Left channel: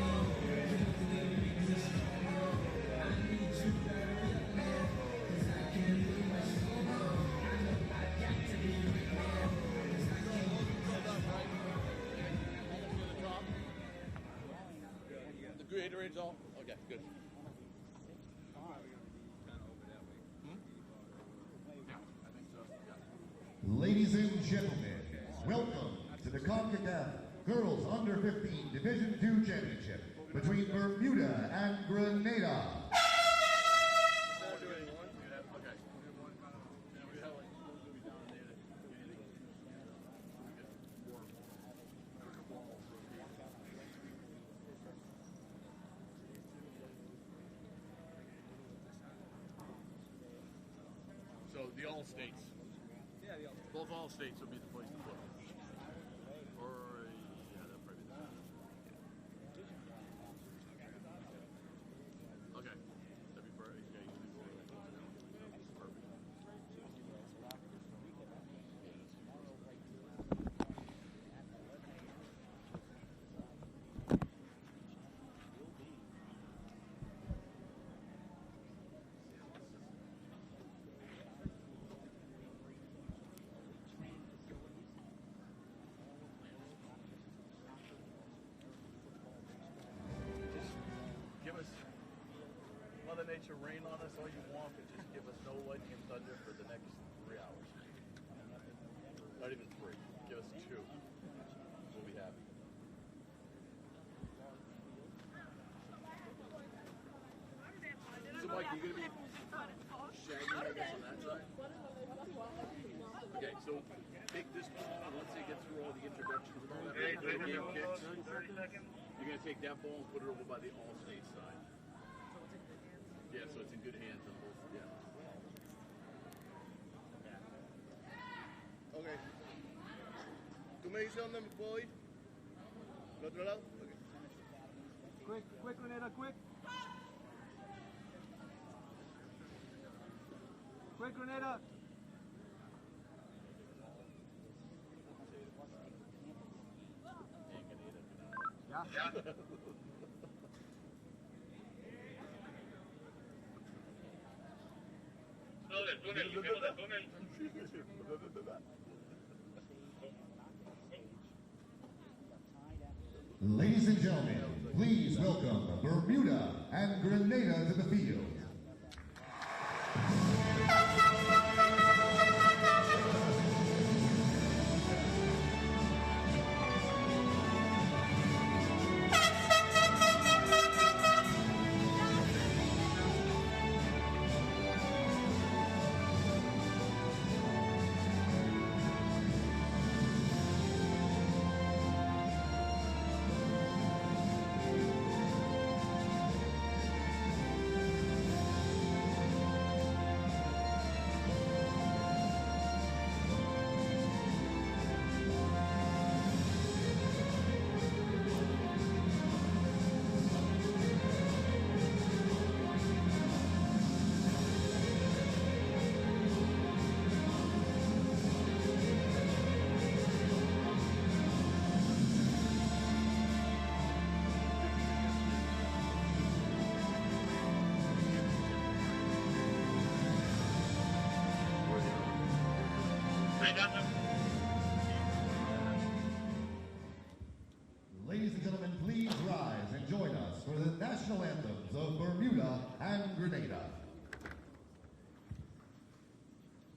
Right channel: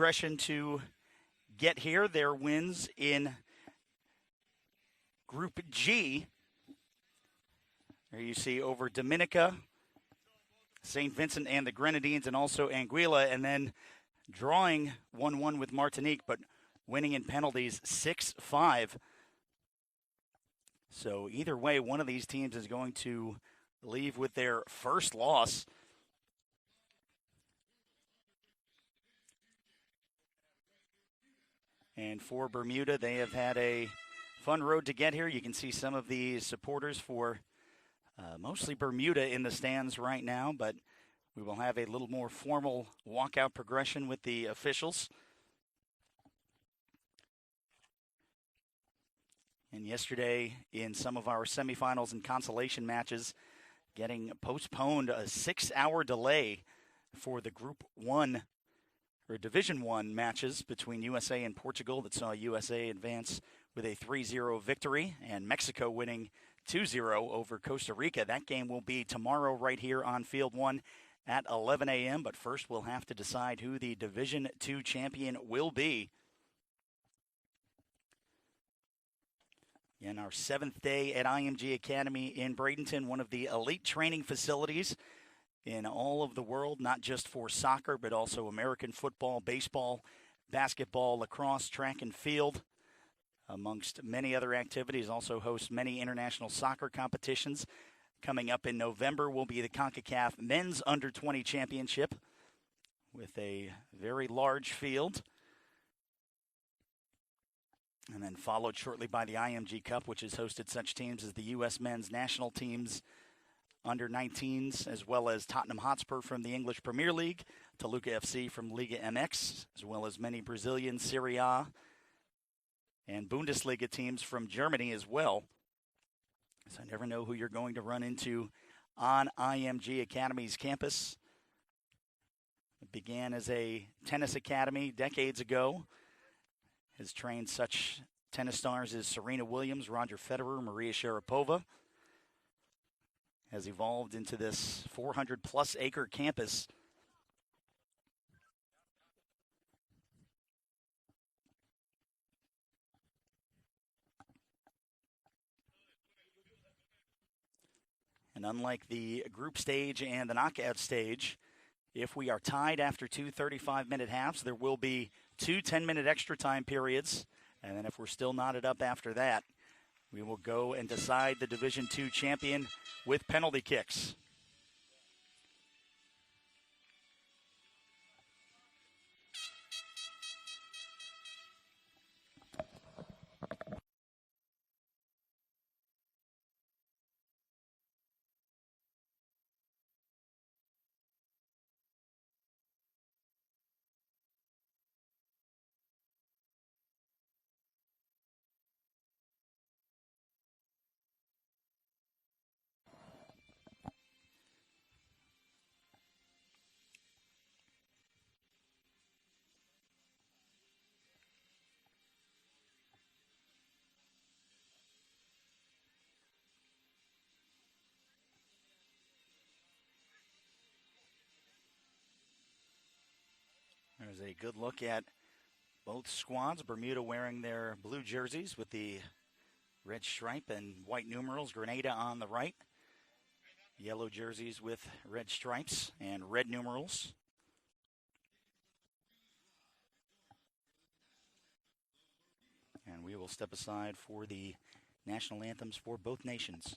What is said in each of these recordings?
progression to get here. Their wins in Group G. You see over Dominica, St. Vincent and the Grenadines, and also Anguilla, and then drawing 1-1 with Martinique, but winning in penalties 6-5. So either way, one of these teams is going to leave with their first loss. Welcome to the Concacaf Girls Under-15 Division II Championship between Bermuda and Grenada. And for Bermuda, they have had a fun road to get here. You can see some of the supporters for mostly Bermuda in the stands right now, but we will have a little more formal walkout progression with the officials. And yesterday, in some of our semifinals and consolation matches, getting postponed, a 6-hour delay for the Group 1 or Division 1 matches between USA and Portugal that saw USA advance with a 3-0 victory, and Mexico winning 2-0 over Costa Rica. That game will be tomorrow right here on Field 1 at 11 a.m. But first we'll have to decide who the Division 2 champion will be. In our 7th day at IMG Academy in Bradenton, one of the elite training facilities in all of the world, not just for soccer, but also American football, baseball, basketball, lacrosse, track and field, amongst many other activities. Also hosts many international soccer competitions. Coming up in November will be the Concacaf Men's Under-20 Championship with a very large field. And then followed shortly by the IMG Cup, which has hosted such teams as the U.S. men's national teams, under-19s, as well as Tottenham Hotspur from the English Premier League, Toluca FC from Liga MX, as well as many Brazilian Serie A and Bundesliga teams from Germany as well. So I never know who you're going to run into on IMG Academy's campus. It began as a tennis academy decades ago. Has trained such tennis stars as Serena Williams, Roger Federer, Maria Sharapova. Has evolved into this 400-plus acre campus. And unlike the group stage and the knockout stage, if we are tied after two 35-minute halves, there will be two 10-minute extra time periods. And if we're still knotted up after that, we'll go and decide the Division II champion with penalty kicks. Bermuda wearing their blue jerseys with the red stripe and white numerals. Grenada on the right. Yellow jerseys with red stripes and red numerals. Ladies and gentlemen, please rise and join us for the national anthems of Bermuda and Grenada. Step aside for the national anthems for both nations.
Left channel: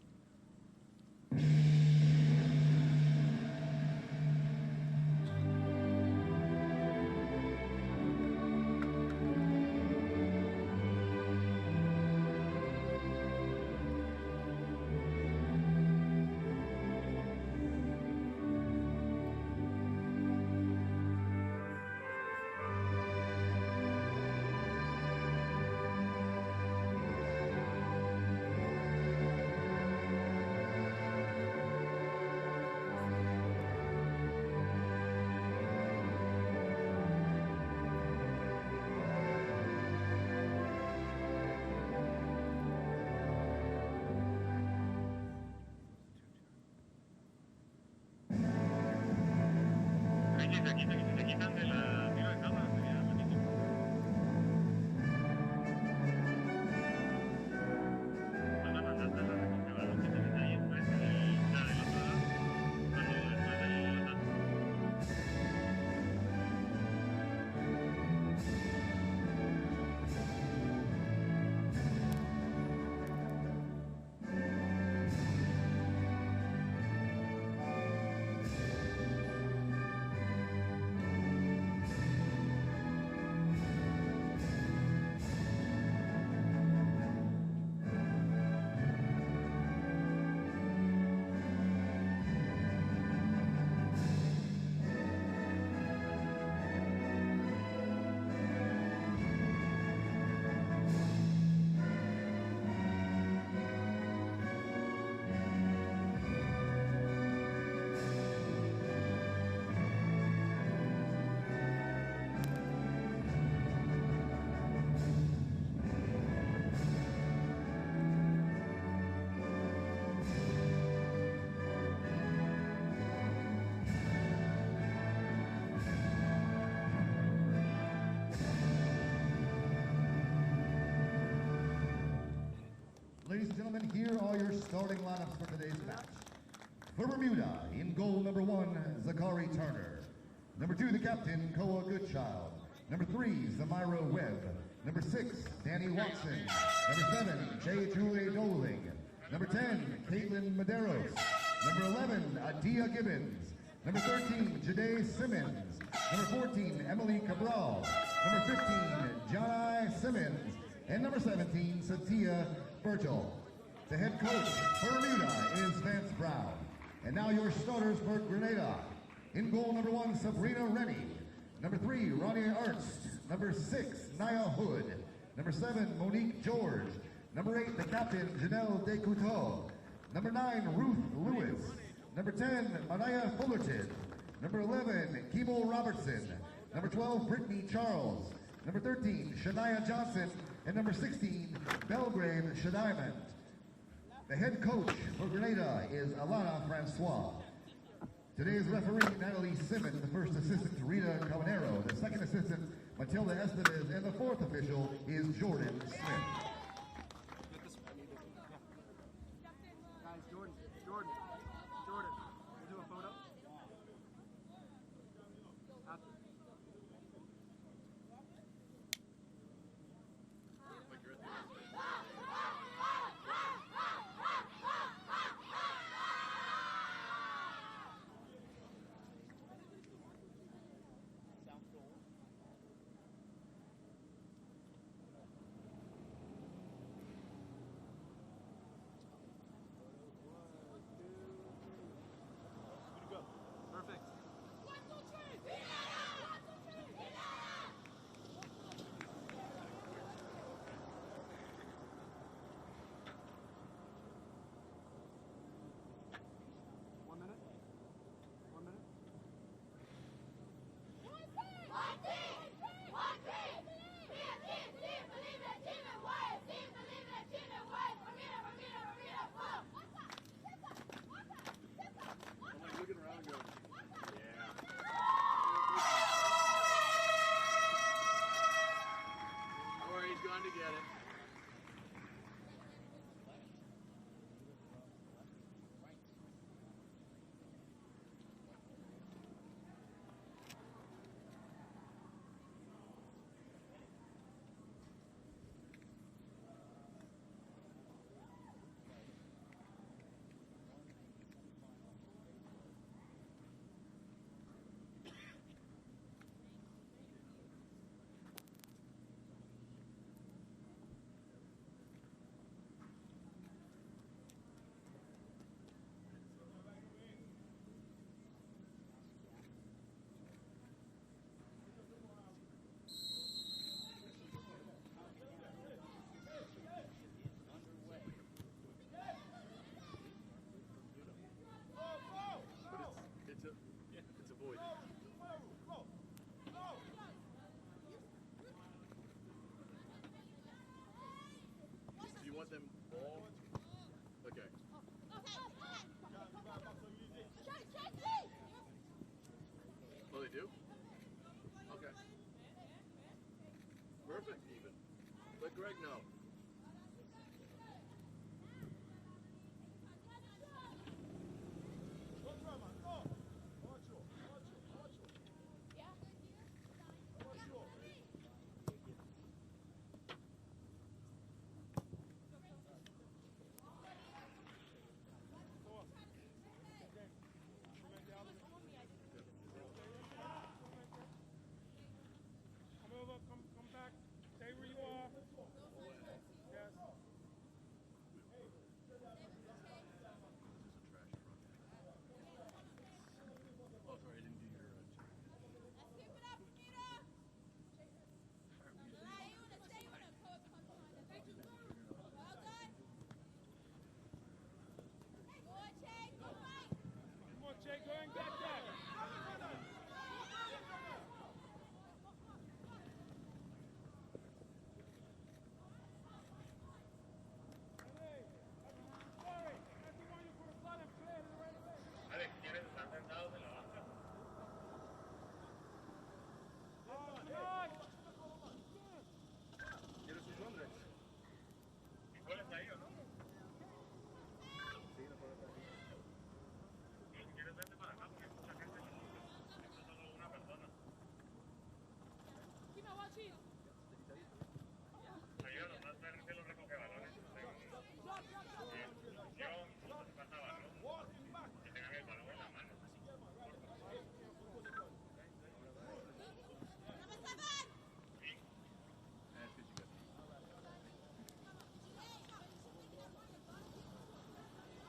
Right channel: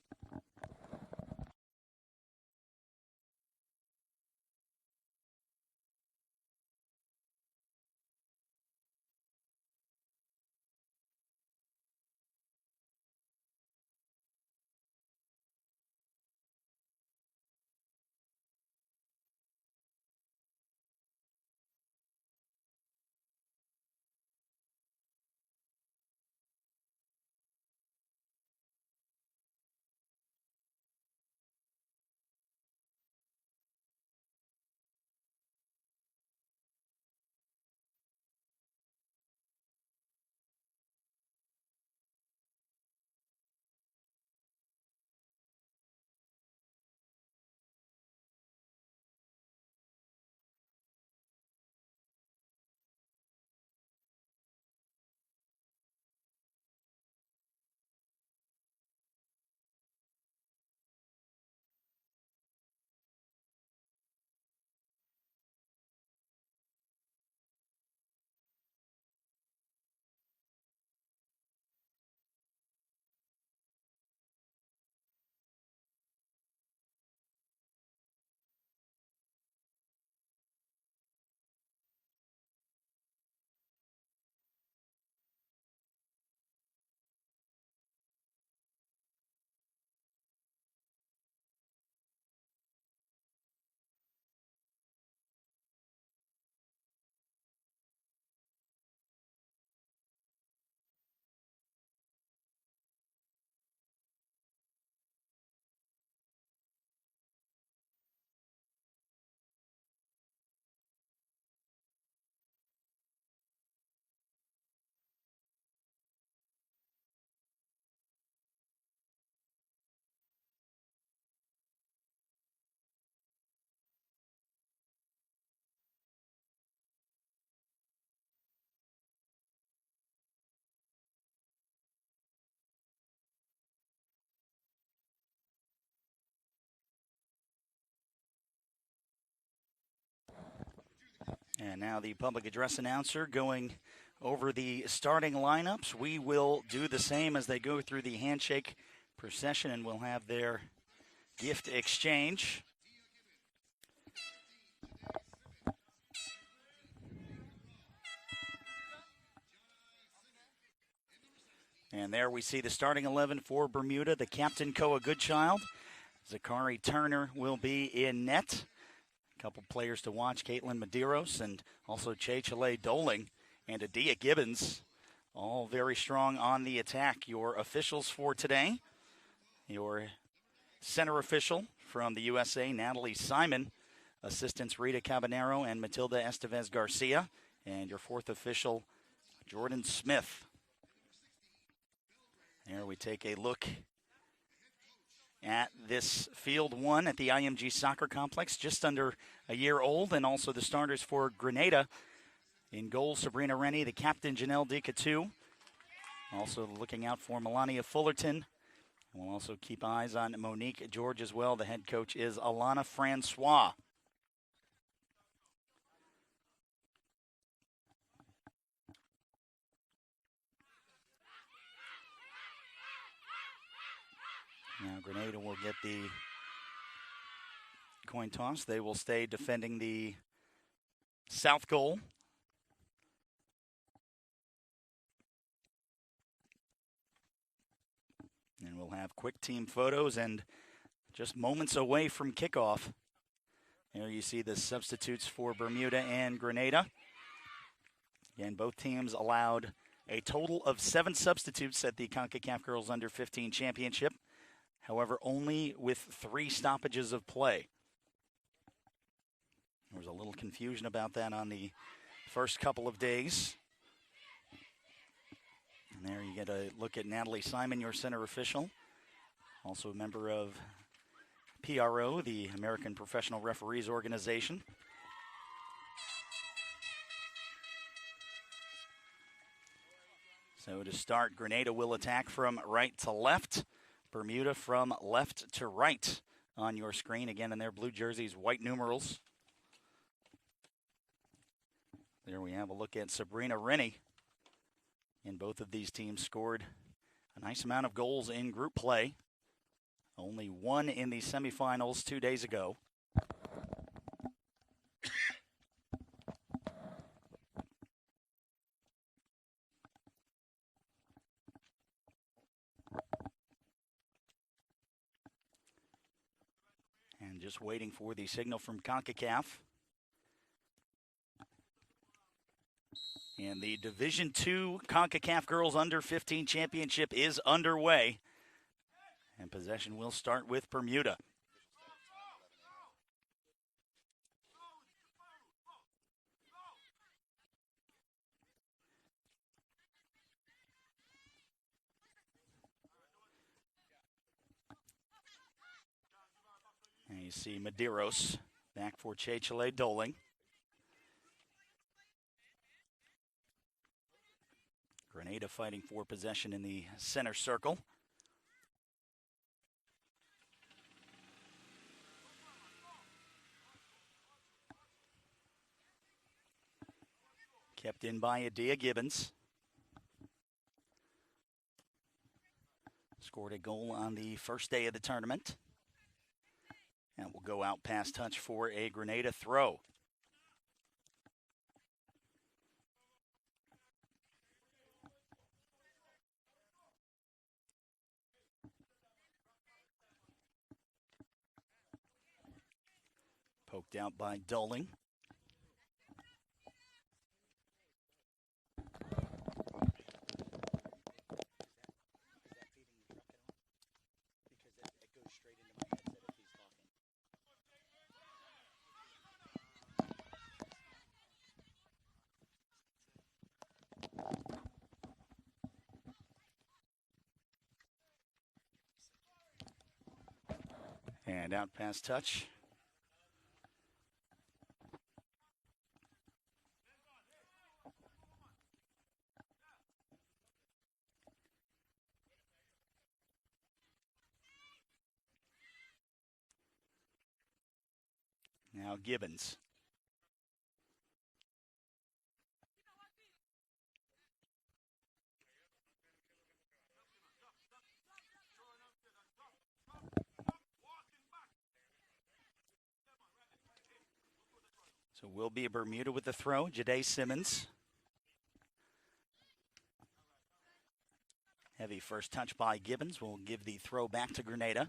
For Bermuda, in goal number 1, Zachary Turner. Number 2, the captain, And now the public address announcer going over the starting lineups. We will do the same as they go through the handshake procession, and we'll have their gift exchange. Number 13, Jade Simmons. Number 14, Emily Cabral. Number 15, Jai Simmons. And number 17, and there we see the starting 11 for Bermuda. The captain, Koa Goodchild. Zachary Turner will be in net. A couple players to watch, Caitlin Medeiros and also Chechele Doling and Adia Gibbons. All very strong on the attack. Your officials for today, your center official from the USA, Natalie Simon. Assistants Rita Cabanero and Matilda Estevez Garcia. And your fourth official, Jordan Smith. And number 16, Belgrave Shadina. Take a look the head coach for Grenada at this field one at the IMG Soccer Complex, just under a year old, and also the starters for Grenada. In goal, Sabrina Rennie, the captain, Janelle Decatu. Also looking out for Melania Fullerton. We'll also keep eyes on Monique George as well. The head coach is Alana Francois. Grenada will get the coin toss. They will stay defending the south goal. And we'll have quick team photos and just moments away from kickoff. There you see the substitutes for Bermuda and Grenada. And both teams allowed a total of 7 substitutes at the Concacaf Girls Under-15 Championship. However, only with 3 stoppages of play. There's a little confusion about that on the first couple of days. And there you get a look at Natalie Simon, your center official. Also a member of PRO, the American Professional Referees Organization. So to start, Grenada will attack from right to left. Bermuda from left to right on your screen. Again, in their blue jerseys, white numerals. There we have a look at Sabrina Rennie. And both of these teams scored a nice amount of goals in group play. Only 1 in the semifinals 2 days ago. Just waiting for the signal from Concacaf. And the Division II Concacaf Girls Under-15 Championship is underway. And possession will start with Bermuda. See Medeiros back for Chechele Doling. Grenada fighting for possession in the center circle. Kept in by Adia Gibbons. Scored a goal on the first day of the tournament. And will go out past touch for a Grenada throw. Poked out by Doling. And out past touch. Gibbons. So will be a Bermuda with the throw, Jade Simmons. Heavy first touch by Gibbons will give the throw back to Grenada.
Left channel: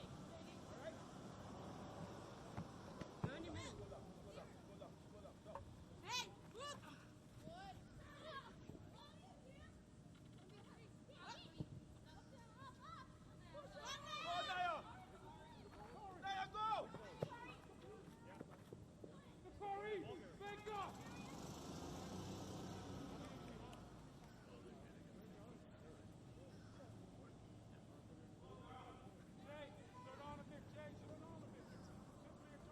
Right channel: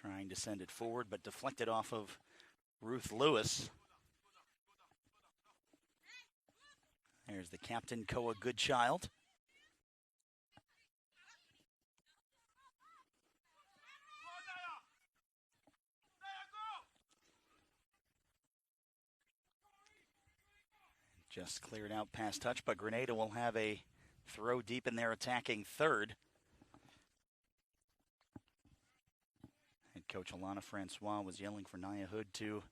Trying to send it forward, but deflected off of Ruth Lewis. There's the captain, Koa Goodchild. Just cleared out pass touch, but Grenada will have a throw deep in their attacking third. And Coach Alana Francois was yelling for Nia Hood to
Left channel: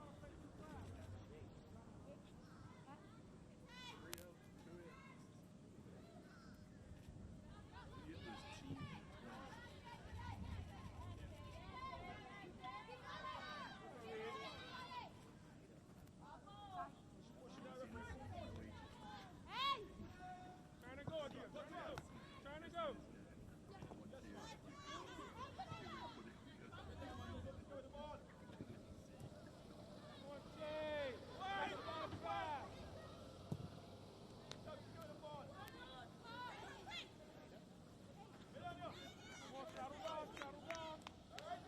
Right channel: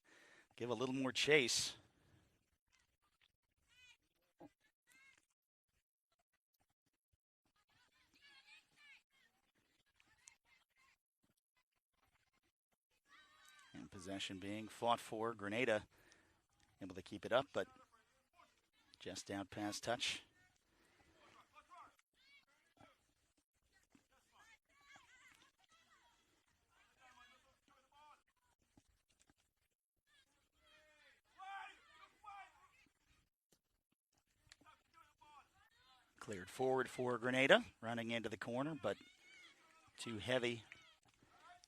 give a little more chase. And possession being fought for. Grenada able to keep it up, but just down pass touch. Cleared forward for Grenada, running into the corner, but too heavy.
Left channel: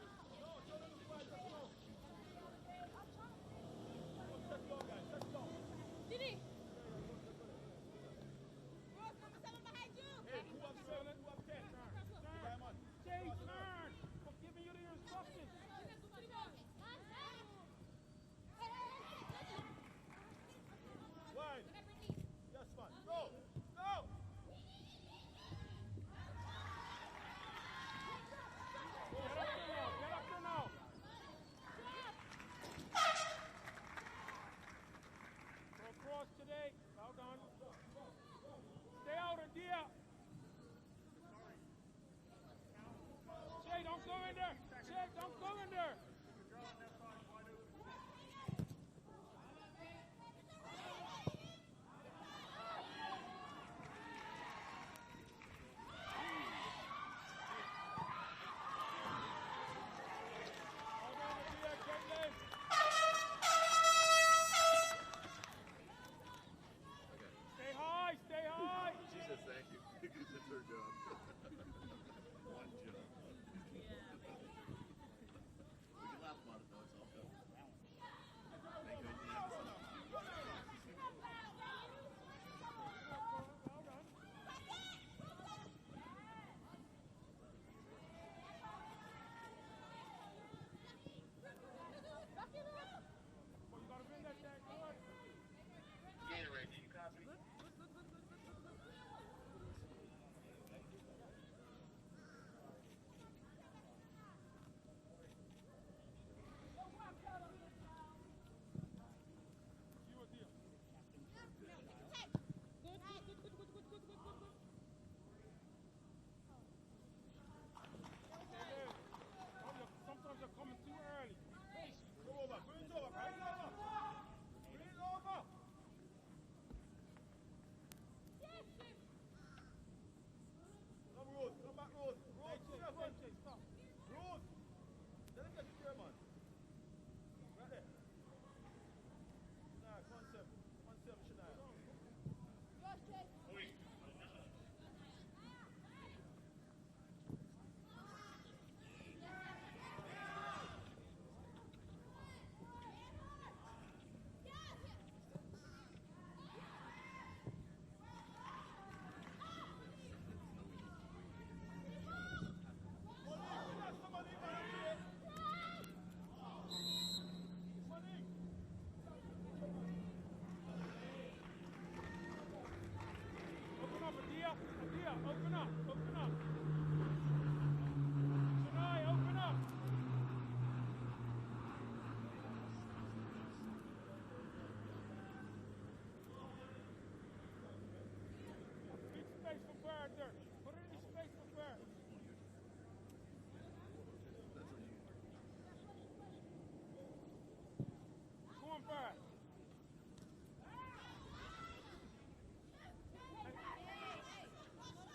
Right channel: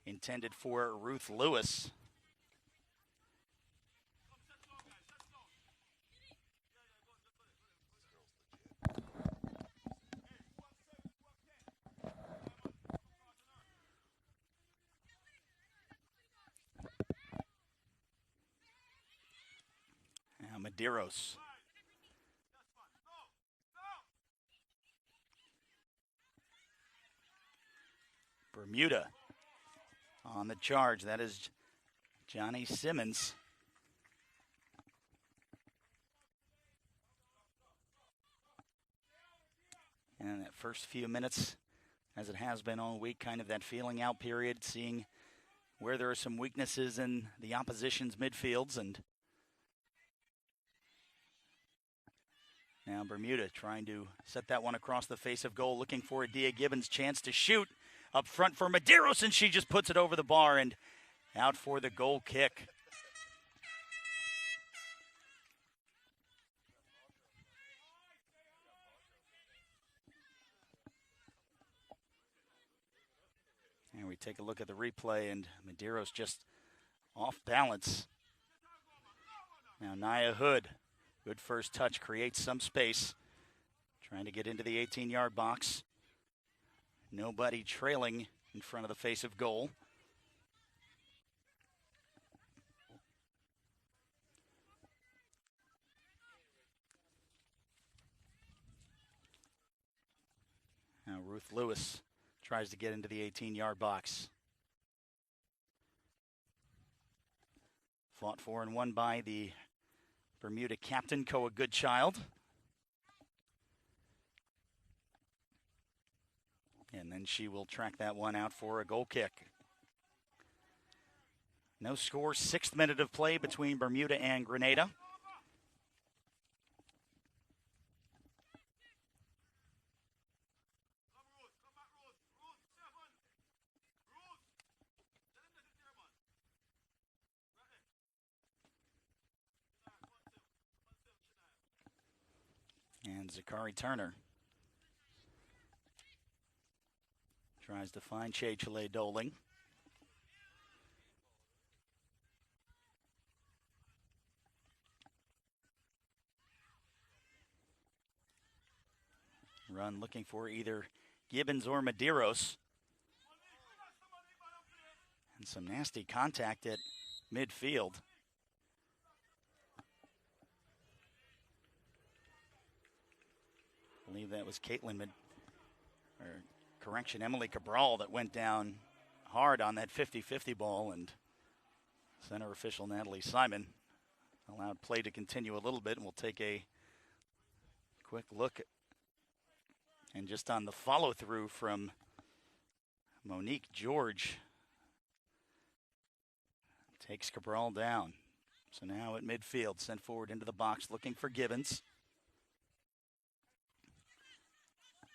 Intended for Ruth Lewis. Medeiros. Bermuda on the charge. That is Johnny Simmons. And that first few minutes, as it has been all week, kind of that feeling out period, seeing where there are some weaknesses in the opposition's midfields. And now Bermuda trying to set that one across the face of goal, looking for Dia Gibbons' chance to shoot up front for Medeiros, and she just puts it over the bar and out for the goal kick. Stay high, stay high. Jesus, thank you. It's her job. And we take a look at the replay, and Medeiros just off balance. Now Nia Hood, good first touch, creates some space. Trying to get into the 18-yard box. Nobody trailing in front of the face of goal. Now Ruth Lewis tries to get into the 18-yard box. Fought for and won by the Bermuda captain, Koa Goodchild. And then she will track that one out for a goal kick. No score, 6th minute of play between Bermuda and Grenada. And Zakari Turner tries to find Chele Doling. Run looking for either Gibbons or Medeiros. Some nasty contact at midfield. I believe that was Emily Cabral that went down hard on that 50-50 ball, and center official Natalie Simon will Allow play to continue a little bit, and we'll take a quick look at, and just on the follow through from Monique George. Takes Cabral down. So now at midfield, sent forward into the box, looking for Gibbons.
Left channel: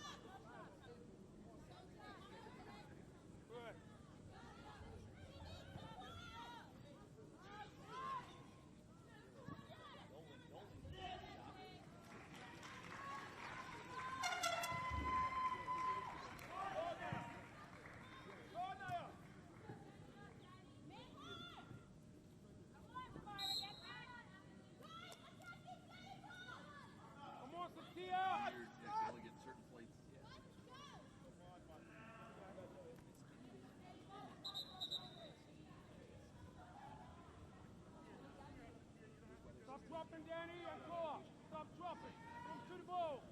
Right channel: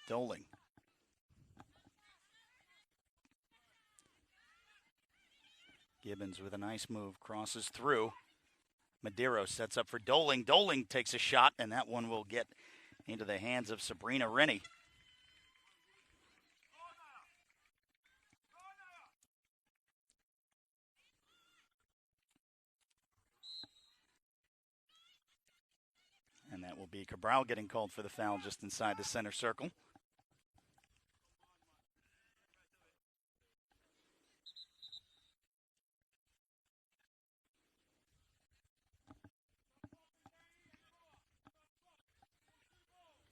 Doling. Gibbons with a nice move, crosses through. Madero sets up for Doling. Doling takes a shot, and that one will get into the hands of Sabrina Rennie. Cabral getting called for the foul just inside the center circle. Stop dropping, Danny, and go up. Stop dropping. Come to the ball.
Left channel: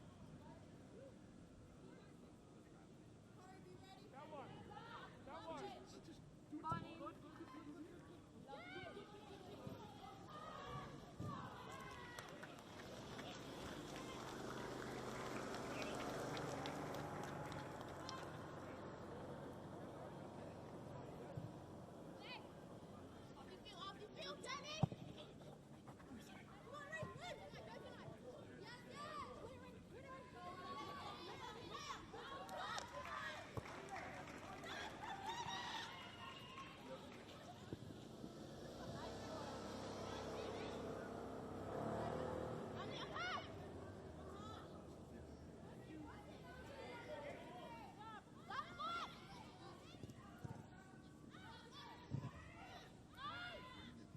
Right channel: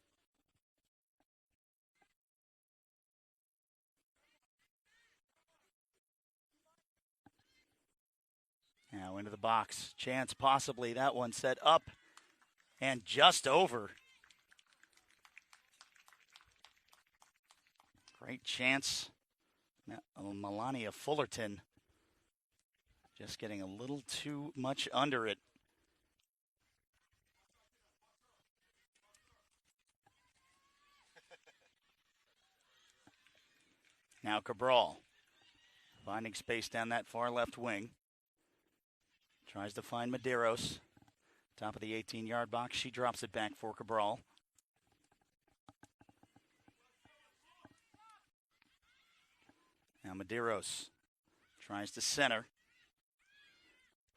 That one. Now into the box. Chance possibly. That one set up and just over. Great chance. Melania Fullerton just getting a little too much under it. Now Cabral finding space down that far left wing. Tries to find Medeiros. Top of the 18-yard box, she drops it back for Cabral. Now Medeiros tries to center.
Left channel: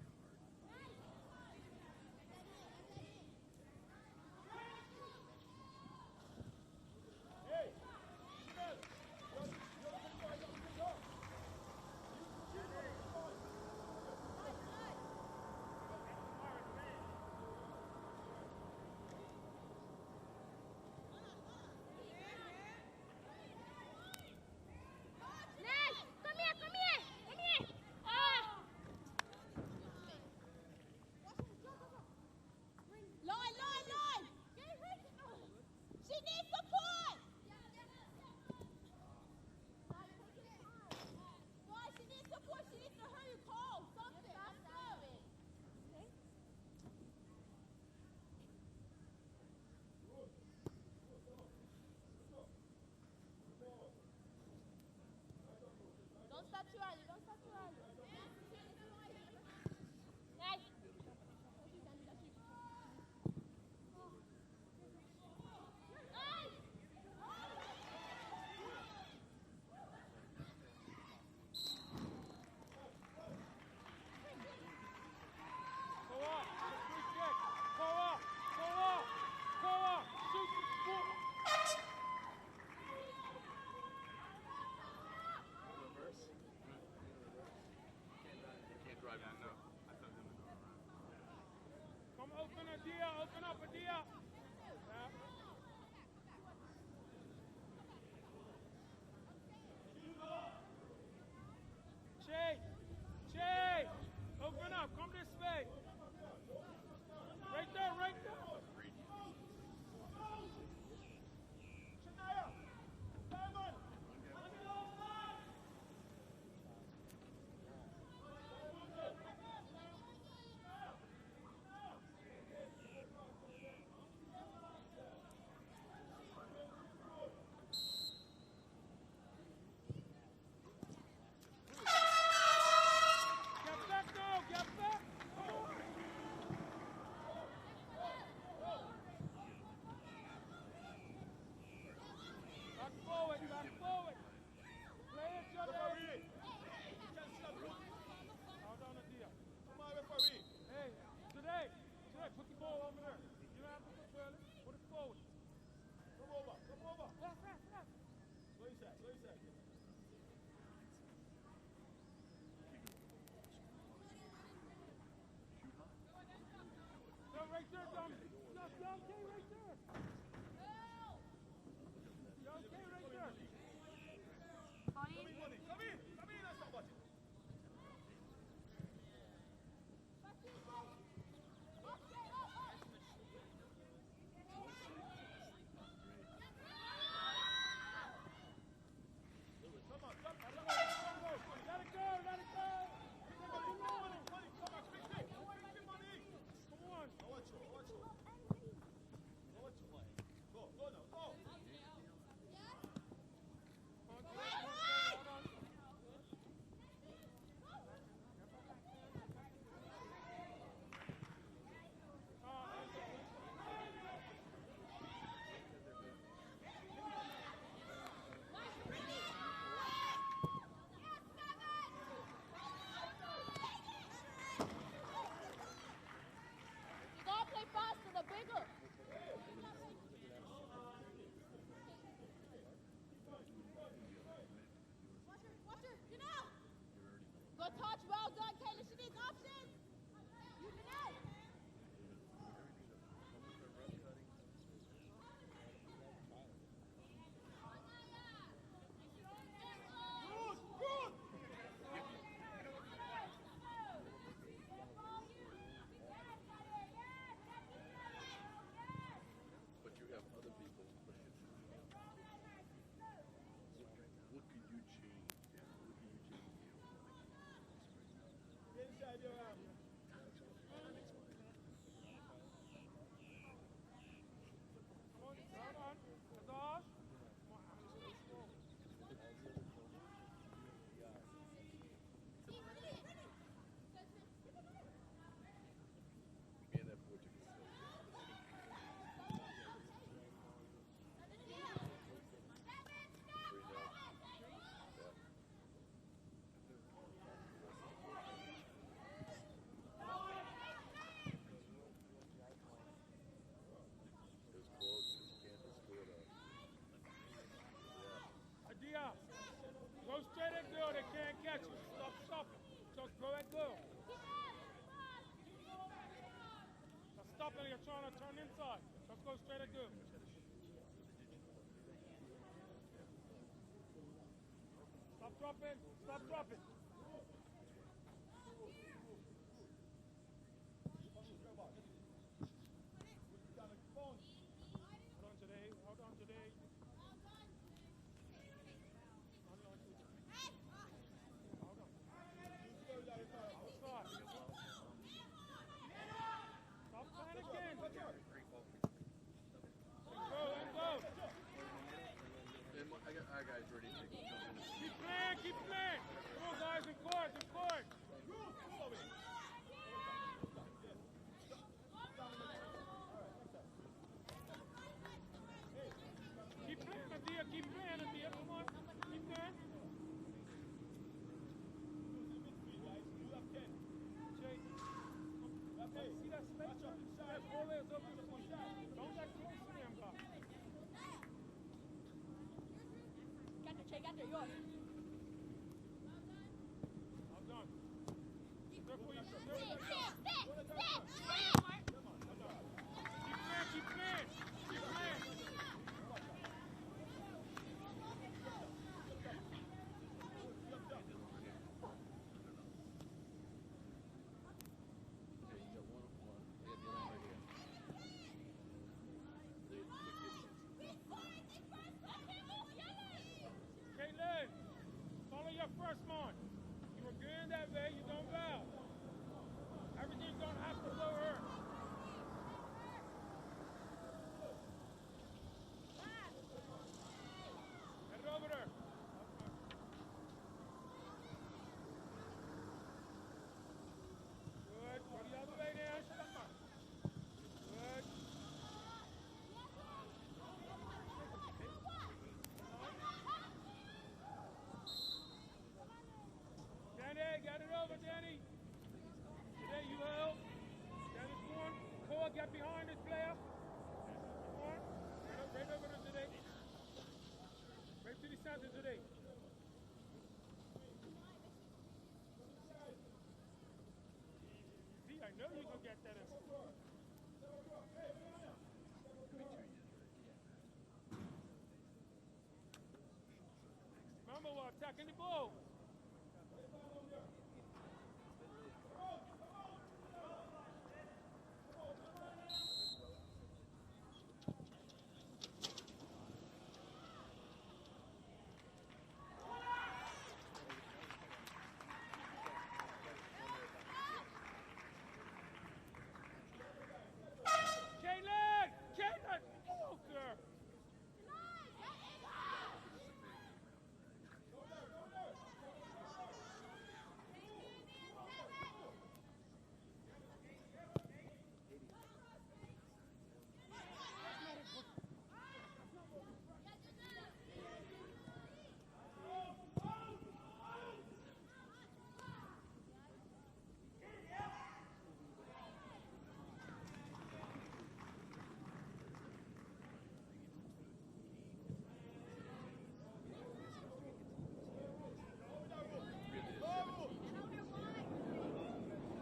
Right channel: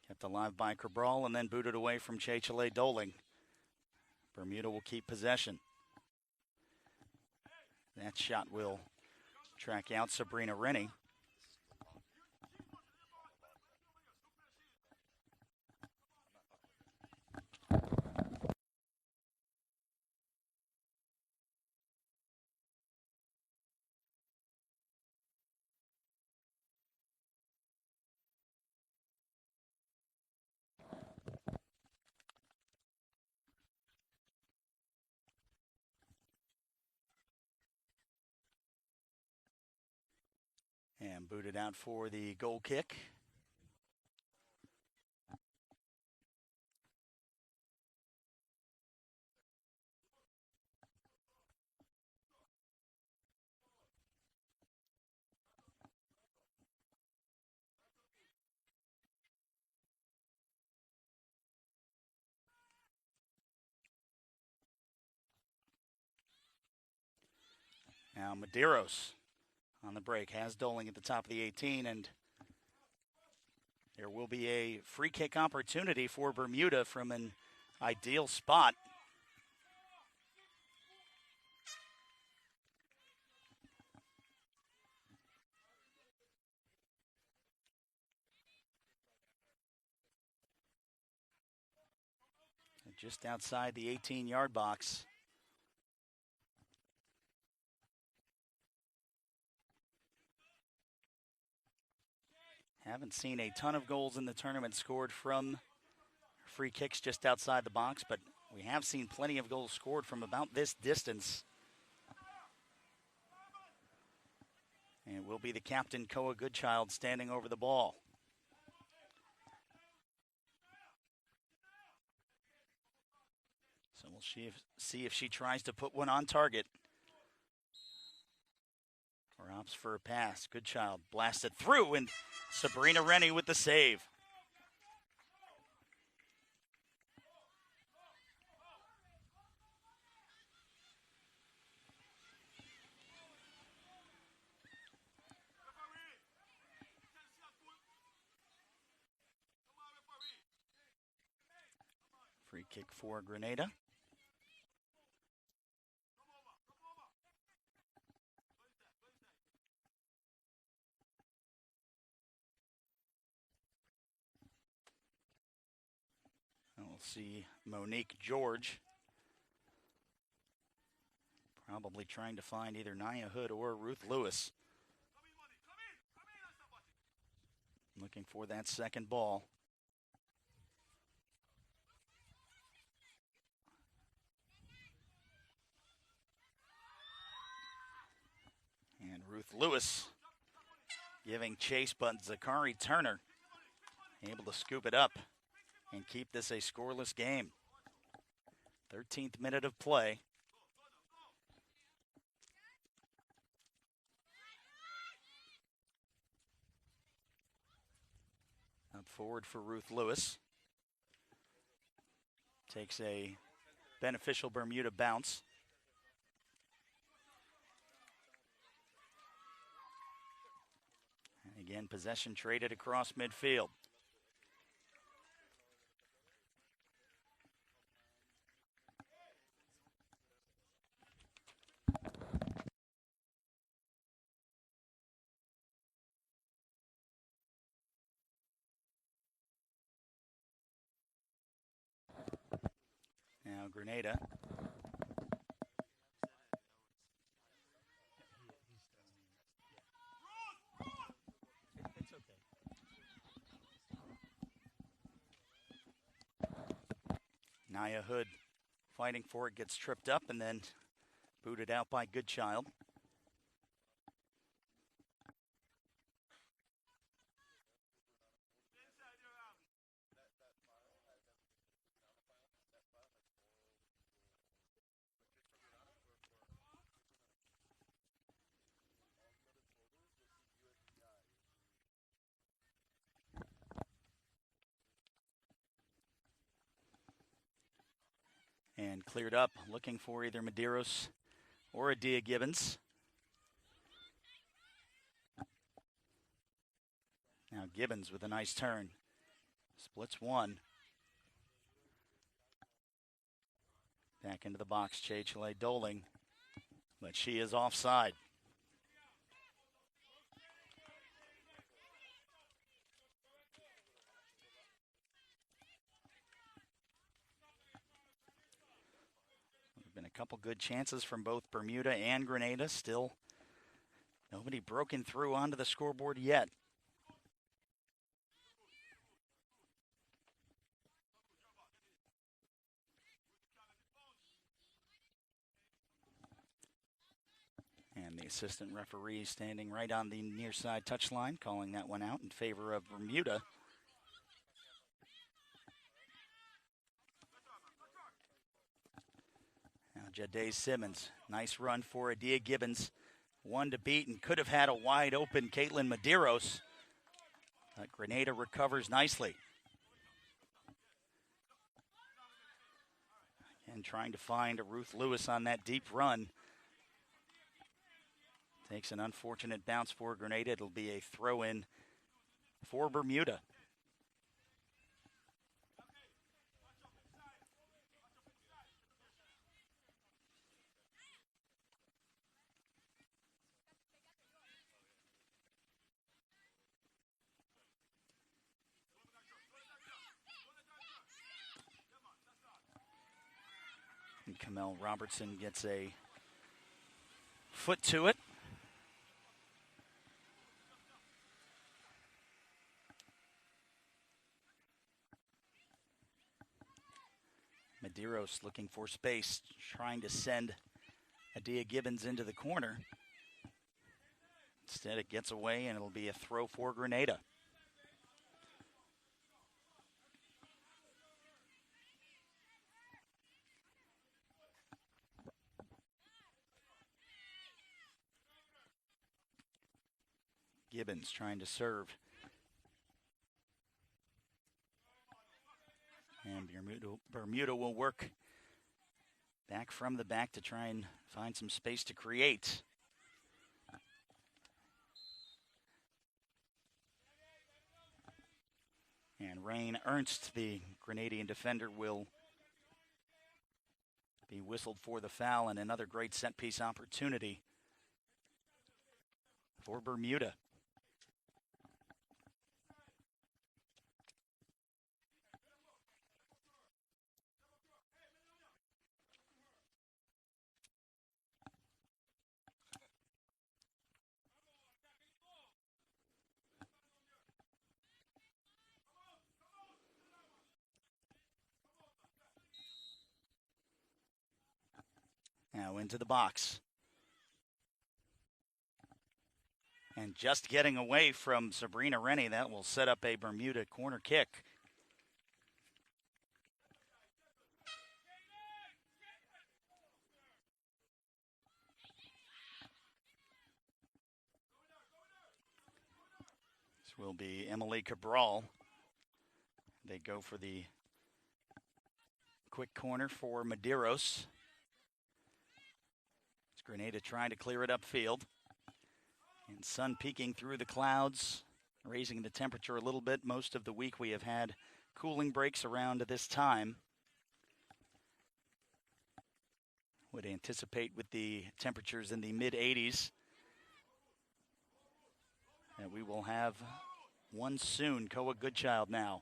Kept alive by Cabral and then booted away from Chechele Doling. Bermuda will keep possession. That shot will track out Sabrina Rennie. Booted out for the goal kick. Don't start too early. Don't start too early. Now Medeiros on the break has Doling at the top of the 18, and there will be a free kick opportunity for Bermuda from an ideal spot. Just outside the 18-yard box. Haven't seen a ton of goals in the tournament scored from free kicks just outside the box, but we have seen plenty of goals scored from about this distance. And will be the captain, Koa Goodchild, standing over the ball. So we'll see if she tries to put one on target. Or opts for a pass. Goodchild blasted through, and Sabrina Rennie with the save. Free kick for Grenada. See Monique George probably trying to find either Nia Hood or Ruth Lewis. Looking for that second ball. Lewis giving chase, but Zachary Turner able to scoop it up and keep this a scoreless game. 13th minute of play. Up forward for Ruth Lewis. Takes a beneficial Bermuda bounce. Again, possession traded across midfield. Now Grenada. Naya Hood fighting for it, gets tripped up and then booted out by Goodchild. And cleared up, looking for either Medeiros or Adia Gibbons. Now Gibbons with a nice turn. Splits one. Back into the box, Chechele Doling, but she is offside. Adia, go straight at girl. They can't catch you. Stop. Just go at girl. Stop it. You're trying to turn inside. Just go straight at girl. Been a couple good chances from both Bermuda and Grenada. Still nobody broken through onto the scoreboard yet. And the assistant referee standing right on the near side touchline, calling that one out in favor of Bermuda. Now Jade Simmons, nice run for Adia Gibbons. One to beat and could have had a wide open Caitlin Medeiros. But Grenada recovers nicely. And trying to find a Ruth Lewis on that deep run. Takes an unfortunate bounce for Grenada. It'll be a throw-in for Bermuda. Mel Robertson gets a foot to it. Medeiros looking for space, trying to send Adia Gibbons into the corner. Instead it gets away and it'll be a throw for Grenada. Gibbons trying to serve. And Bermuda will work back from the back to try and find some space to create. And Rain Ernst, the Grenadian defender, will be whistled for the foul, and another great set piece opportunity for Bermuda. Now into the box. just getting away from Sabrina Rennie. That will set up a Bermuda corner kick. Caitlin! Caitlin! Oh, girl. This will be Emily Cabral. They go for the quick corner for Medeiros. It's Grenada trying to clear it upfield. And sun peeking through the clouds, raising the temperature a little bit. Most of the week we have had cooling breaks around this time. Would anticipate with the temperatures in the mid-80s that we will have one soon. Koa Goodchild now.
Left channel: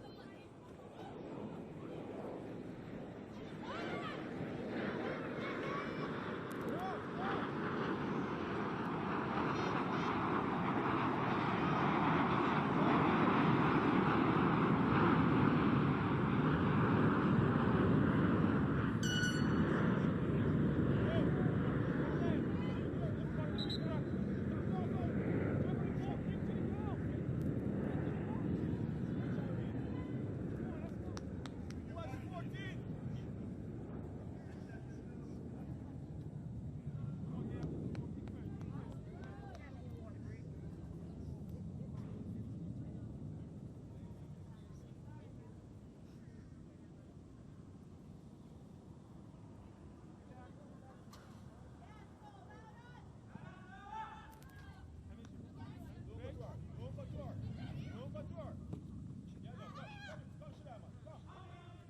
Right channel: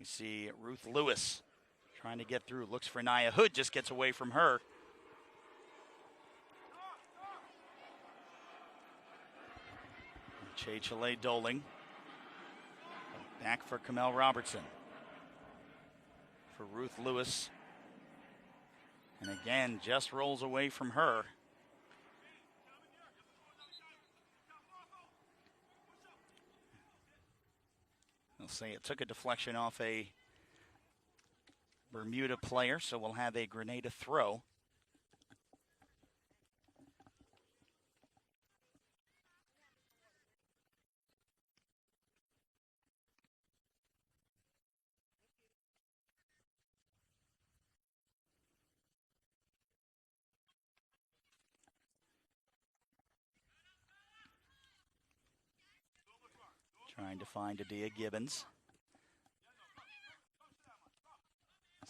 We see Ruth Lewis trying to get through, looks for Naya Hood, just gets away from her. Chile Doling. Back for Mel Robertson. Ruth Lewis again just rolls away from her. Let's see, it took a deflection off a Bermuda player, so we'll have a Grenada throw. Trying to find Adia Gibbons.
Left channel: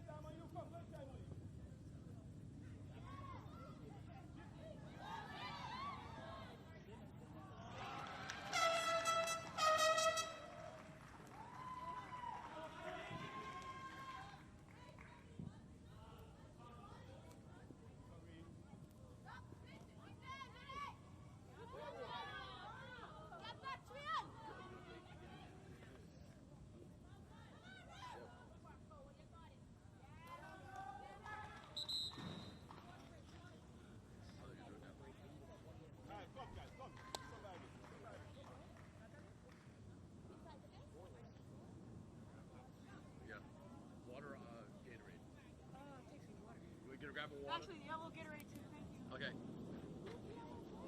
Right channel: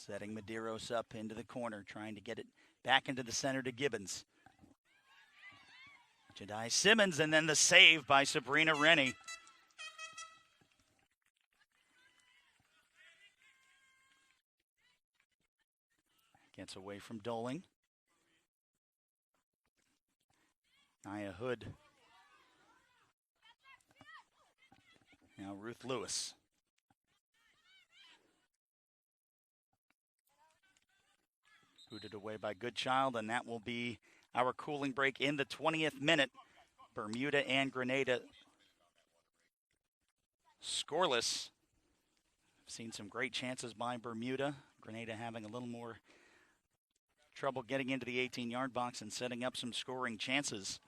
Setting Medeiros up into the corner, trying to get it back into the center to Gibbons. Jedi Simmons, and then the save by Sabrina Rennie. Gets away from Doling. Naya Hood. Now Ruth Lewis. Booted away by Goodchild, and that will be our cooling break in the 20th minute. Bermuda and Grenada scoreless. Seen some great chances by Bermuda. Grenada having a little more trouble getting into the 18-yard box and setting up some scoring chances.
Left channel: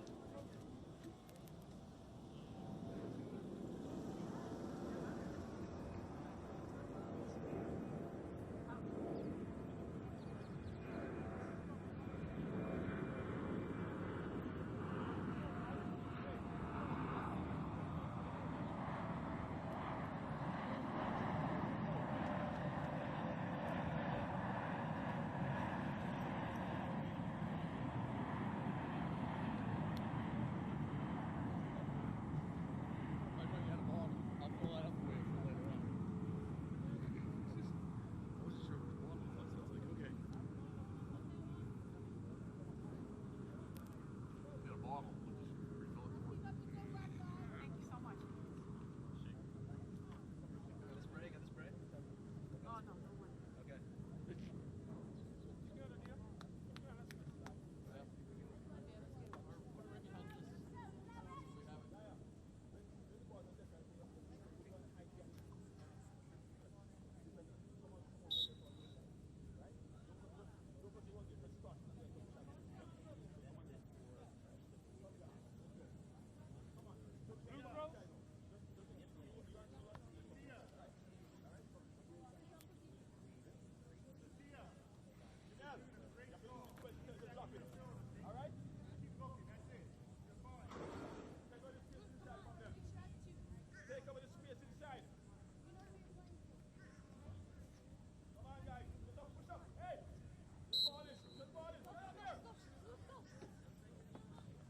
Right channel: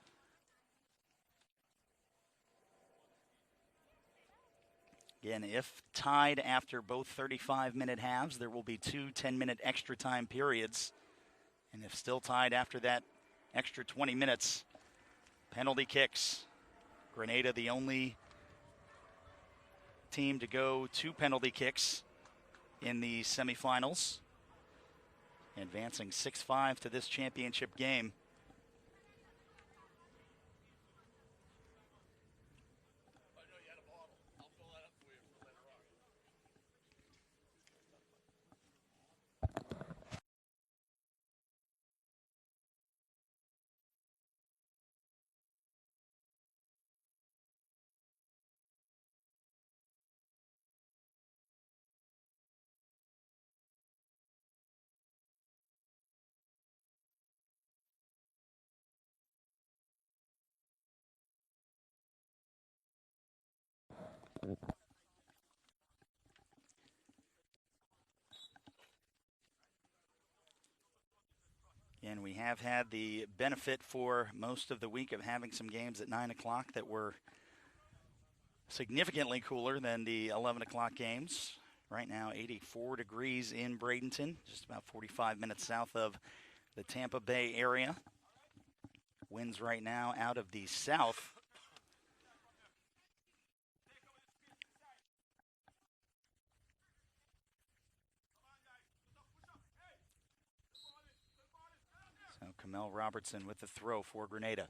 Again, if tied after both 35-minute halves, there will be 2 10-minute extra time periods. And if still tied after that extra 20 minutes, penalty kicks. Grenada, the only team to go 2 penalty kicks in the semifinals, advancing 6-5 to this championship game. And we have had the benefit for most of the week of having some games at 9 o'clock that were significantly cooler than the 11 o'clock games. Right now, 84 degrees in Bradenton, just about 45 minutes south of the Tampa Bay area. Winds right now out of the south. Mel Robertson with the throw for Grenada.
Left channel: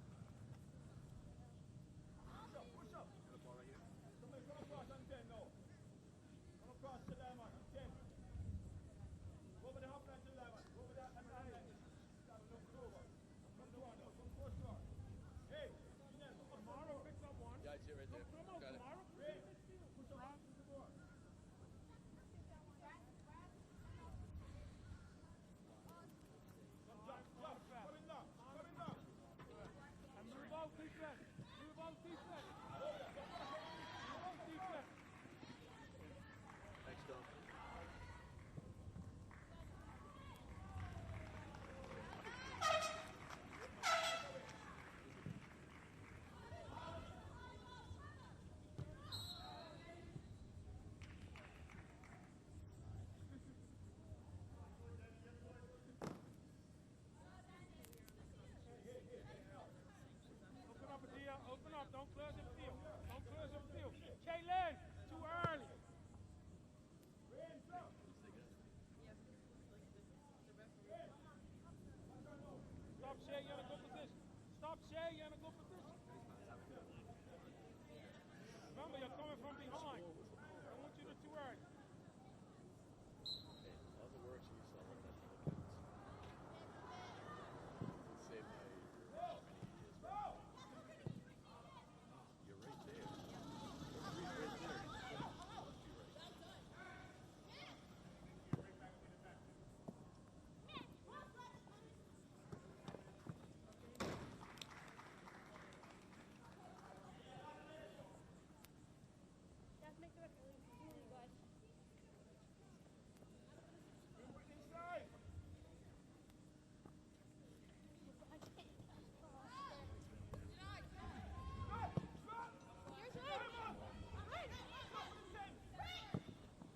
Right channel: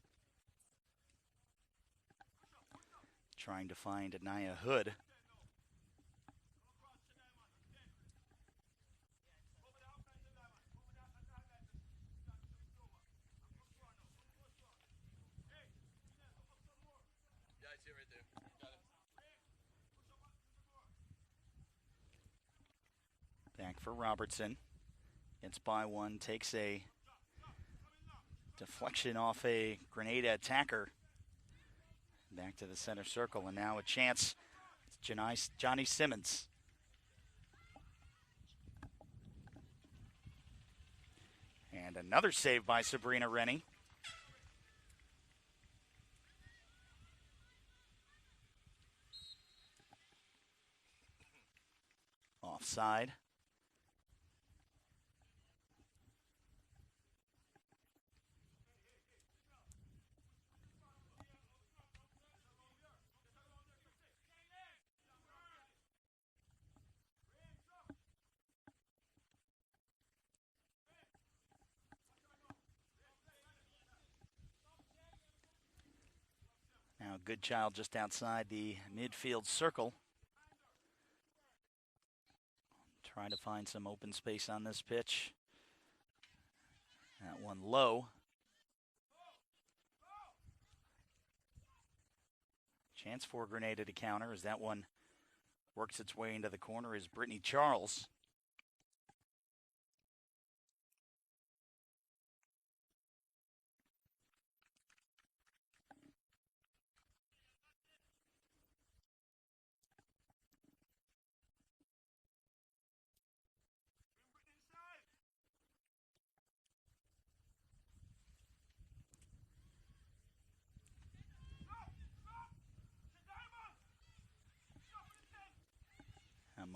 Trying to find Naya Hood. Back for Robertson. Gets by one, takes a deflection off a Grenada attacker. Back Right to the center circle, and now a chance. Johnny Simmons. And another save by Sabrina Rennie. Offside. Open up, don't close the field. Don't close the field. Kaylin, too early. Stop, Shay, you're in a good position. Stop, Shay, you're in a good position. Now Goodchild just outside the midfield circle. I want you to too early. Trying to find some open space on this pitch. That one low. Chance for Grenada to counter as that one works its way into the corner is Brittany Charles.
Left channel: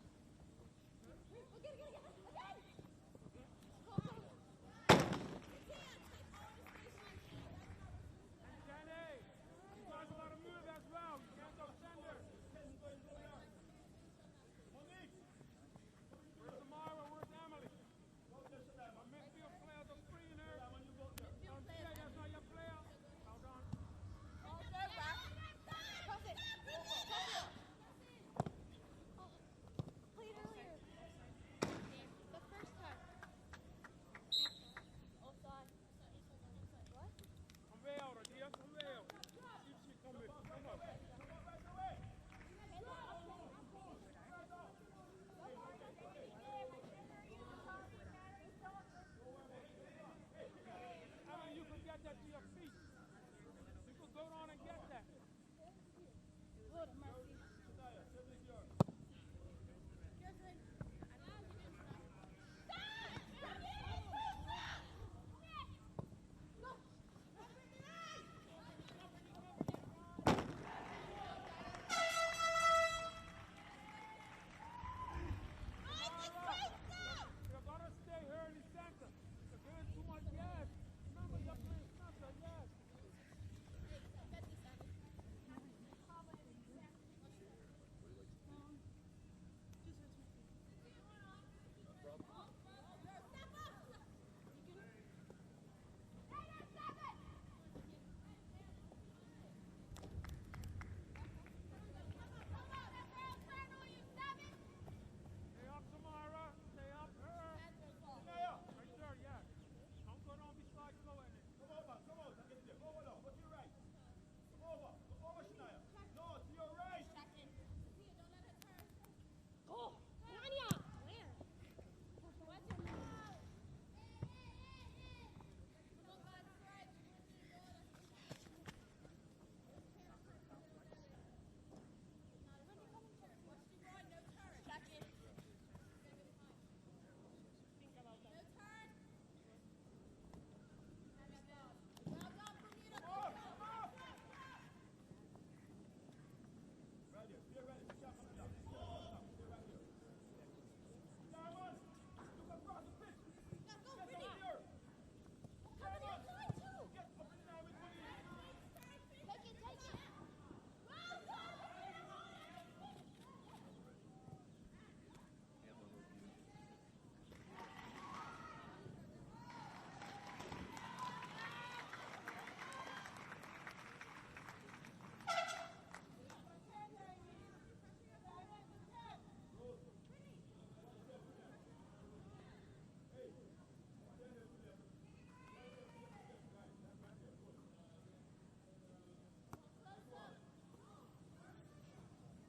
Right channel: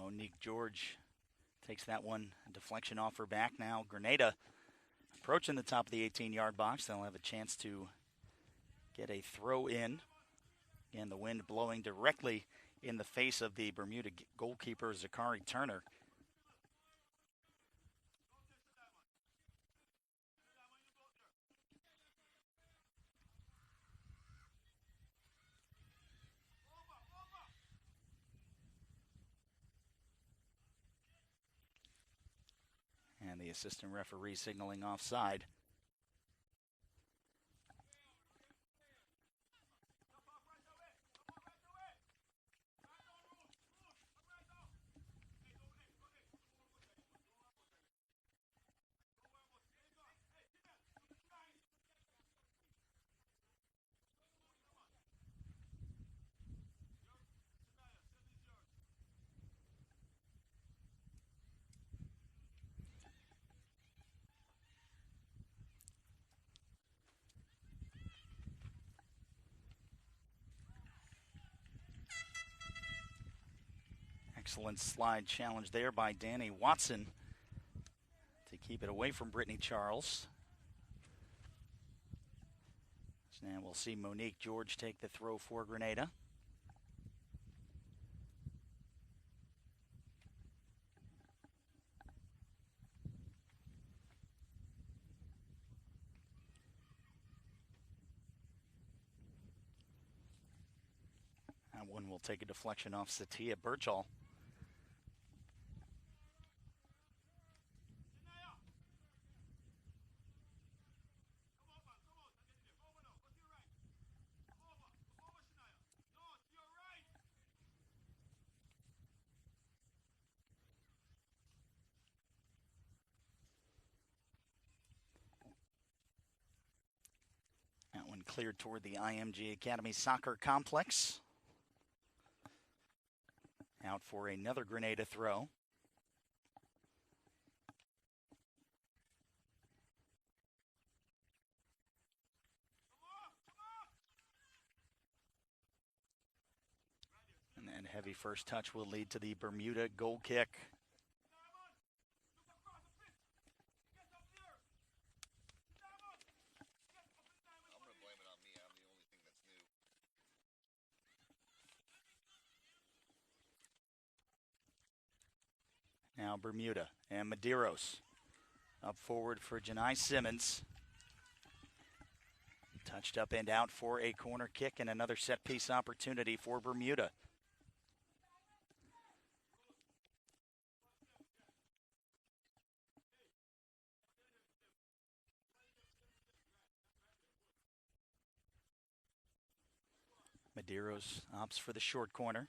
Monique George takes that one, deflection off her back. Now Grenada approaching the top of the 18-yard box. They'll have a chance to get a throw in, and the wind blowing directly in the face of the Bermuda goalkeeper Zakari Turner. Assistant referee signaling offside. Excellent slide challenge there by Danny Watson to keep it away from Brittany Charles. And we'll see Monique George take the throw for Grenada. That one will take a deflection off Satia Birchall. Cleared toward the IMG Academy Soccer Complex. Out for another Grenada throw. And then heavy first touch will lead to the Bermuda goal kick. Now Bermuda and Medeiros up forward for Janai Simmons. Touched up and out for a corner kick and another set piece opportunity for Bermuda. Medeiros opts for the short corner.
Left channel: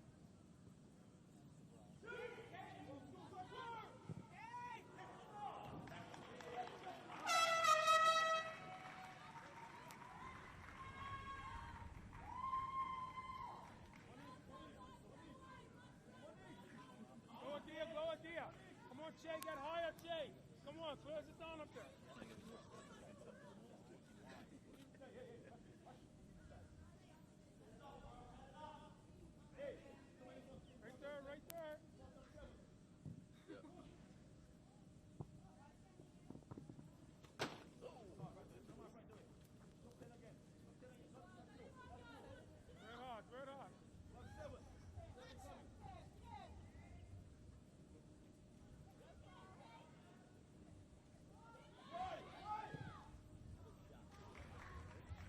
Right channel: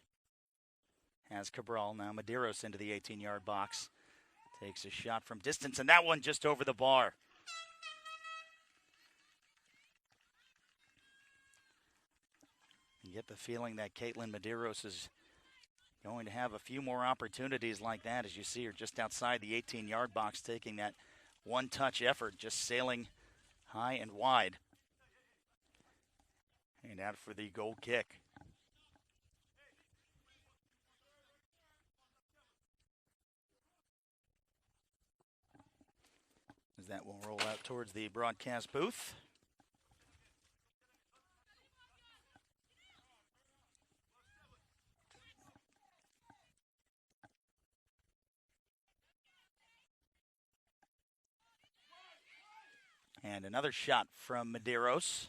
Has Cabral, now Medeiros into the 18-yard box. Takes a shot from distance, and that one just over the bar. get the feeling that Caitlin Medeiros is going to have a few more opportunities like that, as you see her just outside the 18-yard box, taking that one-touch effort, just sailing high and wide. And out for the goal kick. As that will roll out towards the broadcast booth. And another shot from Medeiros.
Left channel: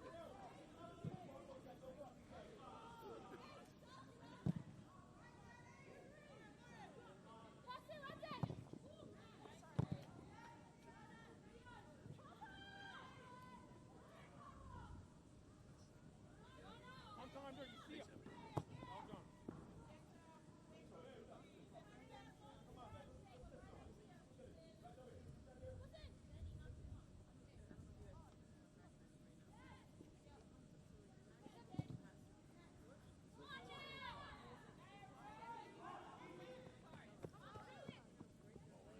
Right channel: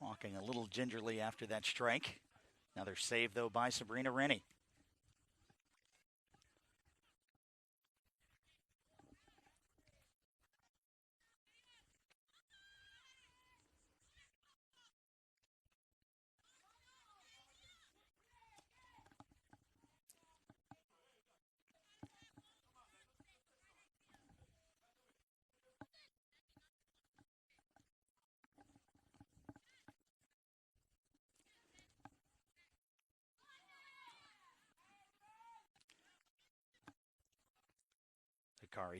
Walking a little gingerly after that strike. Another save, though, by Sabrina Rennie.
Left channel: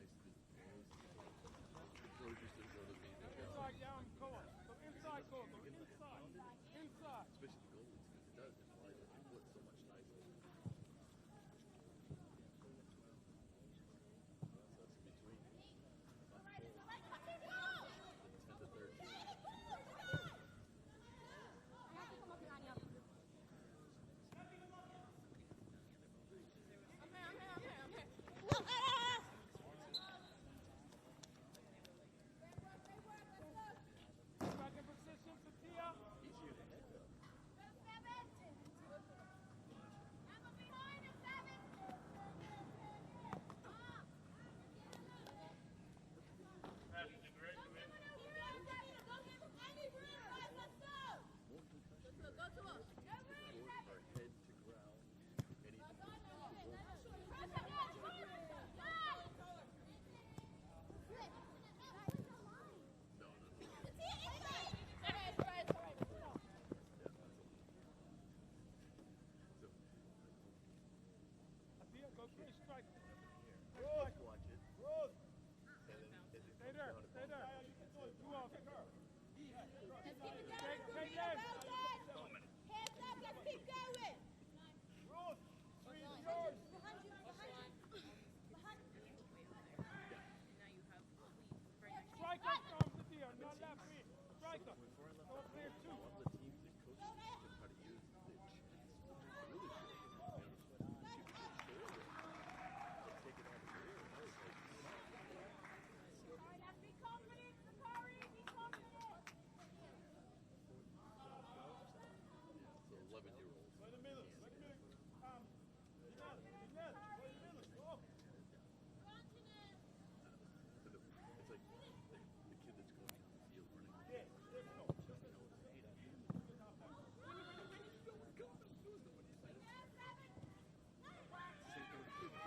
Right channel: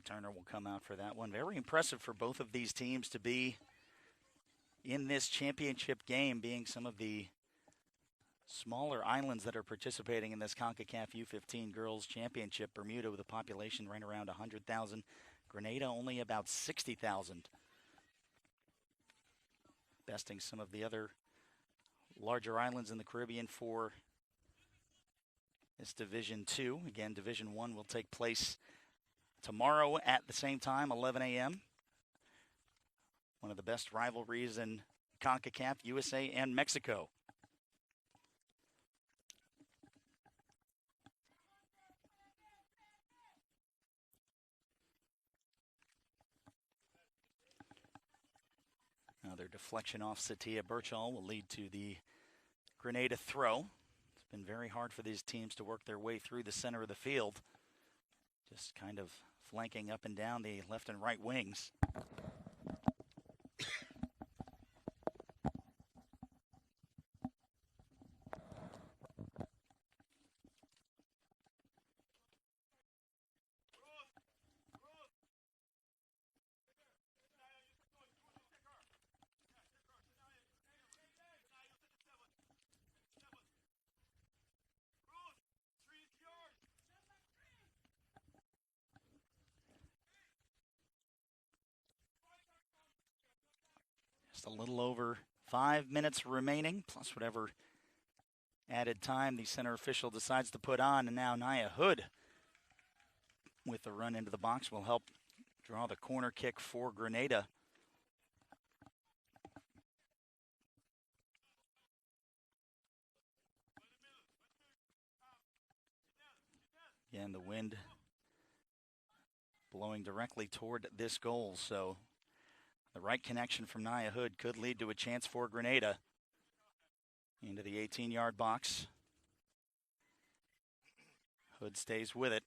Turner will come out for that one. Very impressive for both of these teams to be in this championship game, being some of the smaller islands that are participating in this Concacaf U15 Girls Championship. Bermuda with a population right around 100,000. Grenada only about 60,000. Besting some of the other larger islands in the Caribbean for this Division 2. Again, Division 1 will take place tomorrow at the same time, 11 a.m. One of the best rivalries in CONCACAF, USA and Mexico. Another deflection off Satia Birchall will lead to the Grenada throw. It's been very hard for these teams to work their way through the center of the field. Just kind of flanking up and down the left and right wings. A little over 5 minutes remaining, plus whatever added time the center official decides to put on. And now Nia Hood with the run into the box will help draw the corner kick for Grenada. And the wind blowing directly toward this goal, so the right connection from Nia Hood could lead to a chance for Grenada. Into the 18-yard box. Hood stays with it.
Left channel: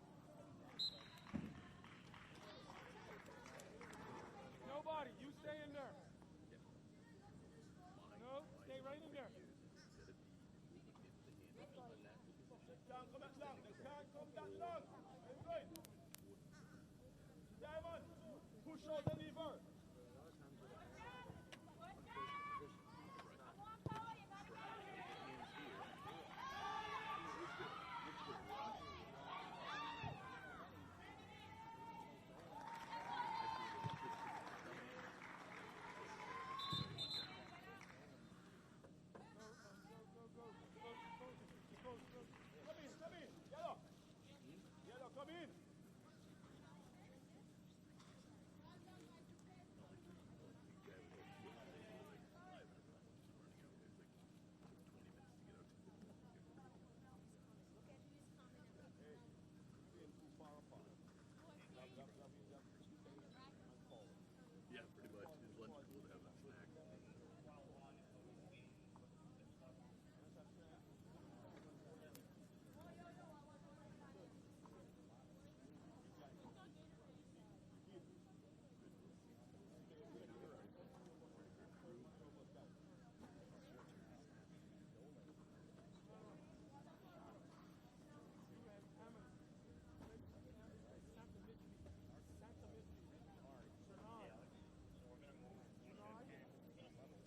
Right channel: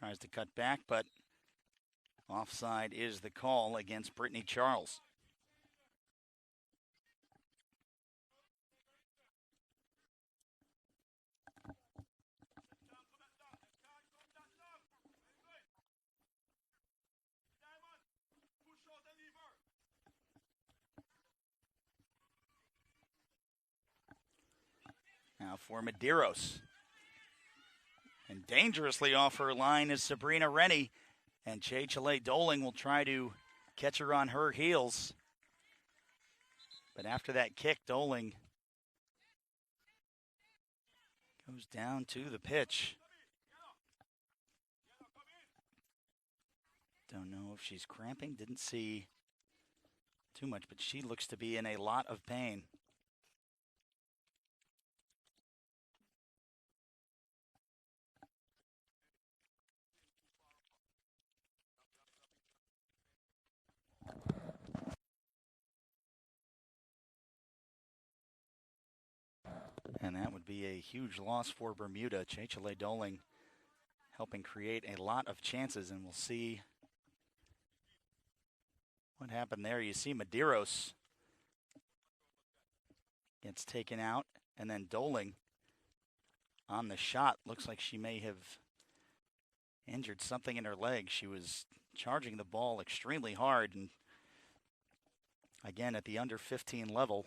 Tries to cut back, but offside is the call against Brittany Charles. For Medeiros. And dangerously off her line is Sabrina Rennie. And Chale Doling will try to catch her on her heels. But after that kick, Doling goes down to the pitch. Don't know if she's cramping. Didn't see too much, but she looks to be in a lot of pain. And that would be a huge loss for Bermuda. Chale Doling helping create a lot of chances, and we'll see What happened there? You see Medeiros gets taken out, and then Doling on the shot. Looks like she may have injured something in her leg. She was charging the ball extremely hard, and again, at the under 15 level,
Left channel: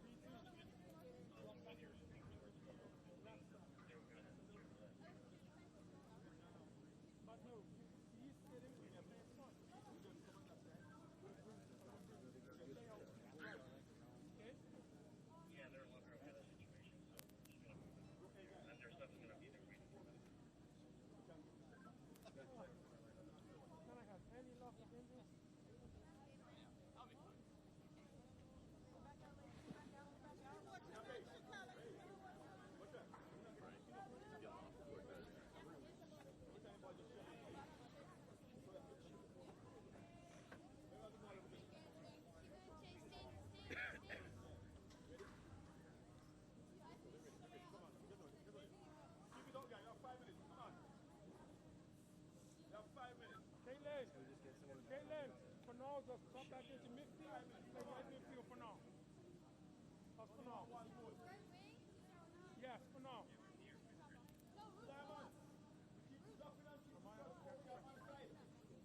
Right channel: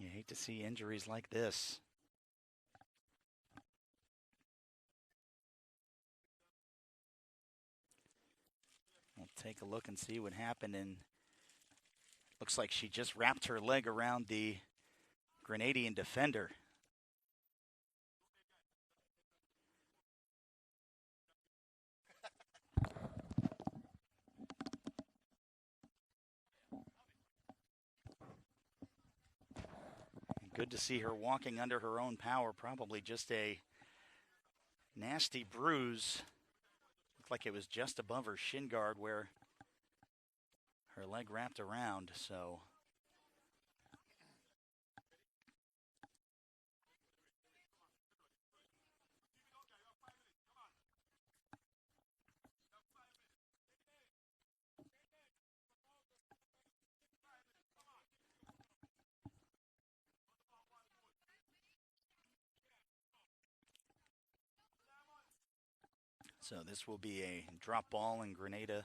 you hate to see injuries like this. We'll take a look and see what happened, and looks like she just wrapped her leg around the Grenadian defender. Good to see her walking under her own power, probably just a nasty bruise. Looked like it was just above her shin guard where her leg wrapped around, so. Caitlin, for now, just come back into midfield. Play right midfield for now. That's for now. Yes, for now. So this will be a drop ball, and Grenada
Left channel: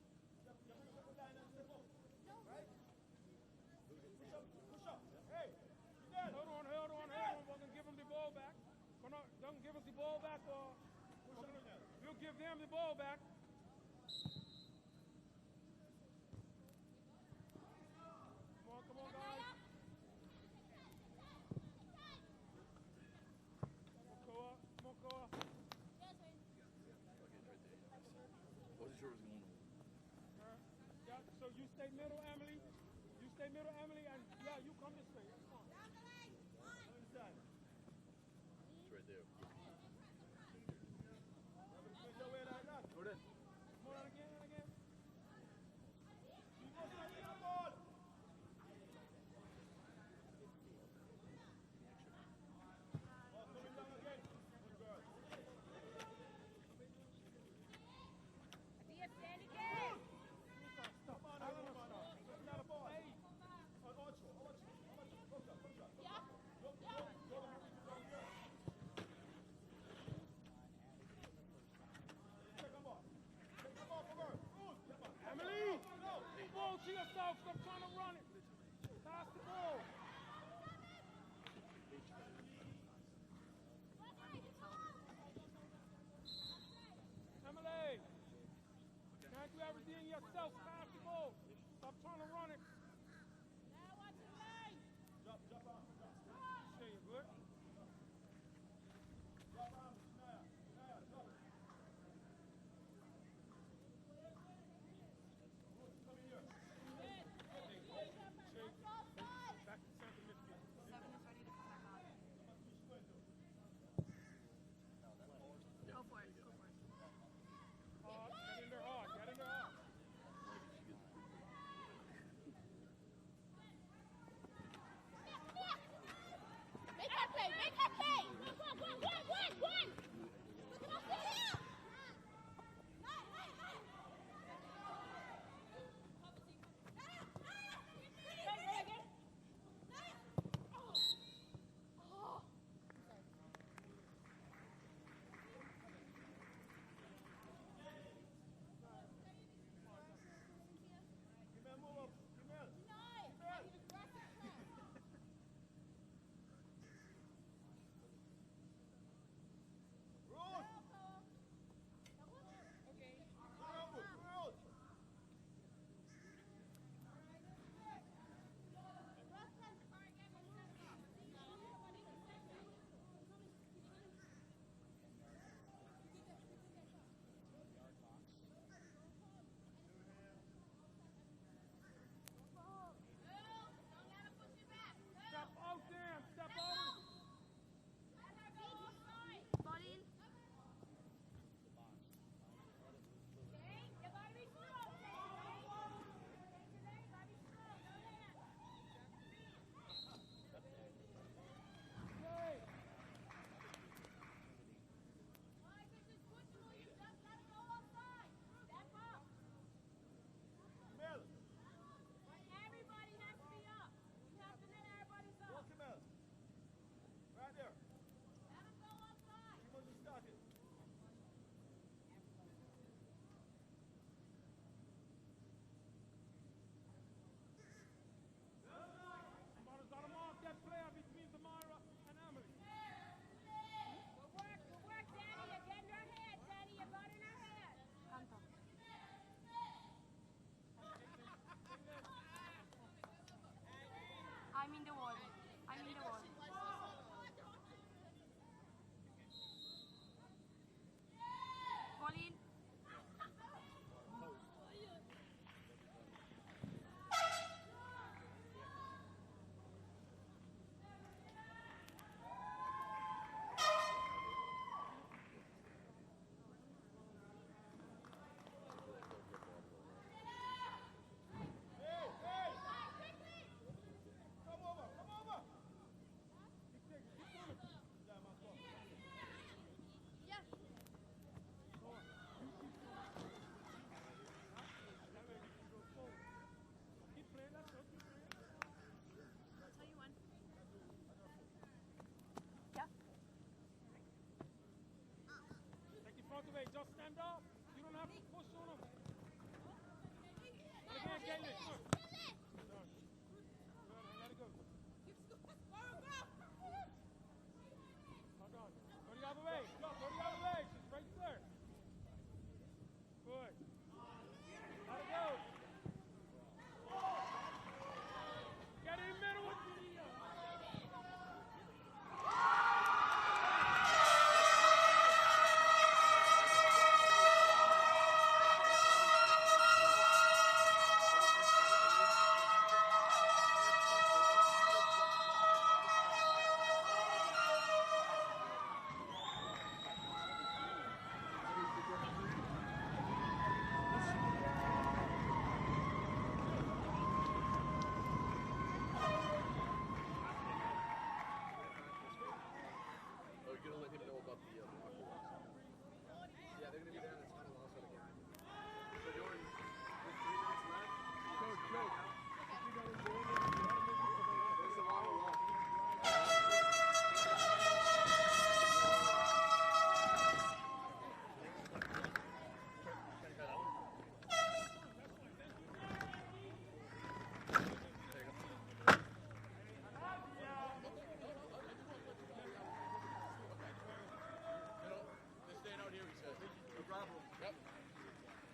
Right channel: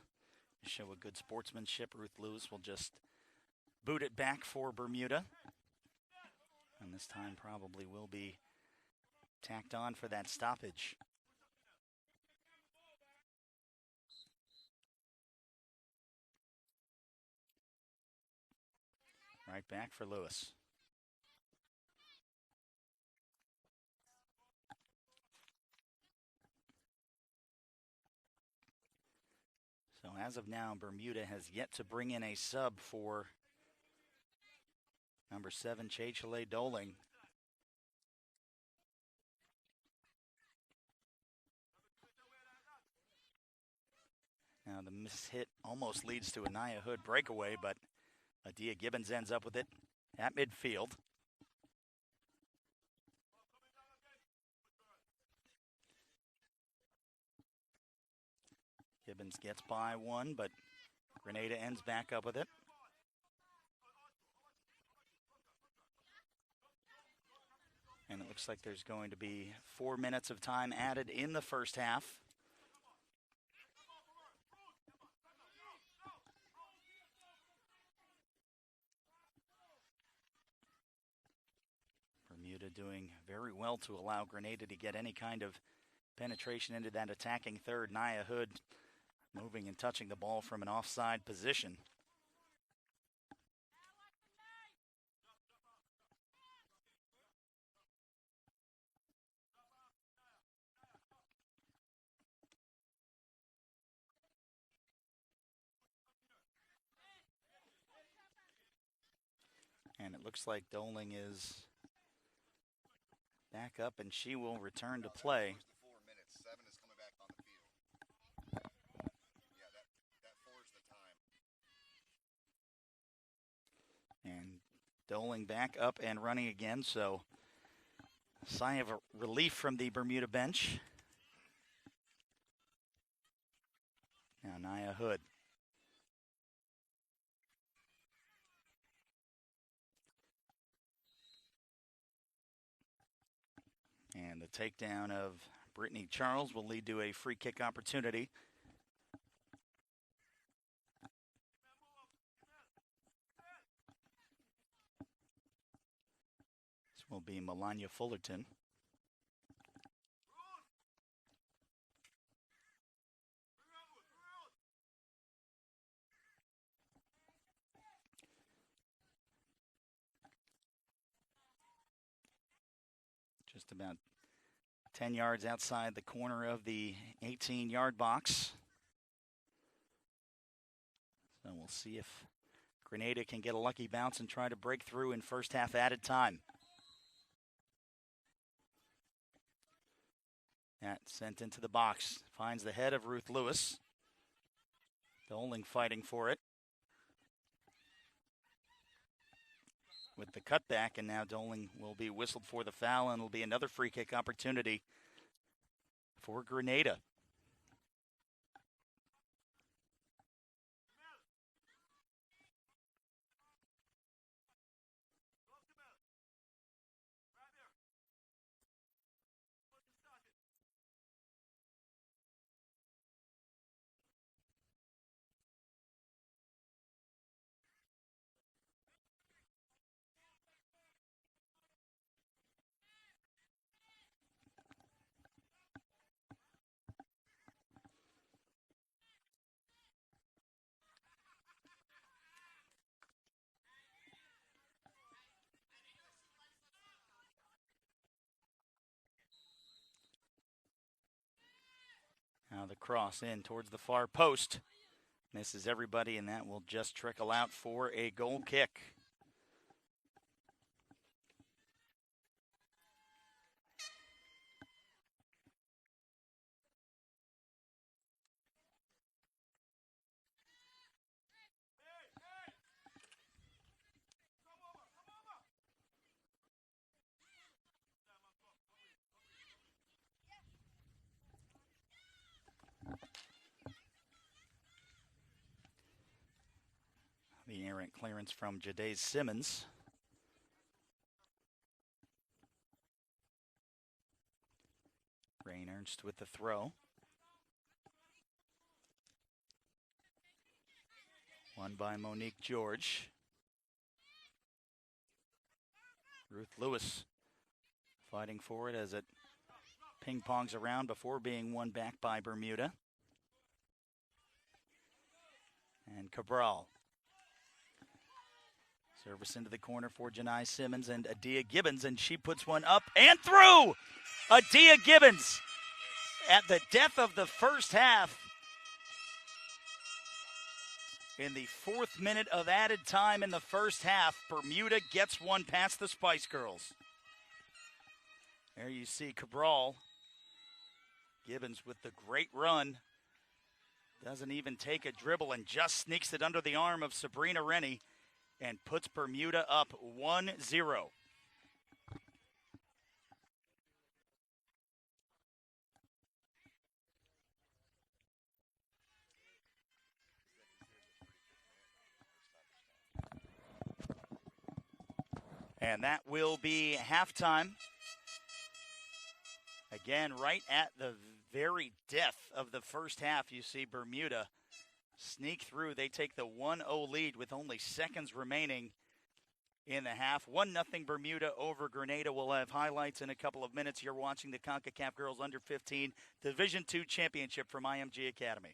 show a good sportsmanship. Ruth Lewis will just boot it back for Bermuda. And this time probably will be tacked on for that stoppage. We'll give them the ball back. Come on, guys. Right back for Lewis. So as of now, Bermuda has yet to bring in a sub for number 7, Chechele Doling. Now the miss hit almost leads to a Nia Hood breakaway, but Adia Gibbons ends up with it at midfield. Gibbons gets by one, but Grenada ends back up with it. And it looks like there's going to be 4 minutes of time added in the first half. Bermuda doing very well to allow Grenada to get any kind of penetration into that attacking third. Nia Hood moving and touching the ball from an offside position. And it looks like Doling is back up, and she will return to play. Doling back up and running again, so sign of a relief from the Bermuda bench. And Nia Hood. And the takedown of Brittany Charles will lead to a free kick opportunity. Will be Melania Fullerton. Just about 10 yards outside the corner of the 18-yard box. So we'll see if Grenada can get a lucky bounce and try to break through in first half added time. That sent into the box. Finds the head of Ruth Lewis. Doling fighting for it. With the cutback, and now Doling will be whistled for the foul, and it'll be another free kick opportunity for Grenada. cross in towards the far post. Misses everybody, and that will just trickle out for a goal kick. The errant clearance from Jade Simmons. Rain Ernst with the throw. Won by Monique George. Ruth Lewis fighting for it as it ping-pongs around before being won back by Bermuda. And Cabral. Service into the corner for Janai Simmons and Adia Gibbons, and she puts one up and through! Adia Gibbons at the death of the first half. In the 4th minute of added time in the first half, Bermuda gets one past the Spice Girls. There you see Cabral. Gibbons with the great run. Doesn't even take a dribble and just sneaks it under the arm of Sabrina Rennie and puts Bermuda up 1-0. And that will be halftime. Again, right at the very depth of the first half, you see Bermuda sneak through. They take the 1-0 lead with only seconds remaining in the half. 1-0 Bermuda over Grenada. We'll have highlights in a couple of minutes. You're watching the Concacaf Girls Under-15 Division II Championship from IMG Academy.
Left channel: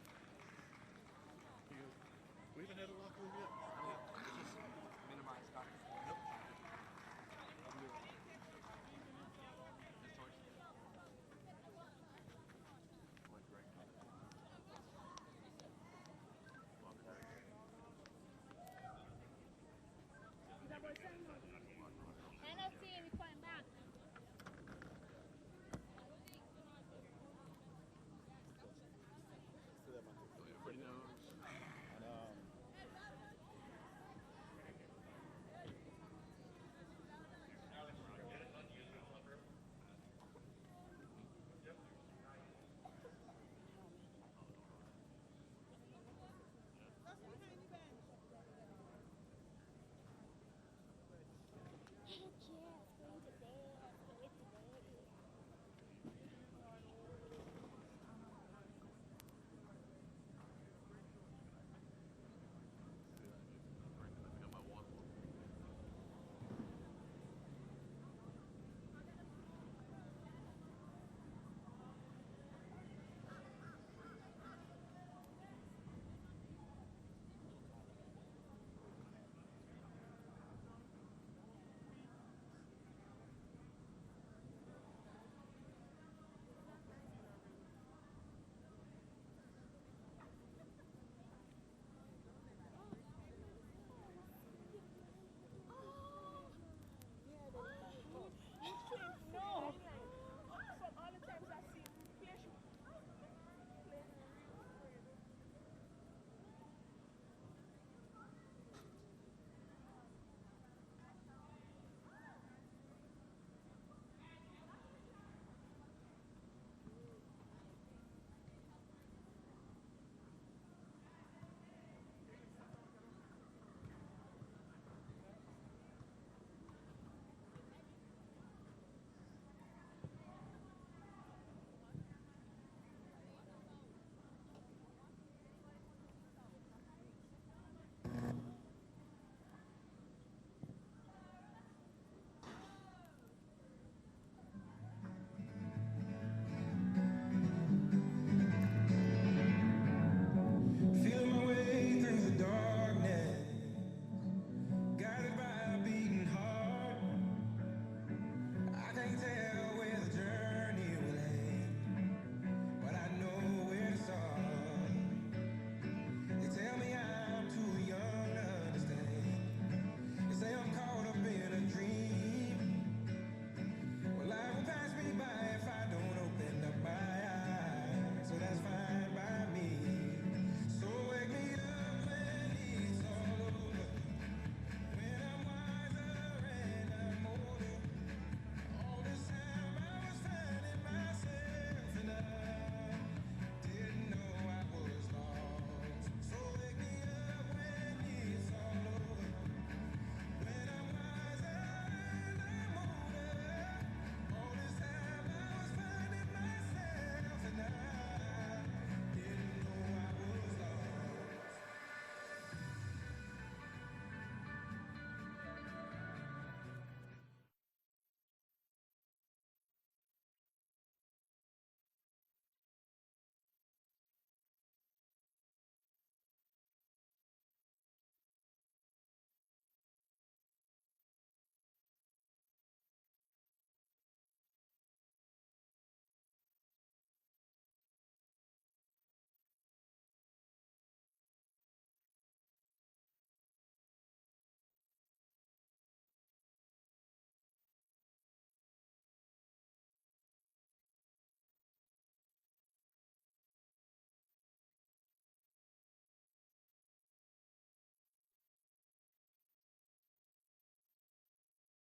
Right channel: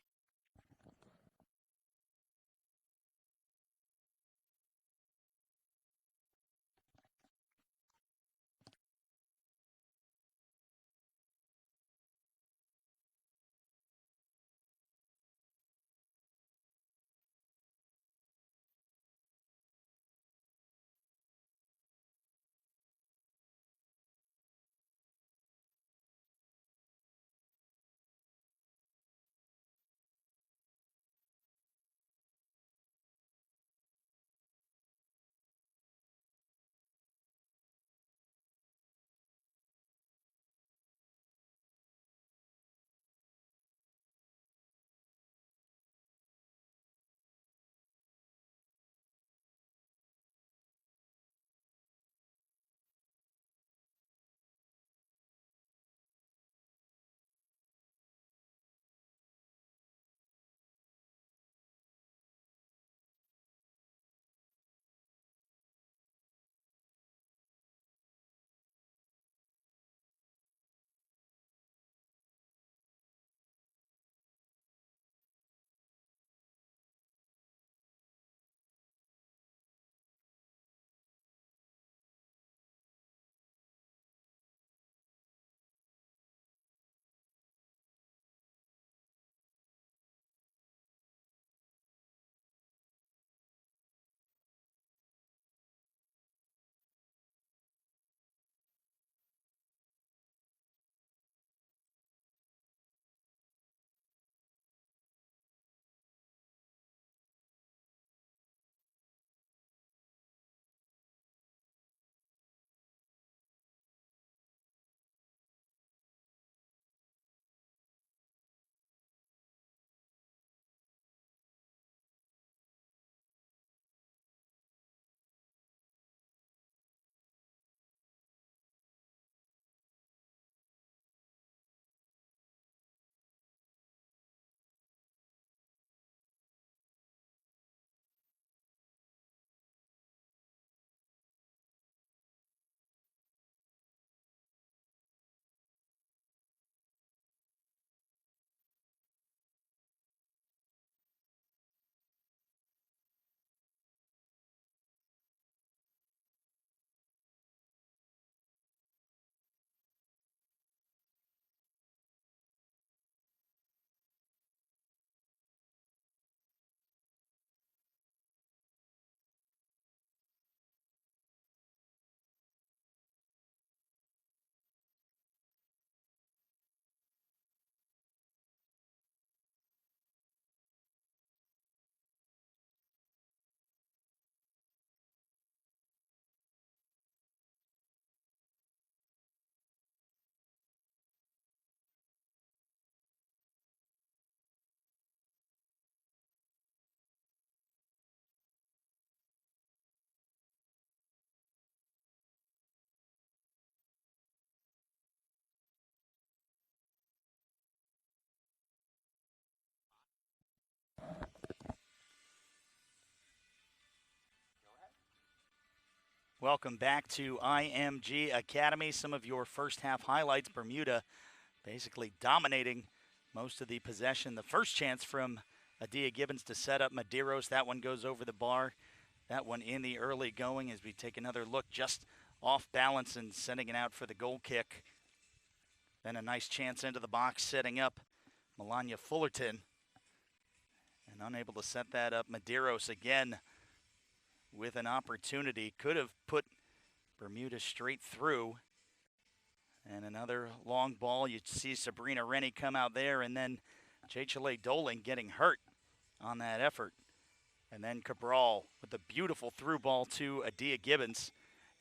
Welcome back to IMG Academy. Some of your first half highlights. Bermuda basically dominating most of the possession. The first chance from Adia Gibbons to set up Medeiros. That one goes over the bar. That one in the early going as we take another look, just off balance and sending it out for the goal kick. Then a nice chance into the box, setting up Melania Fullerton. And unable to set that up. Medeiros again with an opportunity. Could have put Bermuda straight through. And another long ball. You see Sabrina Rennie come out there, and then Chechele Doling getting hurt on that effort. And then Cabral with a beautiful through ball to Adia Gibbons.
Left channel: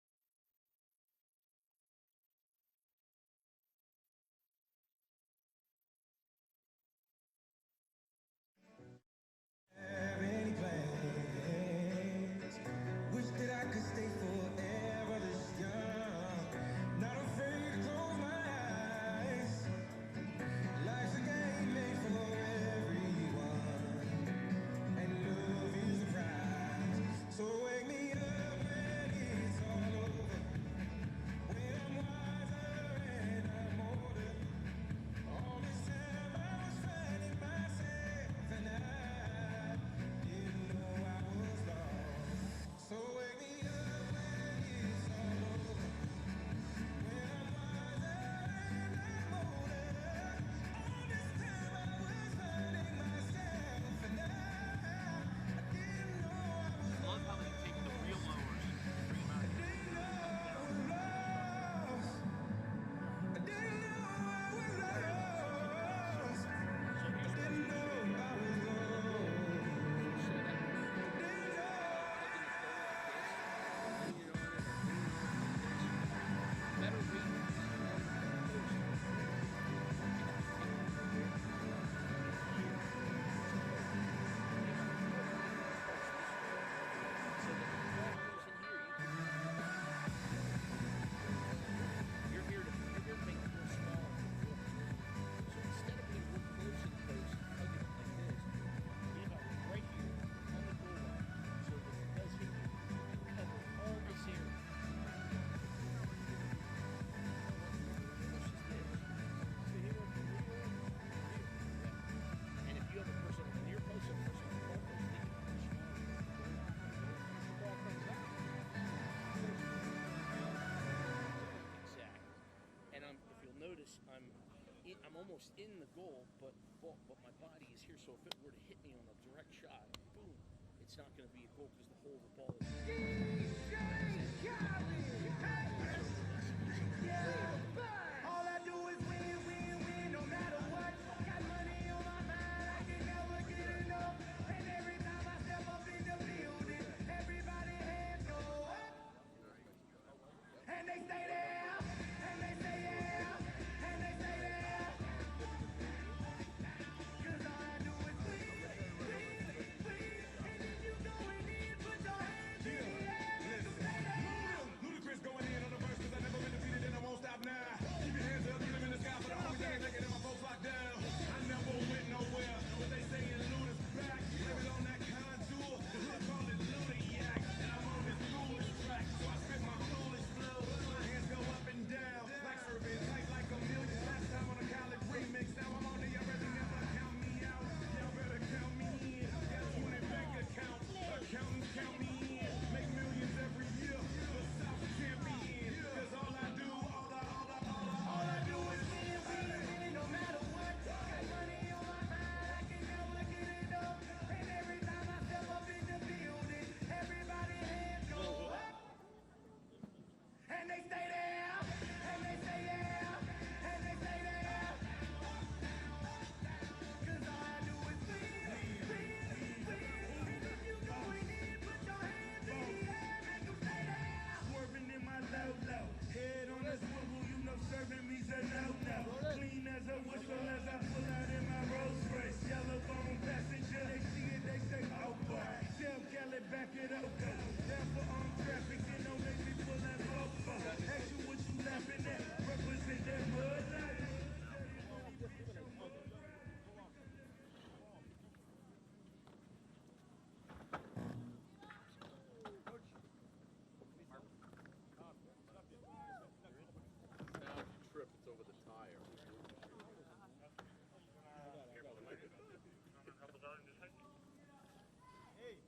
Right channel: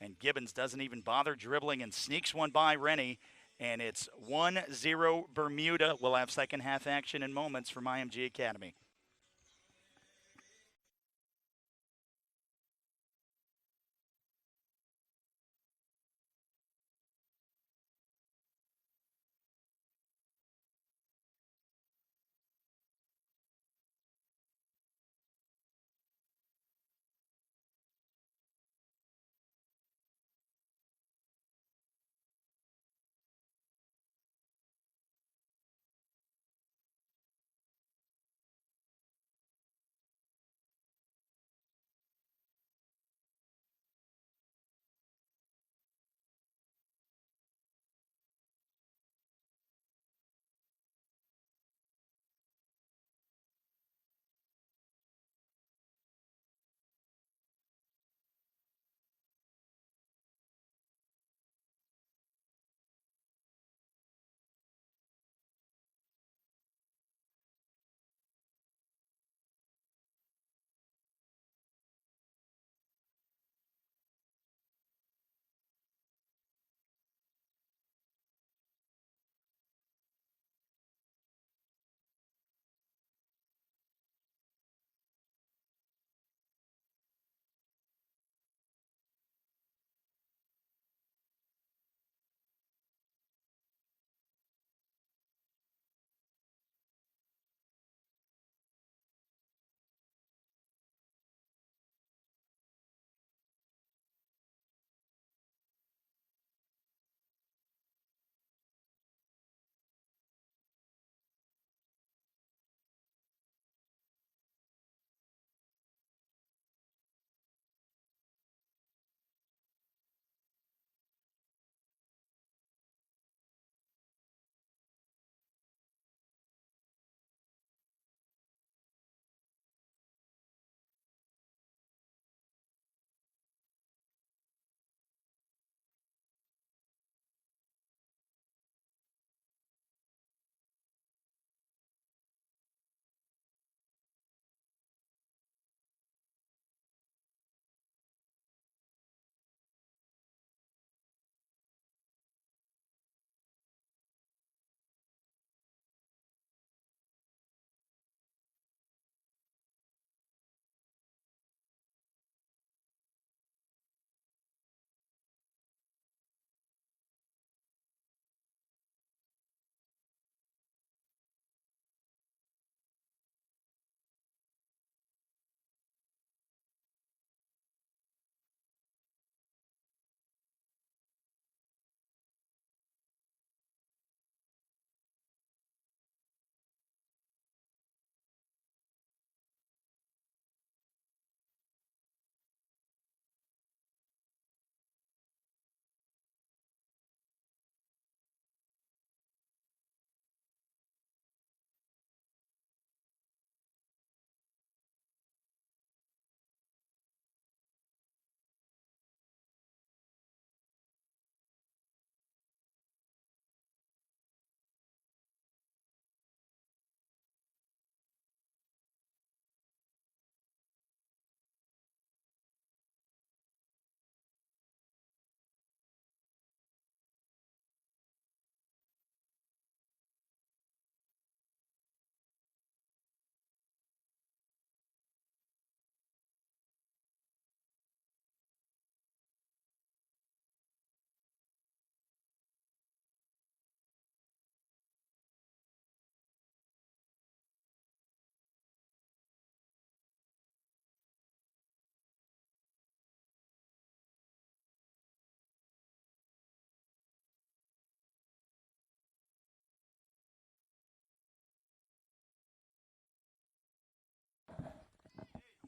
And Gibbons doesn't even bother dribbling and sneaks one by Rennie. And it's 1-0 Bermuda. We'll have second half action in moments from IMG Academy. I'm almost in the goal, but my body is here, so if it were to hit me on a direct shot, boom, it's not going to be a goal because the hole of the ball is. All I do is win, win, win, no matter what. Got money on my mind, I can never get enough. And every time I step up in the building, everybody hands go up. And they stay there, and they say yeah, and they say there. 'Cause all I do is win, win, win. And if you going in, put your hands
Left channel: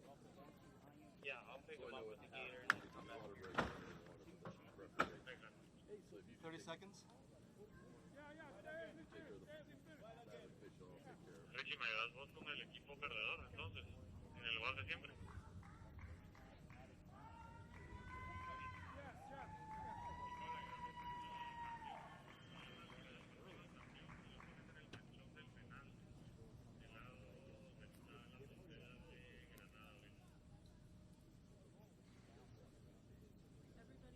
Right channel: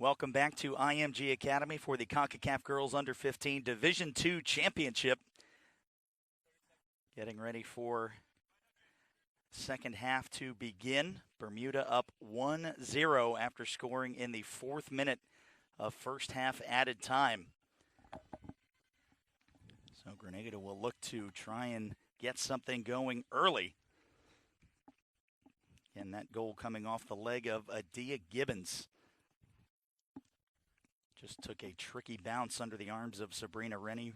Welcome back to IMG Academy for the Concacaf Girls Under-15 Division II Championship. 30 seconds. Getting ready for second half to begin. Bermuda up 1-0 after scoring in the 4th minute of first half added time. So Grenada will look to try and get something going early. And that goal coming off the leg of Adia Gibbons. Just took a tricky bounce under the arms of Sabrina Rennie.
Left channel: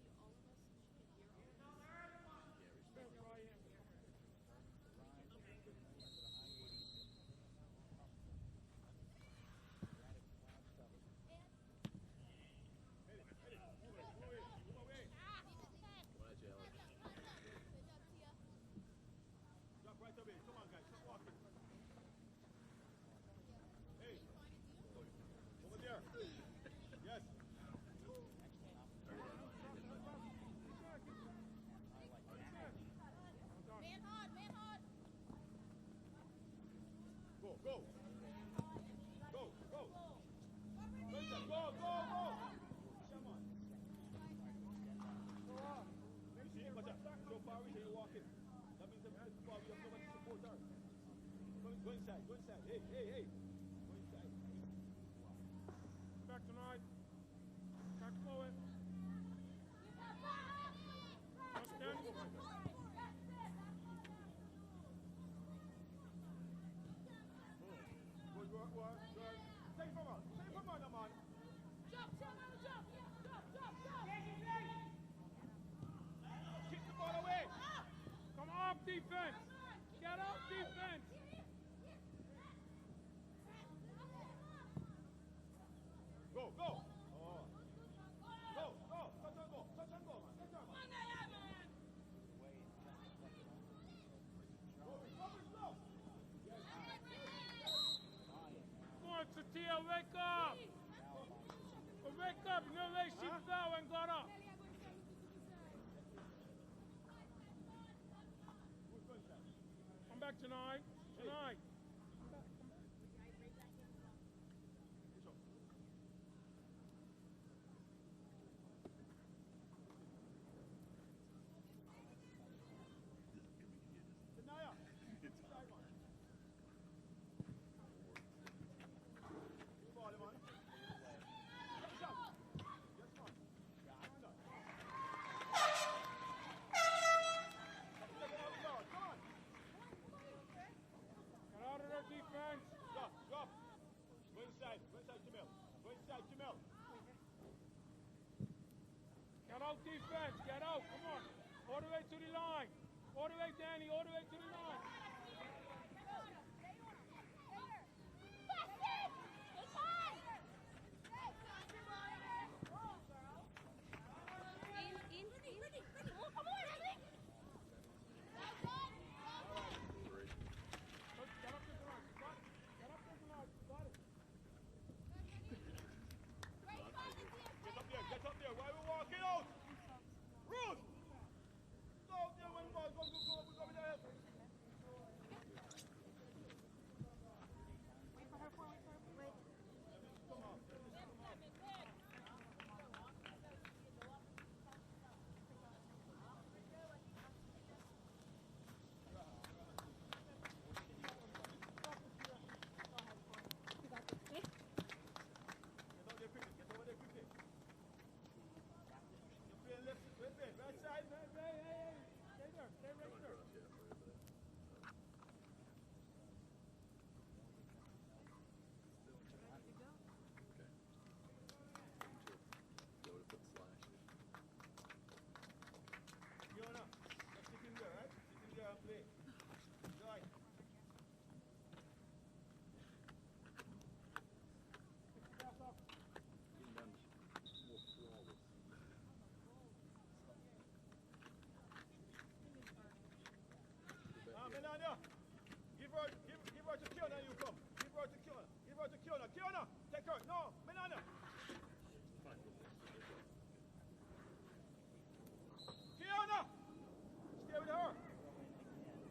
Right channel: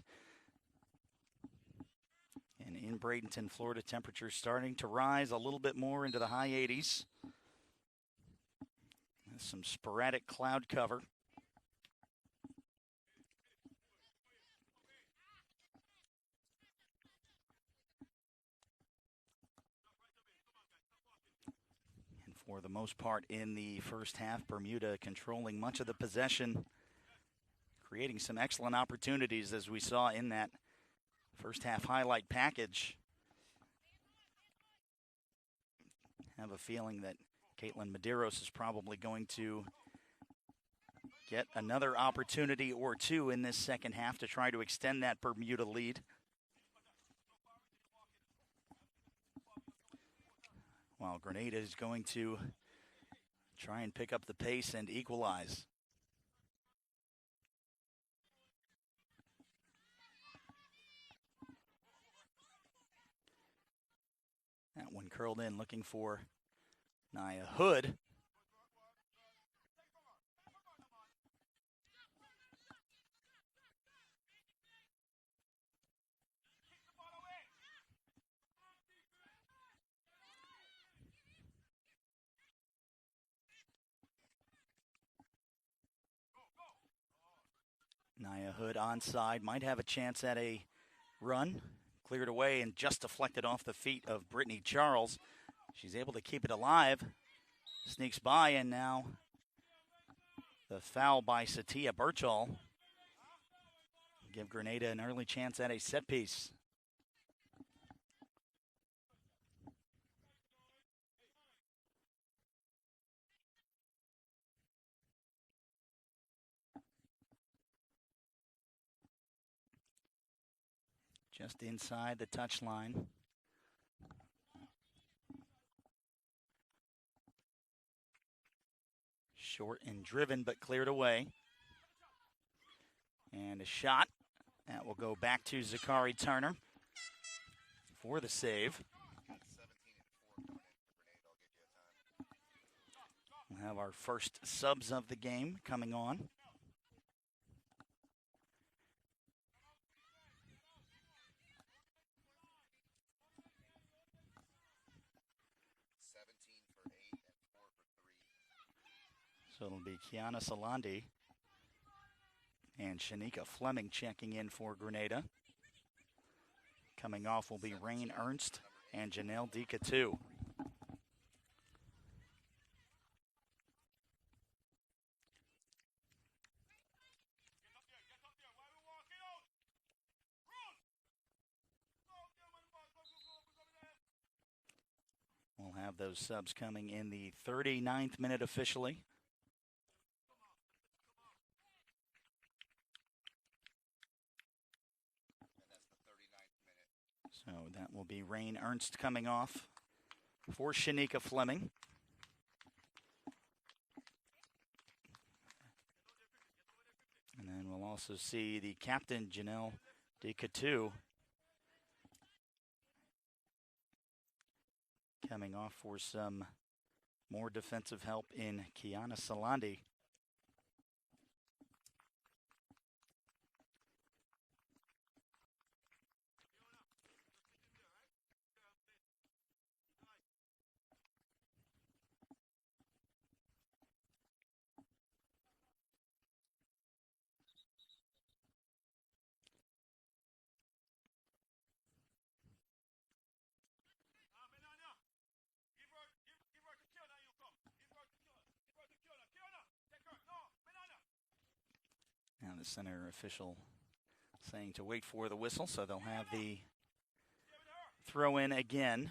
And in Bradenton, Florida, temperatures starting to rise a little bit more into the high 80s. And some sporadic cloud cover. And for the most part in the first half, Bermuda controlling much of the possession, creating some excellent opportunities as we saw in that first half highlight package. I have a feeling that Caitlin Medeiros is probably going to get another opportunity or two in this second half to try to extend that Bermuda lead. While Grenada is going to try and pick up the pace and equalize. Curled in, looking for Nia Hood. Kick the ball away. Come off defense. Get off defense. Go, go. Nia Hood onside, might have a chance at a run. Cleared away and just deflected off the feet of Brittany Charles. She's able to keep it alive. Sneaks by, and now the foul by Satia Birchall. Give Grenada an early chance at a set piece. Come back tonight. Tonight. Just inside the touchline. Short and driven, but cleared away. And a shot. That will go back to Zakari Turner for the save. We'll have our first subs of the game coming on. Get out defense. Get out. Come on. All the way to the line. All the way, Danny. All the way to the line. So it'll be Kiana Salandi and Shanika Fleming checking in for Grenada. Coming off will be Rain Ernst and Janelle Dicatu. We'll have those subs coming in the 39th minute officially. So that will be Rain Ernst coming off for Shanika Fleming. And then we'll also see the captain, Janelle Dicatu, coming off for some more defensive help in Kiana Salandi. And the center official saying to wait for the whistle, so they'll have the throw in again.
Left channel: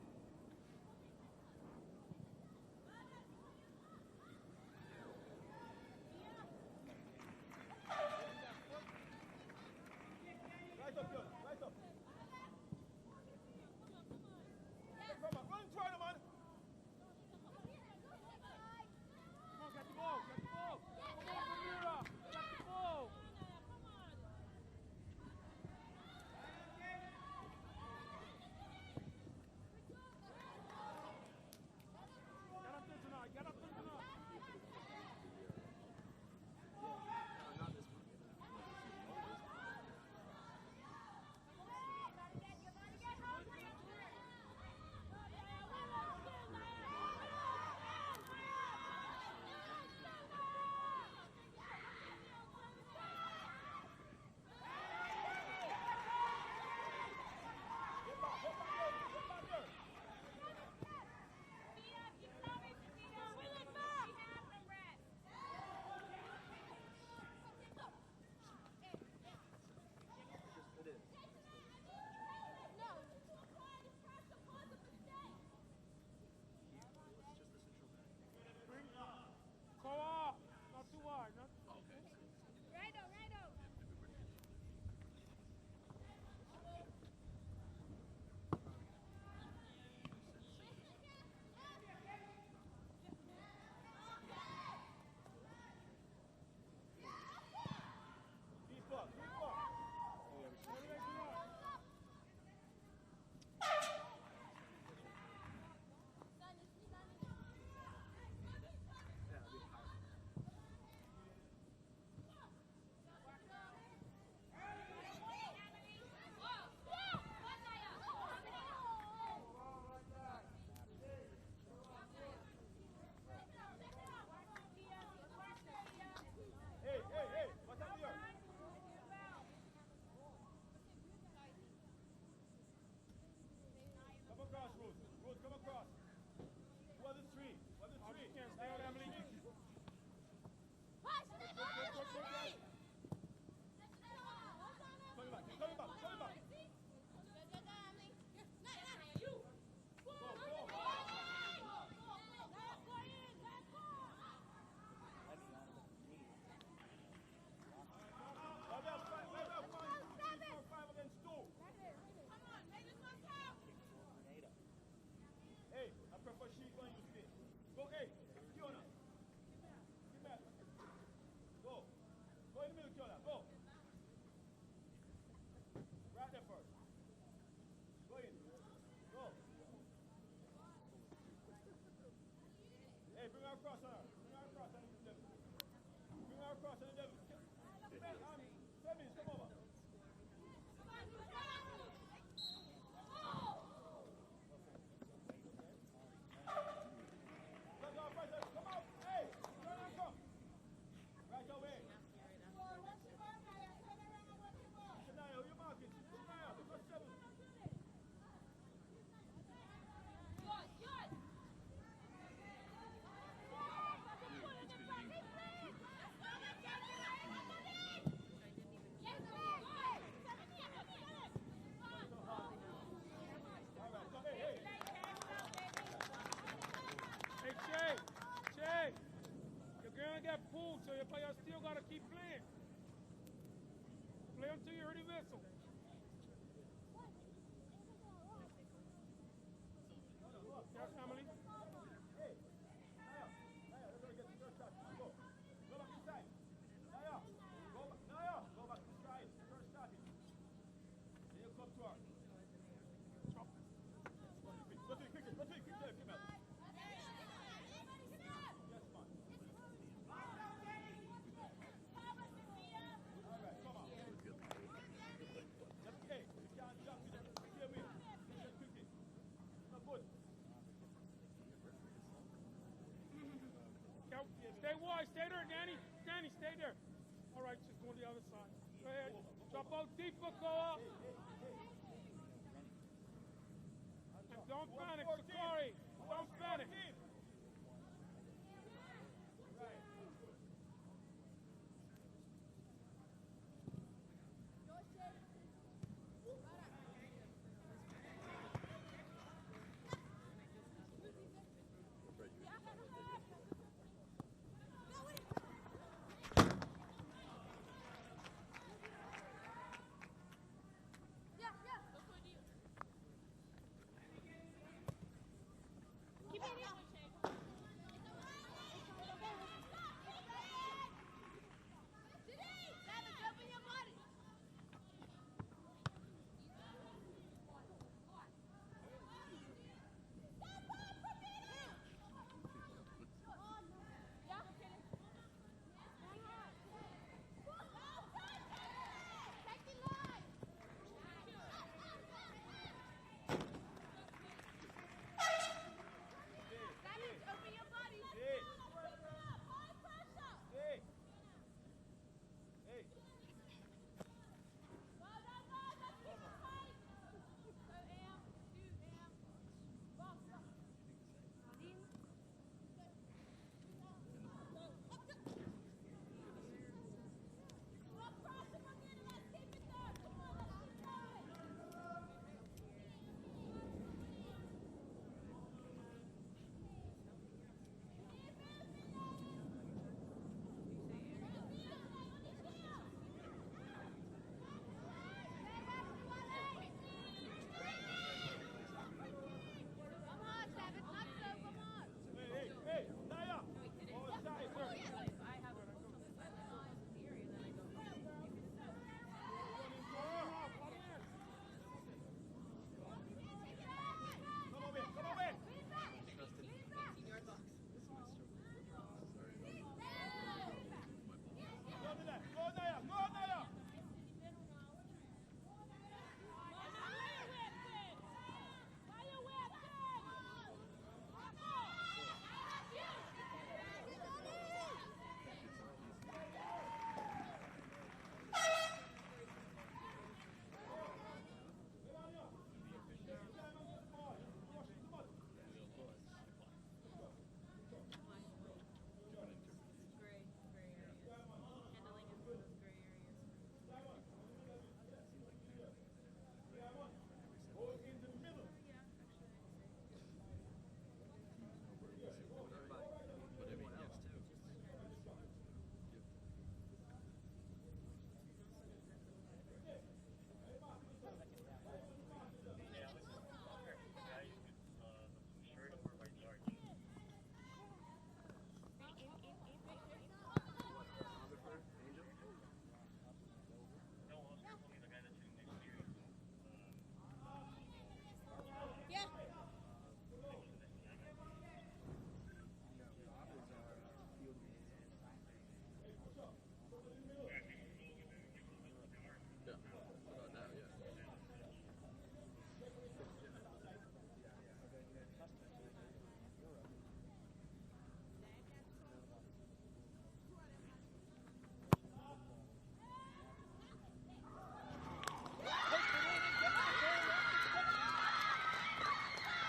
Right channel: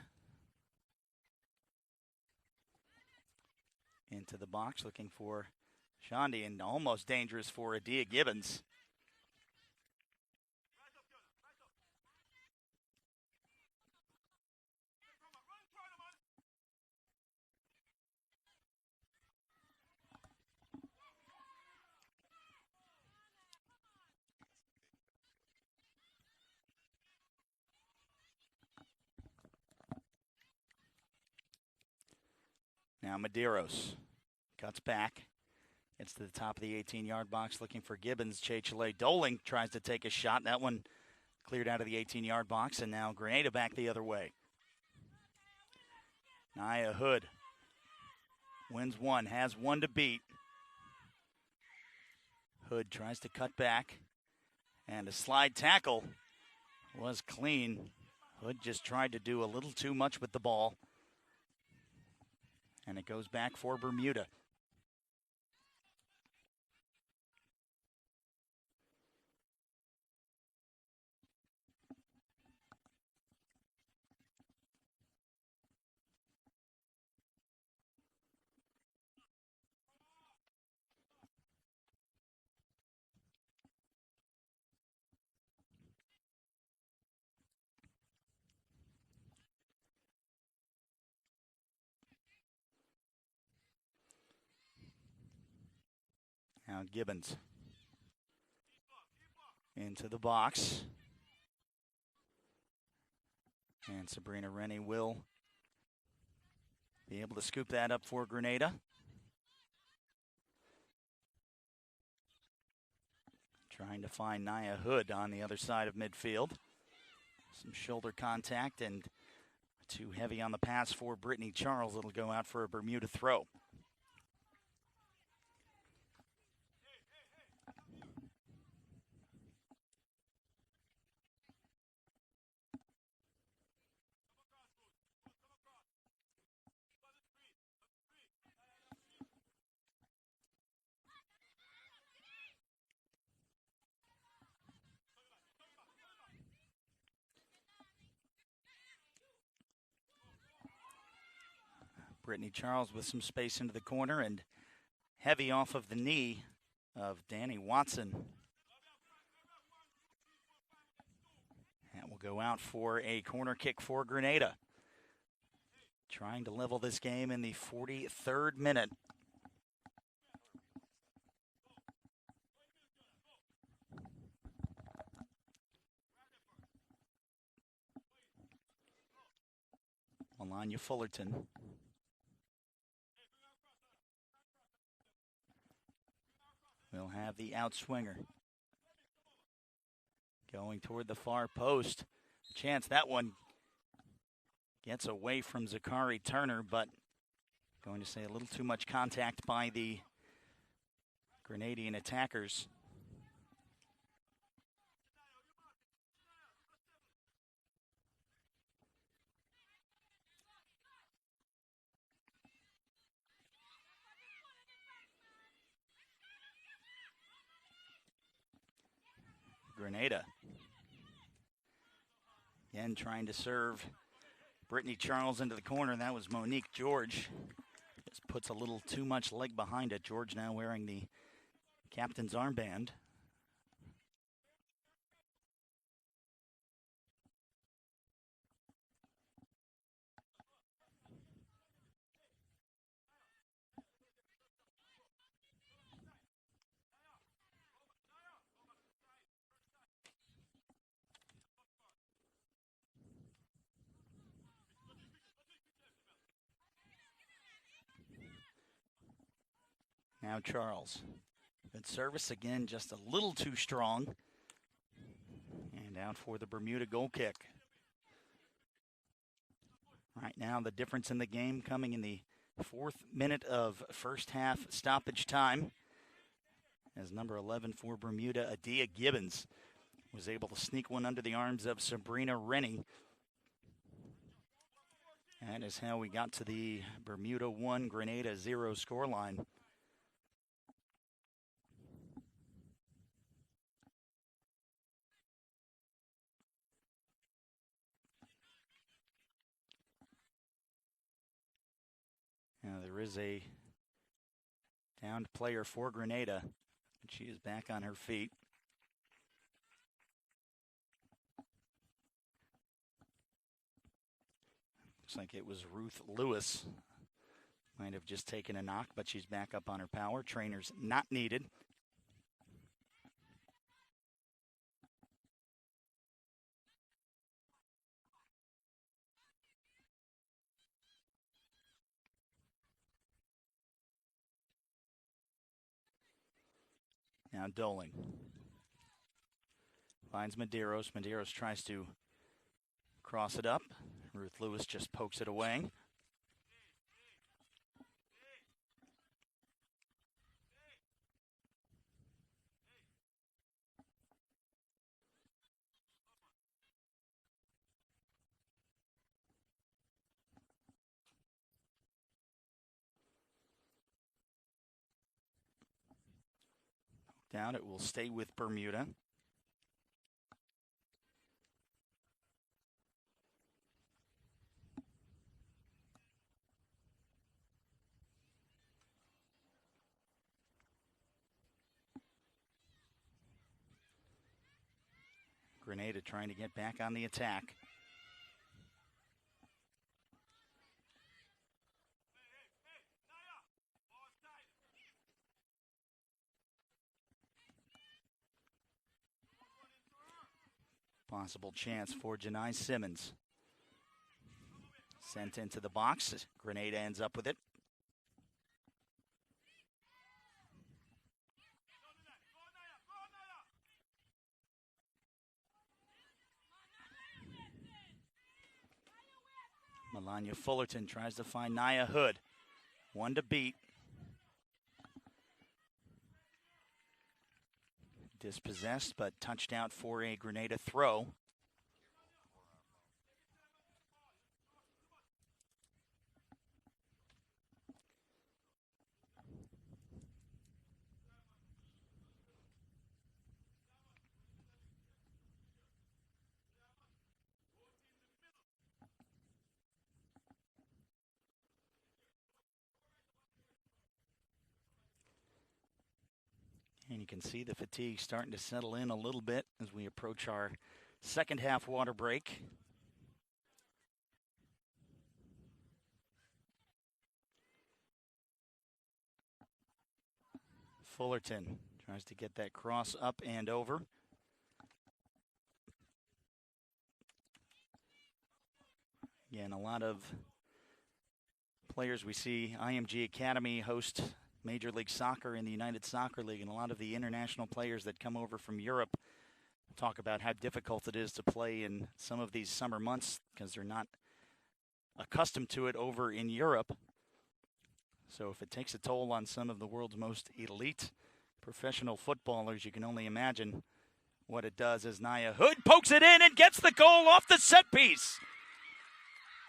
Into the box, looking for Shondi, and almost dangerous for Adia Gibbons. Now Medeiros cuts back. Gets to the top of the 18-yard box looking for Gibbons. Chechele Doling tries to take a shot. That one cleared out of the 18-yard box, and now Grenada back the other way. Naya Hood wins one, has one to beat. Hood tries to cut back, and a slide tackle was clean. Hood just tried to do a little too much with the ball. And it goes back for Bermuda. Go up. Not too wide. Not Now Gibbons into the box. And Sabrina Rennie will be able to scoop that up for Grenada. Trying to find Naya Hood on the other side of midfield. Some shoulder contact and too heavy on the pass for Brittany Charles. It'll go out for a Bermuda throw. Brittany Charles with some space into the corner and heavy off of the knee of Danny Watson. That will go out for a corner kick for Grenada. Trying to level this game in the 43rd minute. Melania Fullerton. We'll have the outswinger. Going toward the far post. Chance that one gets away from Zakari Turner, but going to say a little too much contact by the Grenadian attackers. Grenada again trying to serve Brittany Charles into the corner. That was Monique George. Just puts a little too much leg behind it. George now wearing the captain's armband. play until you're ready, vessel. Yes, Emily. Now Charles. Good service again, just a little too strong. And out for the Bermuda goal kick. Right now the difference in the game coming in the 4th minute of first half stoppage time, as number 11 for Bermuda, Adia Gibbons, was able to sneak one under the arms of Sabrina Rennie. That is how we got to the Bermuda 1, Grenada 0 scoreline. Now there is a Rebound player for Grenada. She is back on her feet. Looks like it was Ruth Lewis. Might have just taken a knock, but she's back up on her power. Trainers not needed. Now Dolan finds Medeiros. Medeiros tries to cross it up. Ruth Lewis just pokes it away. Down, it will stay with Bermuda. Grenada trying to get back on the attack. Possible chance for Janai Simmons. Sent into the box. Grenada ends up with it. Melania Fullerton tries to find Nia Hood. One to beat. Dispossessed, but touched out for a Grenada throw. And you can see the fatigue starting to settle in a little bit as we approach our second half water break. Fullerton tries to get that cross up and over. Again, a lot of players we see IMG Academy host Major League Soccer in the United Soccer League, and a lot of the international players that come over from Europe talk about how difficult it is to play in some of these summer months because they're not accustomed to it over in Europe. So if it takes a toll on some of the world's most elite professional footballers, you can only imagine what it does as Nia Hood pokes it in and gets the goal off the set piece.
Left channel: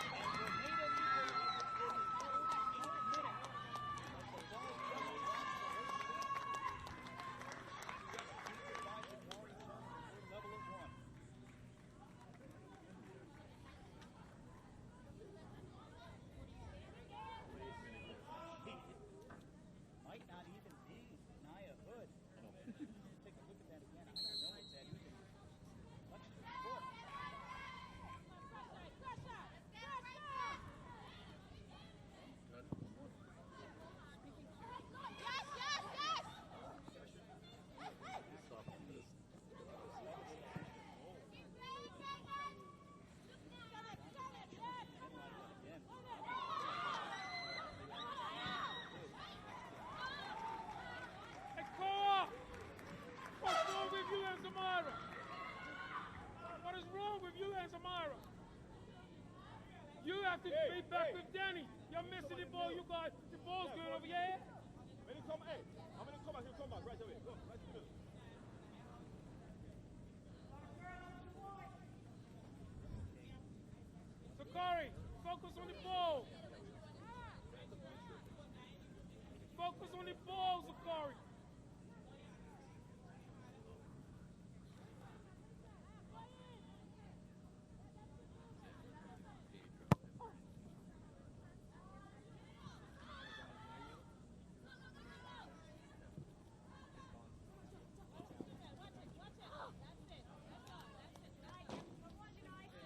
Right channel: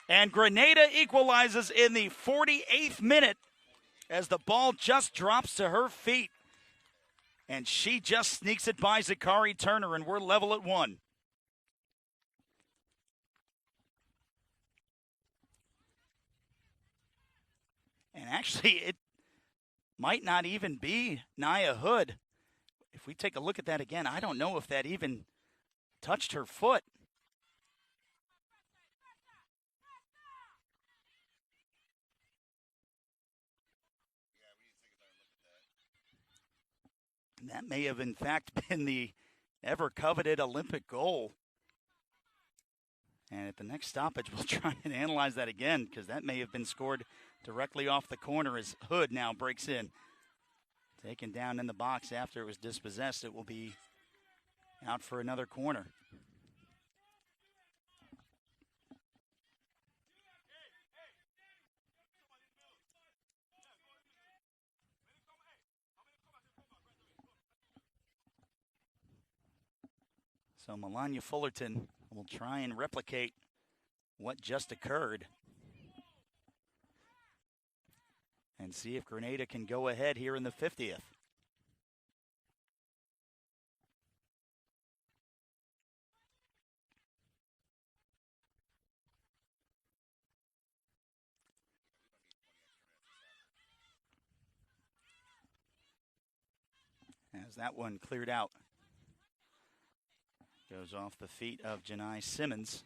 And Grenada equalizes in the 48th minute as the ball just drops to her feet. And she just sneaks it by Zakari Turner, and we're level at 1. And actually, it might not even be Nia Hood. If we take a look at that again, I don't know if that even touched her foot. That may have, in fact, been the ever-coveted Olympic goal. And at the next stoppage, we'll try and analyze that again, because that may have been scored directly off the corner as Hood now breaks in. Taken down in the box after it was dispossessed. It will be out for another corner. What is wrong with you and Samara? You have to be back with Danny. You're missing the ball. You got the ball's going over your head. When you come, hey, I'm going to come back. He'll come back right away. Go, right to the So Melania Fullerton will try and replicate what just occurred and see if Grenada can go ahead here in the 50th. That one cleared out. Goes off the feet of Janai Simmons.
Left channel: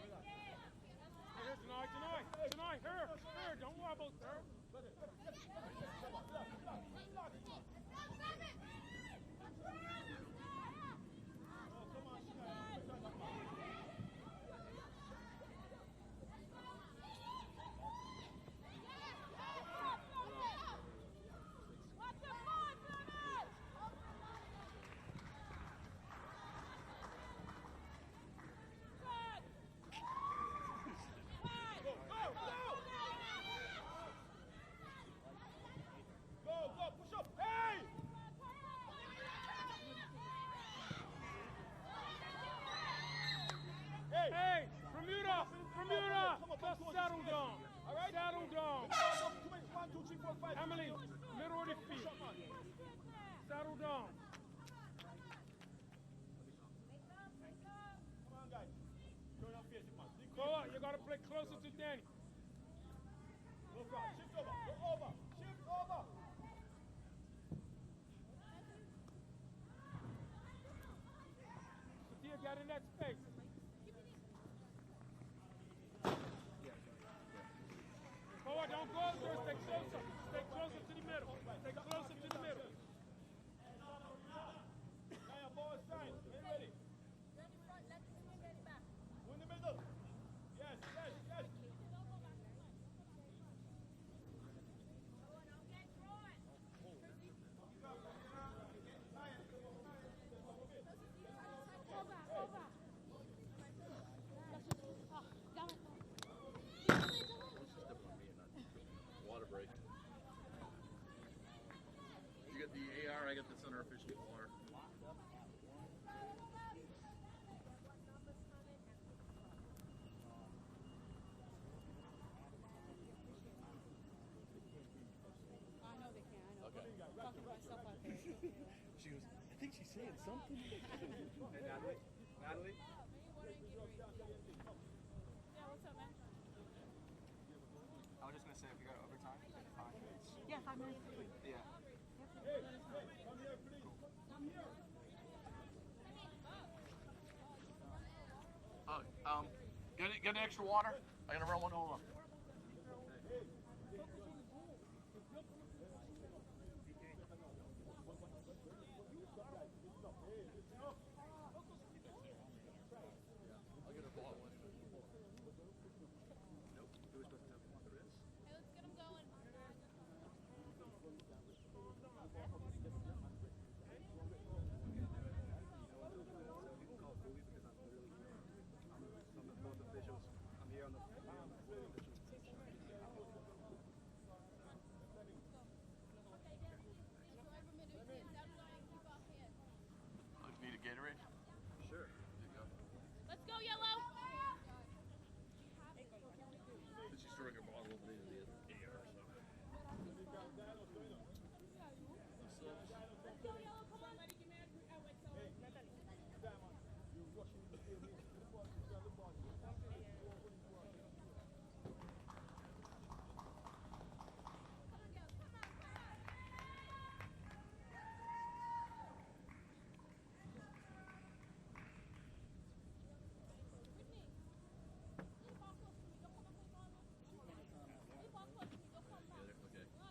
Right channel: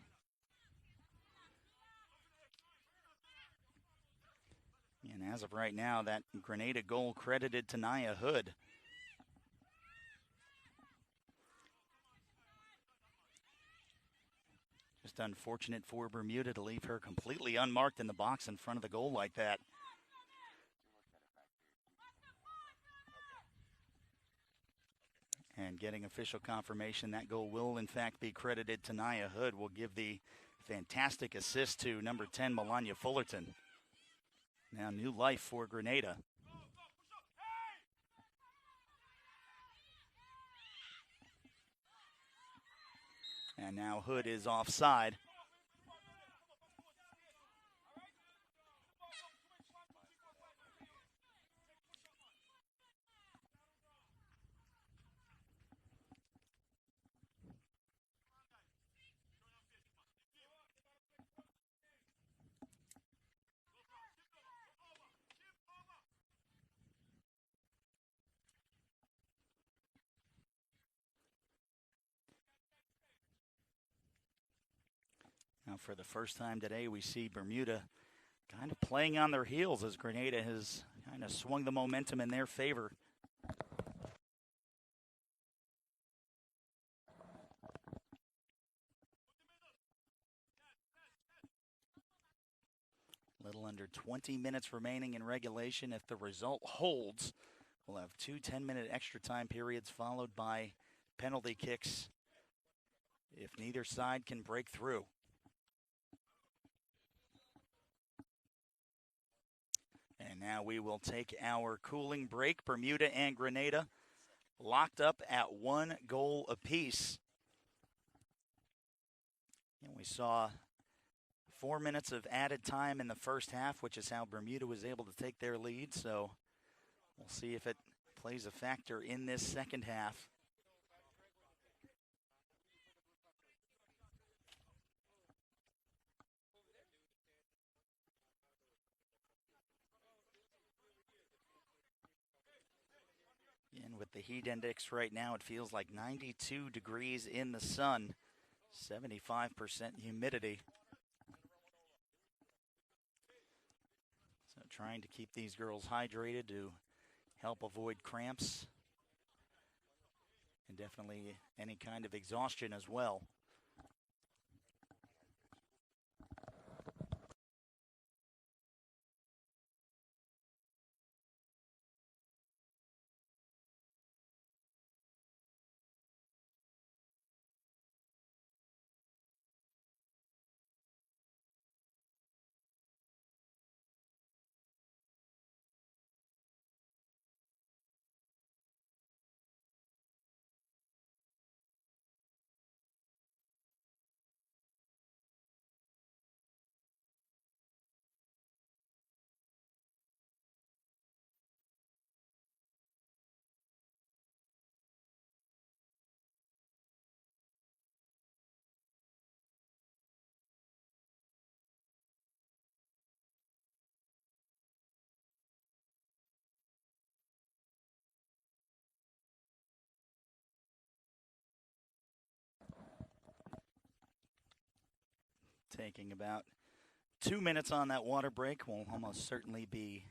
Don't wobble, sir. And as of right now, that Grenada goal credited to Naya Hood. Just unfortunate for Bermuda to leave her completely unmarked in the box in front of the goal like that. And getting official confirmation that goal will in fact be credited to Naya Hood. Will give the fantastic assist to number 10, Melania Fullerton. Now new life for Grenada. And now Hood is offside. Bermuda, settle down. Settle down. Emily, middle of the feet. Settle down. Go up, you gotta play closer to Danny. Sophia got in that space. Now for the first time today, we see Bermuda kind of playing on their heels as Grenada has kind of swung the momentum in their favor. Little under 20 minutes remaining in regulation. If the result holds, we'll have 2 10-minute extra time periods followed by penalty kicks if neither side can break through. And now we will take our cooling break. Bermuda and Grenada locked up at 1 goal apiece. And we saw 4 minutes of added time in the first half, which is how Bermuda was able to take their lead. So we'll see if it plays a factor in this second half. And with the heat index right now, it feels like 92 degrees in the sun, 75% humidity. Water? I gotta run one over. So trying to keep these girls hydrated to help avoid cramps and definitely any kind of exhaustion as well. Need a Gatorade? Sure. Let's go, Yellow. She's throwing her ball over into the air. Let's go, Yellow. Come on. Taking about 2 minutes on that water break. Will almost certainly be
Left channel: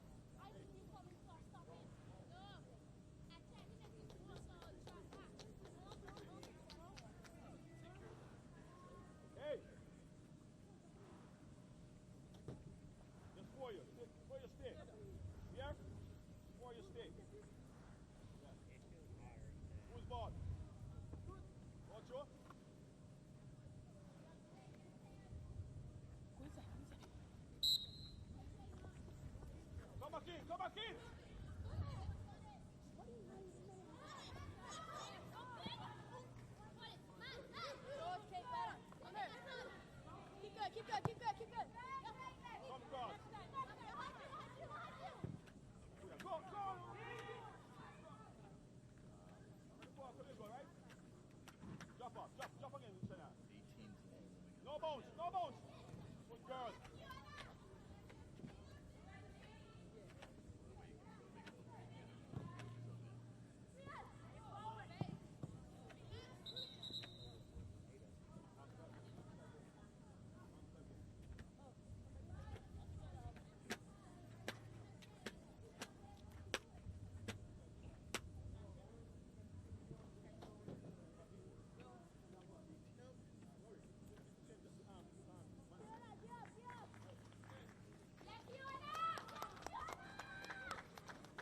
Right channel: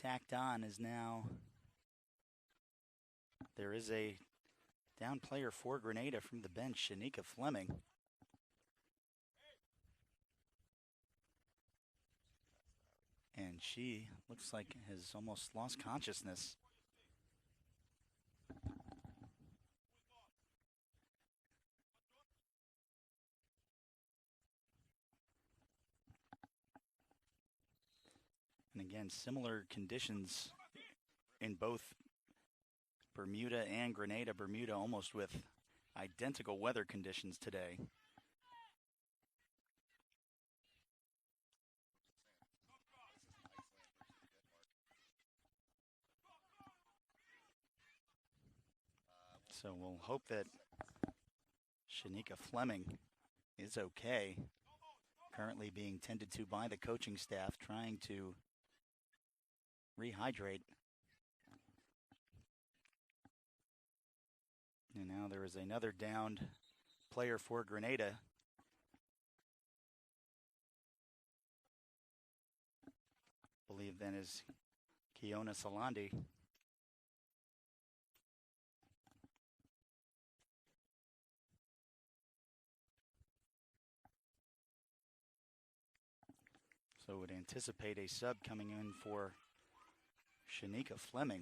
tacked on as now there is a down player for Grenada from the bench, Shanika Fleming. And she looks like has almost lost consciousness. And again, similar conditions in both Bermuda and Grenada. Bermuda almost with identical weather conditions today. Keep good, keep good, keep good, keep good. So we'll hope that Shanika Fleming is okay. Currently being tended to by the coaching staff, trying to rehydrate. another downed player for Grenada. I believe then is Kiona Salandi. So would anticipate a sub coming in for Shanika Fleming.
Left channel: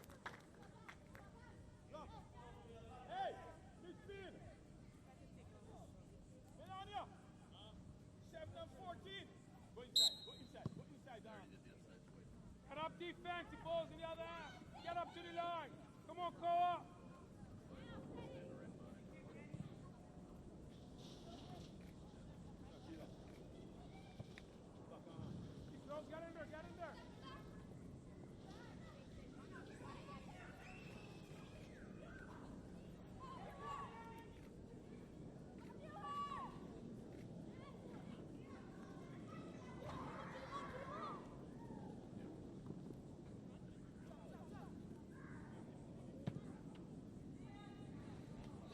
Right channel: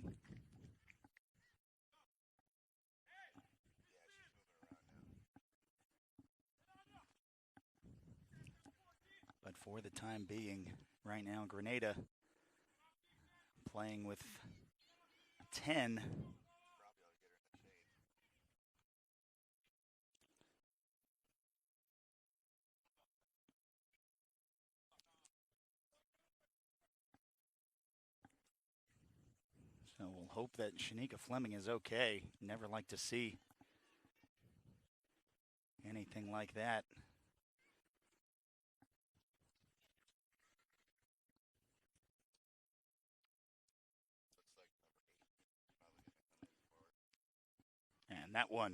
But for the time being, right now, Grenada playing with 10. Come on, Koa. And we'll hope that Shanika Fleming is okay. Never like to see anything like that. And that one,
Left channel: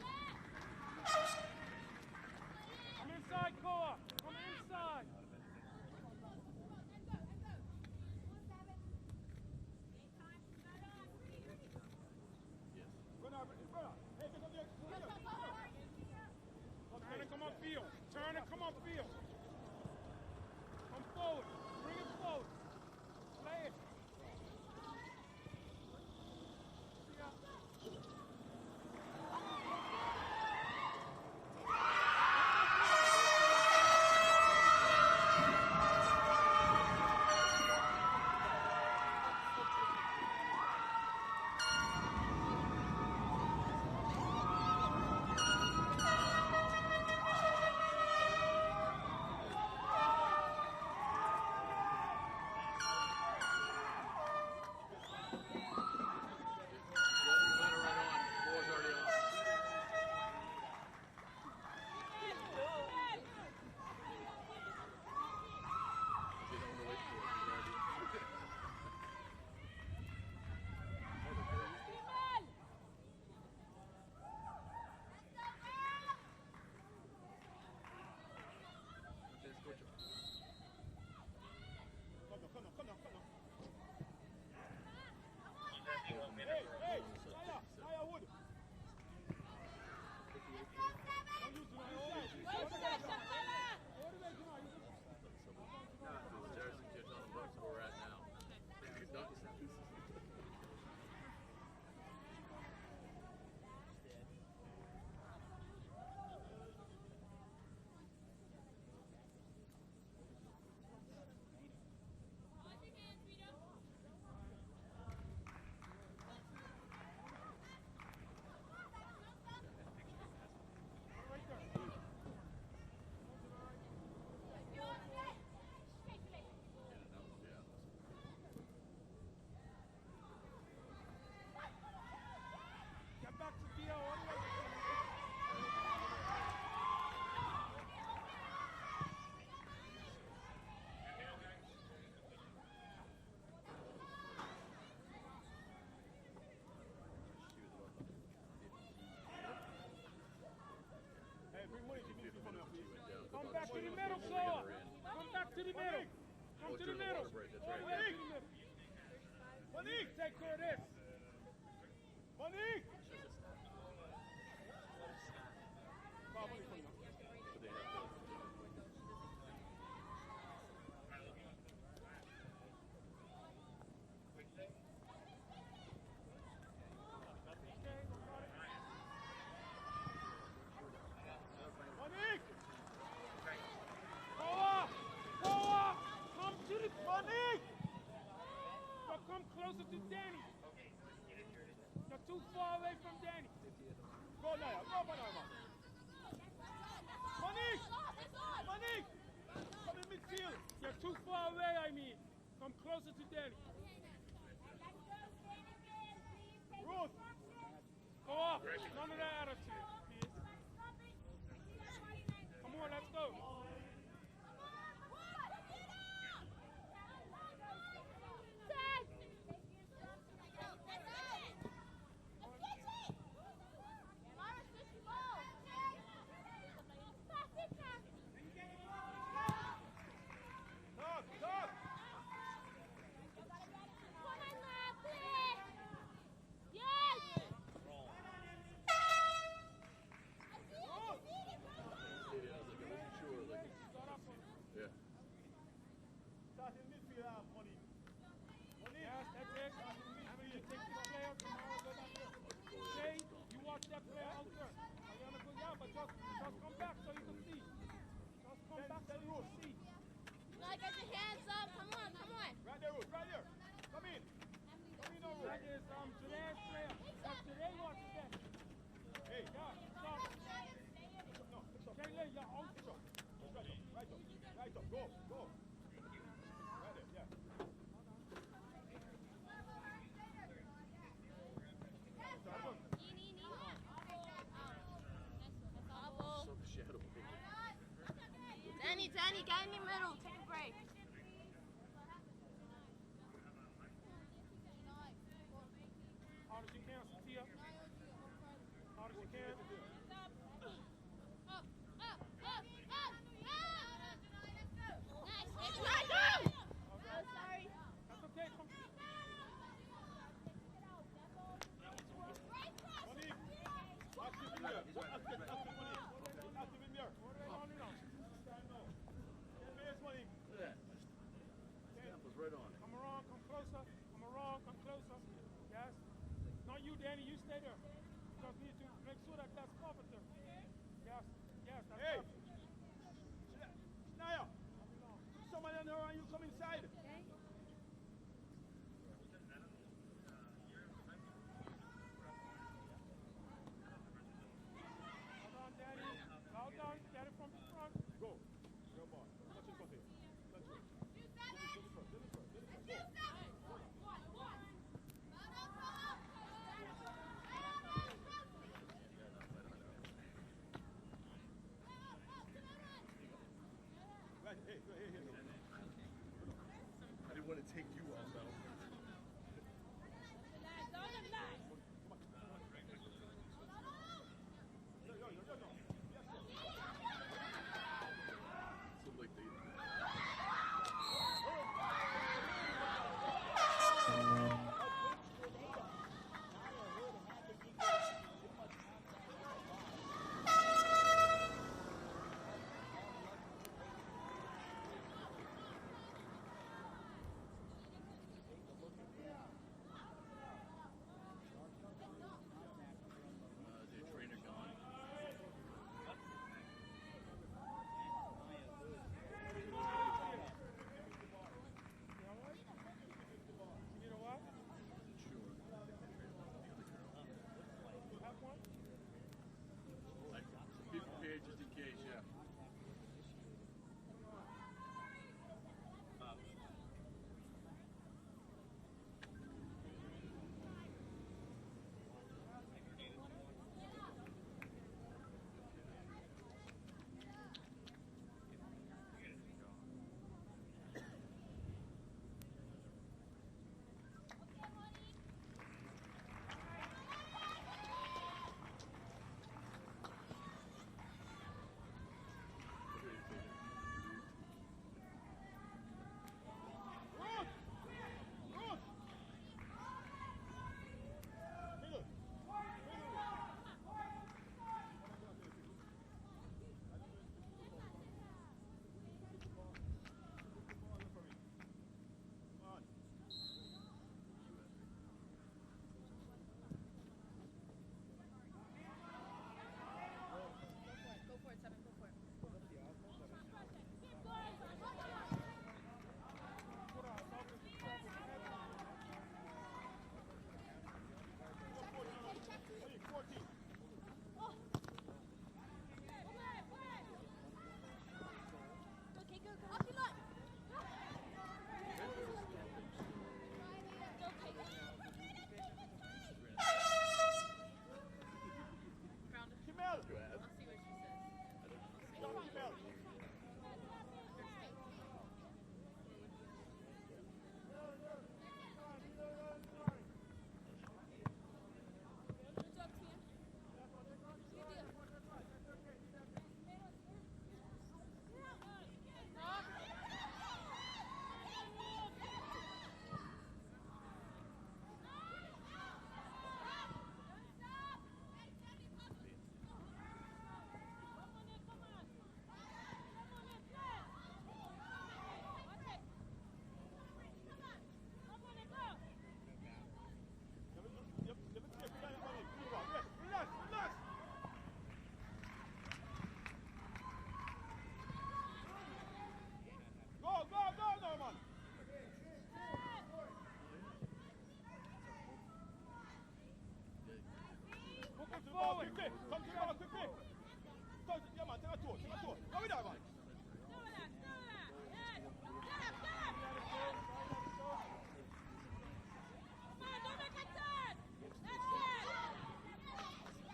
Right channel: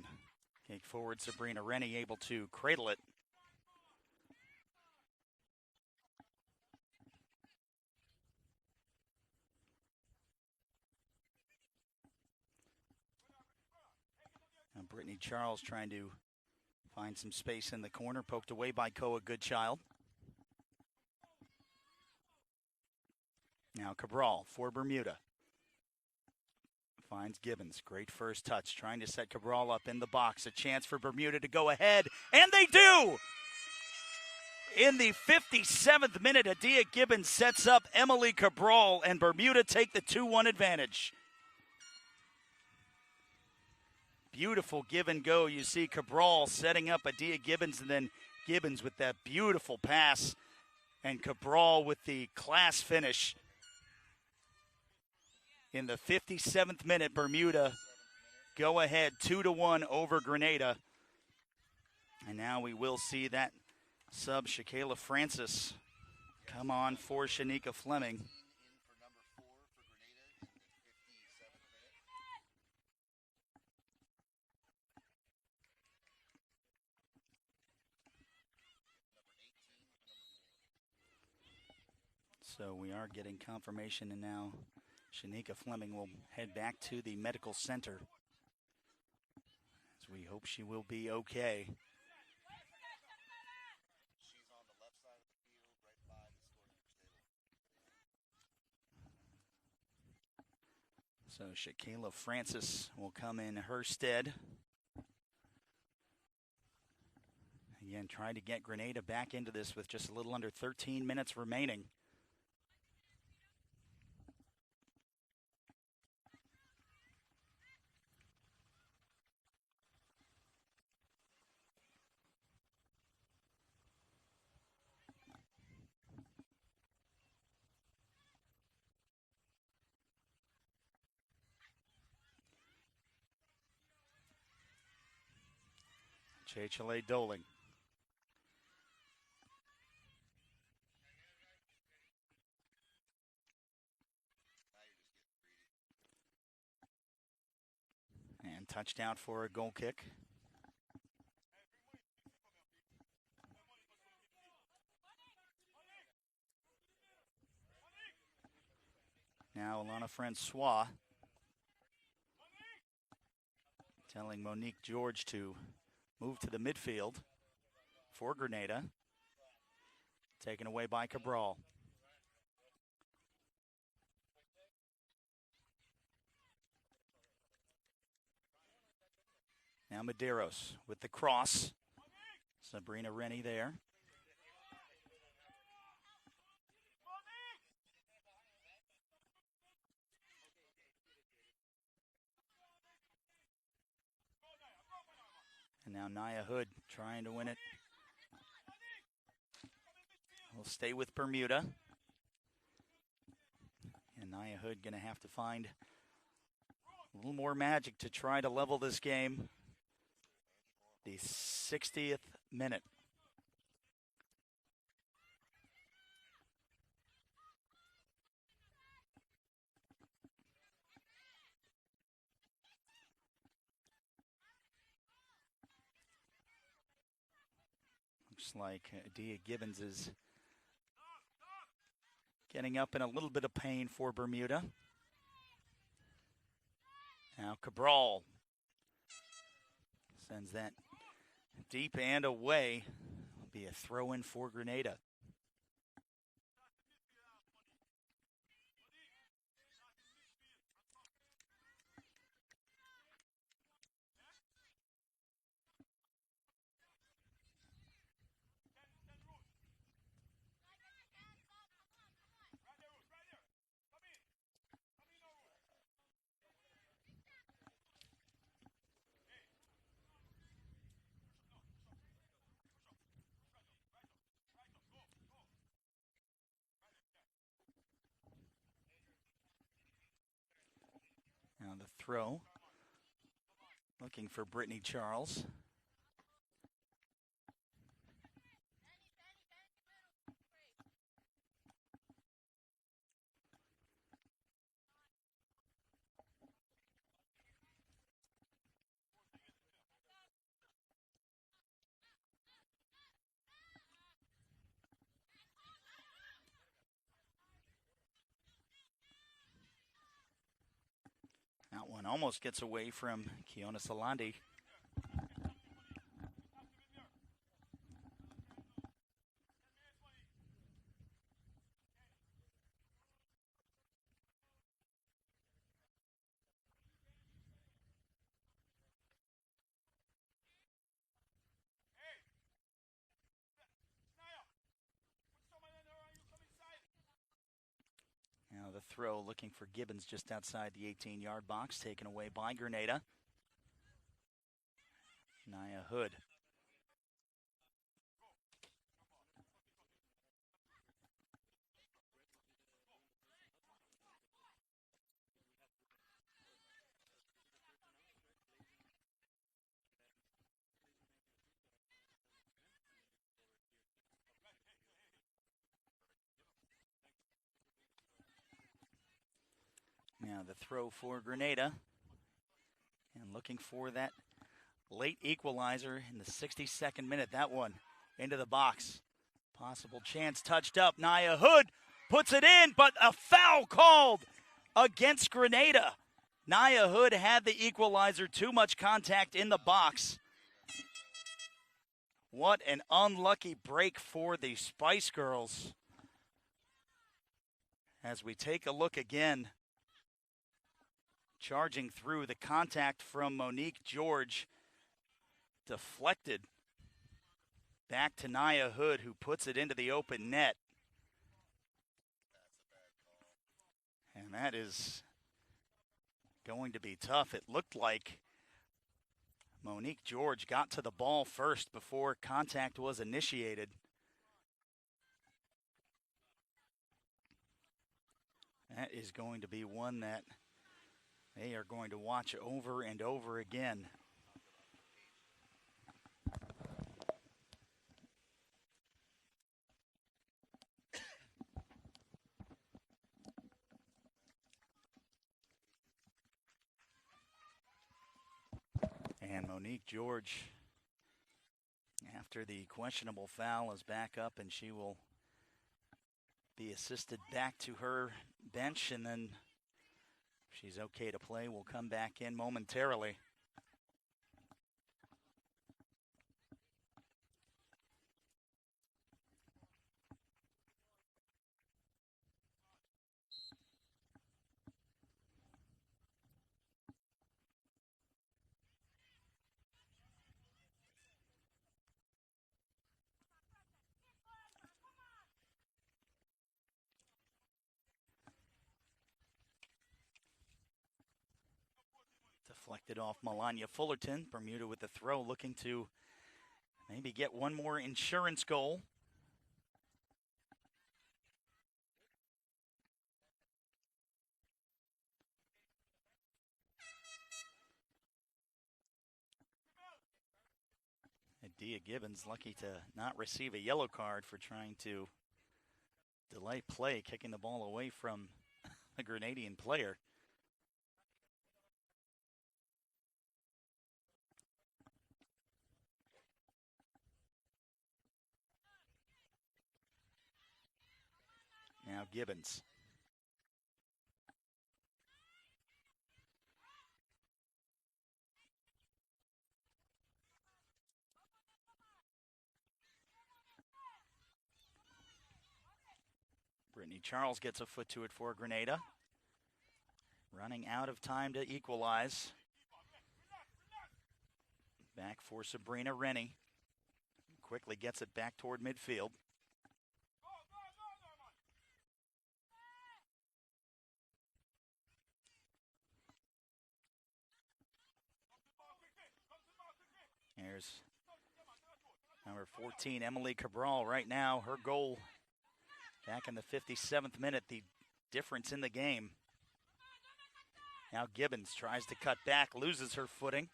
big forward Sabrina Rennie able to cradle it. Come inside, Koa. Come inside. Brittany Charles trying to find some space in the corner, poked away by Koa Goodchild. Come forward. Bring it forward. Play it. Now Cabral for Bermuda. Finds Gibbons, great first touch, trying to set Cabral up in the box. A chance for Bermuda to go ahead, and they do! In the 57th minute, Adia Gibbons sets up Emily Cabral, and Bermuda take the 2-1 advantage. Beautiful give and go. You see Cabral setting up Adia Gibbons, and then Gibbons with that beautiful pass, and Cabral with the class finish. In the 57th minute, Bermuda go ahead 2-1 over Grenada. And now we will see that sub, Shakayla Francis, come on for Shanika Fleming. So we are getting confirmation, and now Shanika Fleming will head back to the medical center. So we hope she will be okay. So Shakayla Francis will come in her stead. Again, trying to get Grenada back into this with just a little under 13 minutes remaining. Chile Doling. And touchdown for a goal kick. Come back to the middle, Koa. Come back to the middle. Come to the middle. Now Alana Francois telling Monique George to move to the midfield for Grenada. Taken away by Cabral. Now Medeiros with the cross. Sabrina Rennie there. Koa! Koa! Come to the Monique! But come closer to Danny. You're too far away from Danny. Go, Naya. Go, Banana. And now Nia Hood trying to win it. Monique! Come in midfield. Will stay with Too far Bermuda. away, I mean. Come closer to Danny. And Nia Hood going to have to find a little more magic to try to level this game. The 60th minute. Come on, let's go. Gibbons is getting up in a little bit of pain for Bermuda. Now Cabral sends that deep and away. Be a throw in for Grenada. Now the throw. Looking for Brittany Charles. Danny, get in the middle. Take a break. Hard as you can, Sophia. Hard as you can. That one almost gets away from Kiona Salandi. Danny, you stay there. Just need to make sure that that's covered there. Yes, yes, that's covered. Naya, someone in her and you come inside. Now the throw looking for Gibbons just outside the 18-yard box, taken away by Grenada. Naya Hood. Well done, get it from the front. Go. Go ball. Touch it for him. Touch it. I didn't want to take you off, though. Now the throw for Grenada. And looking for that late equalizer in the 62nd minute. That one into the box. Possible chance touched up. Naya Hood puts it in, but a foul called against Grenada. Naya Hood had the equalizer. Too much contact in the box. What an unlucky break for the Spice Girls. As we take a look again, charging through, the contact from Monique George deflected back to Naya Hood, who puts it into the open net. And that is going to be tough. It looked like Monique George got to the ball first before contact was initiated. That is going to be one that they are going to watch over and over again. And Monique George, after the questionable foul, is back up, and she will be assisted back to her bench, and then if she's okay to play, we'll come back in momentarily. Off Melania Fullerton. Bermuda with the throw, looking to maybe get one more insurance goal. Dia Gibbons lucky to not receive a yellow card for trying to delay play, kicking the ball away from the Grenadian player. Charles gets a foot to it for Grenada. Running out of time to equalize. Back for Sabrina Rennie. Quickly gets it back toward midfield. Here's number 14, Emily Cabral. Right now, her goal back in the 57th minute, the difference in the game. Now Gibbons tries to cut back, loses her footing.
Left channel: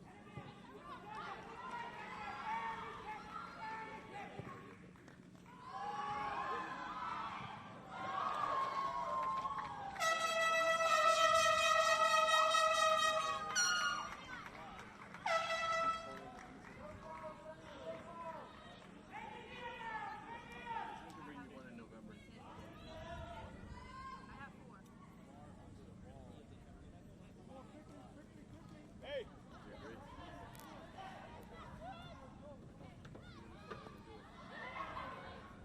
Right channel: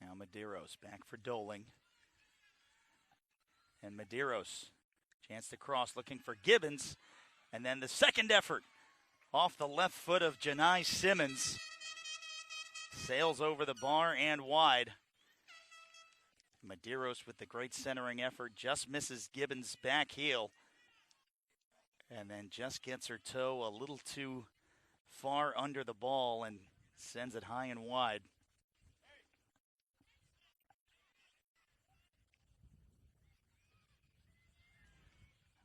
Now Medeiros back for Doling. And Medeiros, chance to cross, looking for Gibbons. And then the second effort off the left foot of Janai Simmons. Sails over the bar and wide. Medeiros with the great centering effort just misses Gibbons' back heel. And then just gets her toe a little too far under the ball and sends it high and wide.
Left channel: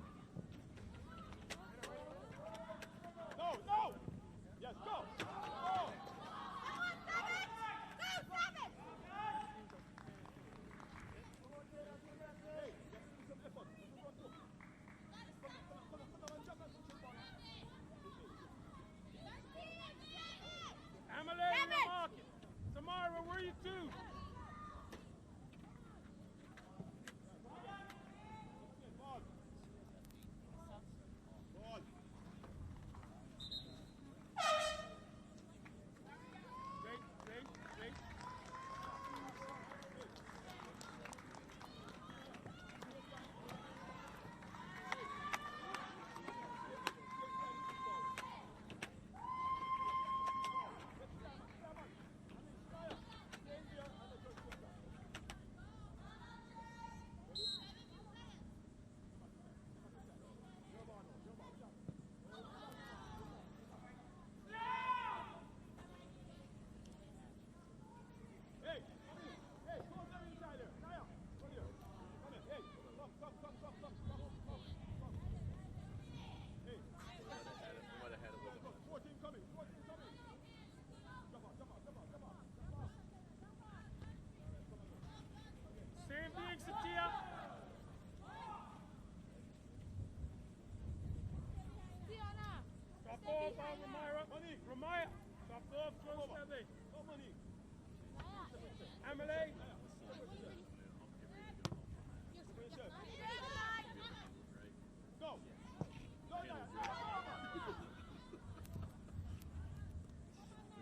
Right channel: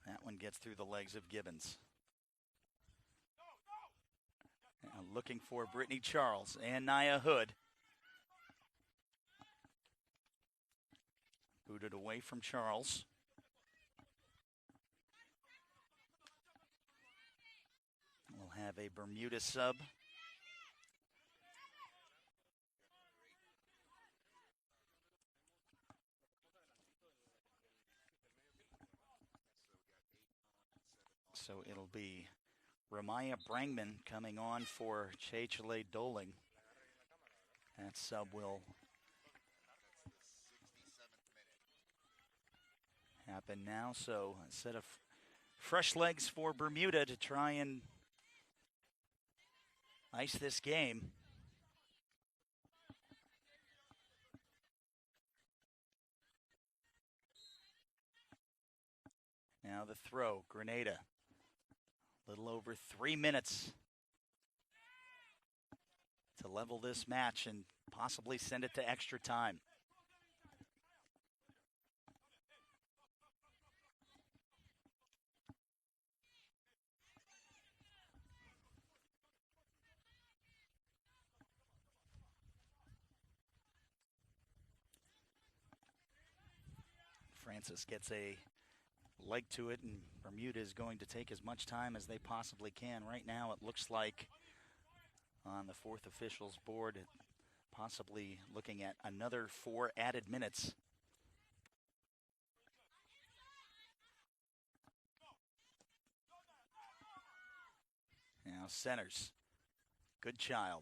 That one gets through the legs of Gibbons. Looking for Brittany Charles and Nia Hood. Booted away from Charles. We'll have a Bermuda sub. Tamara, where are you two? So it'll be Ramaya Brangman coming on for Chechele Doling. And sub will happen now. So instead of fresh legs for Bermuda to try and ice this game, now the throw, Grenada. Little over 3 minutes to level this match and possibly send it to extra time. Francis gets a leg to it, and Bermuda is going to take as much time as they possibly can. Right now it looks like on the fourth officials board, possibly looking at another 4 added minutes. Now centers, good child.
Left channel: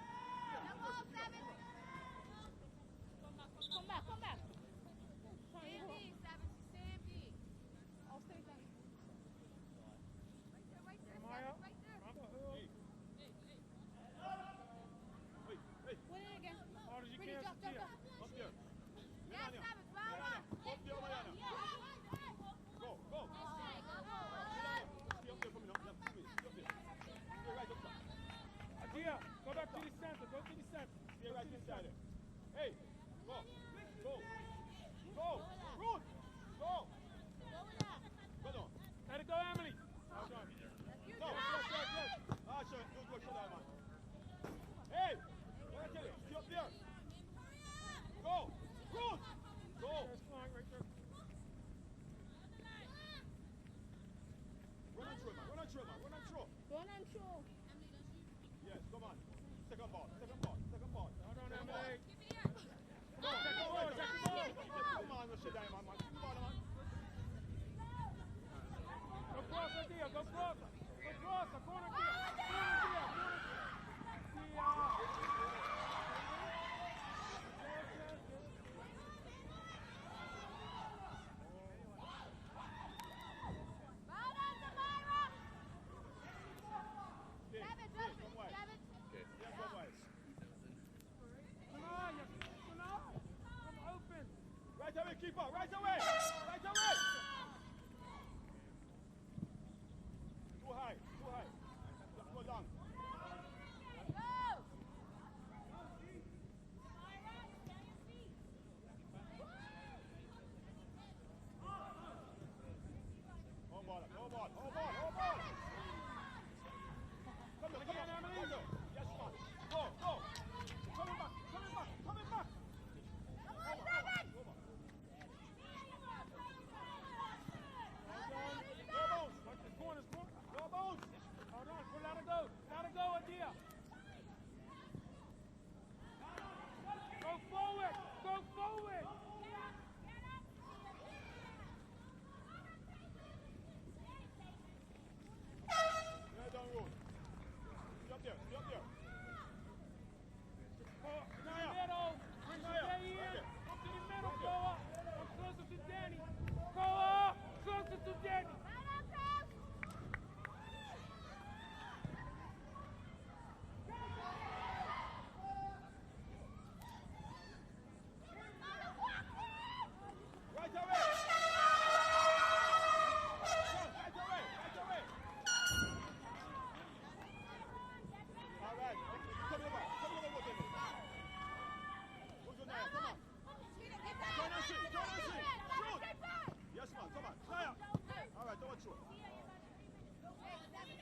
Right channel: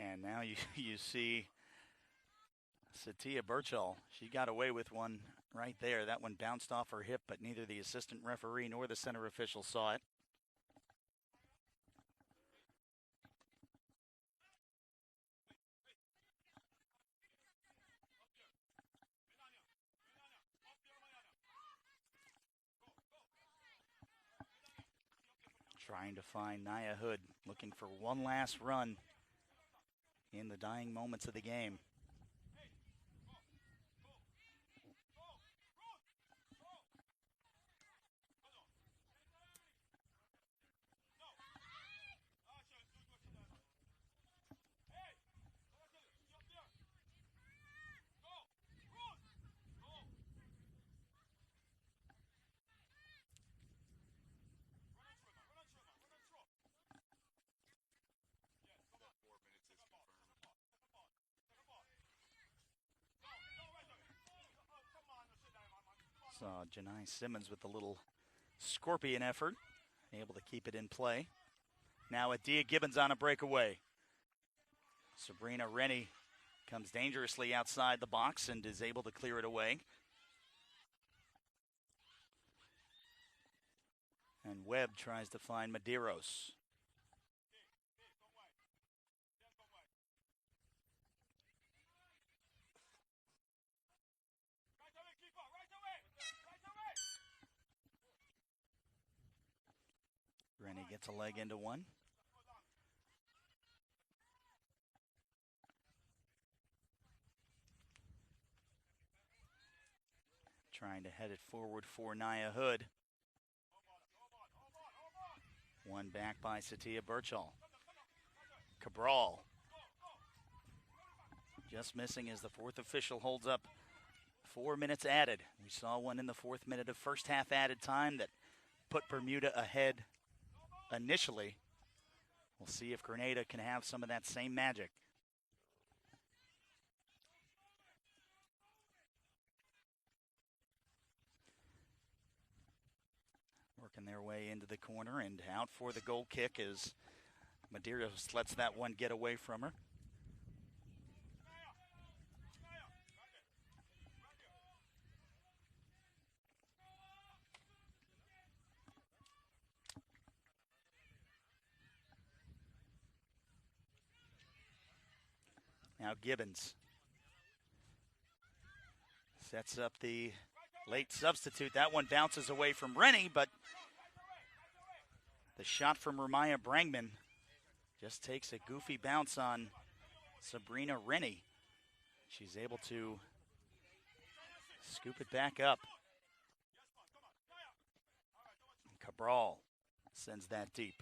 And now you see Satia Birchall. She got away with one right there. That one bounced off her hip, but neither the assistant referee nor the center official saw it. Trying to find Nia Hood, looking for one last run in the dying moments of the game. Simmons with a little scorpion effort, able to keep it in play. Now with Dia Gibbons on a breakaway. Sabrina Rennie comes dangerously outside the box and is able to clear it away. And Webb tries to find Medeiros. Rennie gets a leg into one. headed forward for Naya Hood. One back by Satia Birchall. Cabral. Just missing as the fourth official holds up. 4 minutes added. We saw one in the 4th minute of first half added time that put Bermuda ahead initially. We'll see if Grenada can have some of that same magic. Go forward! Go forward! Working their way into the corner and out for the goal kick as Madeira lets that one get away from her. Now Gibbons sets up the late substitute. That one bounces away from Rennie, but the shot from Ramaya Brangman just takes a goofy bounce on Sabrina Rennie. She's able to scoop it back up. Cabral sends that deep.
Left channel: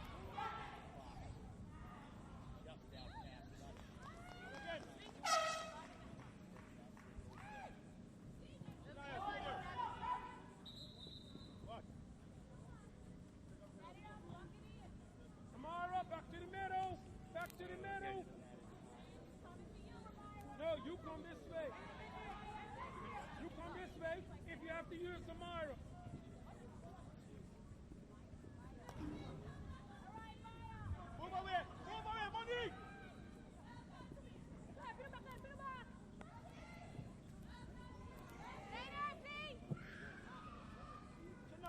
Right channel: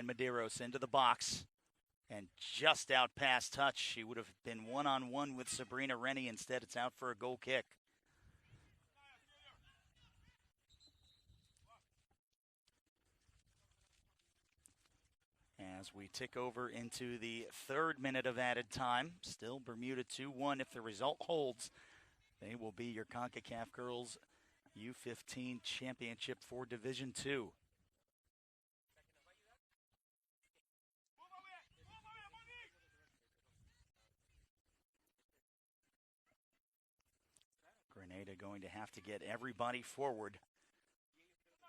Medeiros into the box and just out past touch. She would have been one-on-one with Sabrina Rennie. Instead, it's out for a goal kick. As we tick over into the 3rd minute of added time, still Bermuda 2-1. If the result holds, they will be your Concacaf Girls U15 Championship for Division II. Everybody forward. I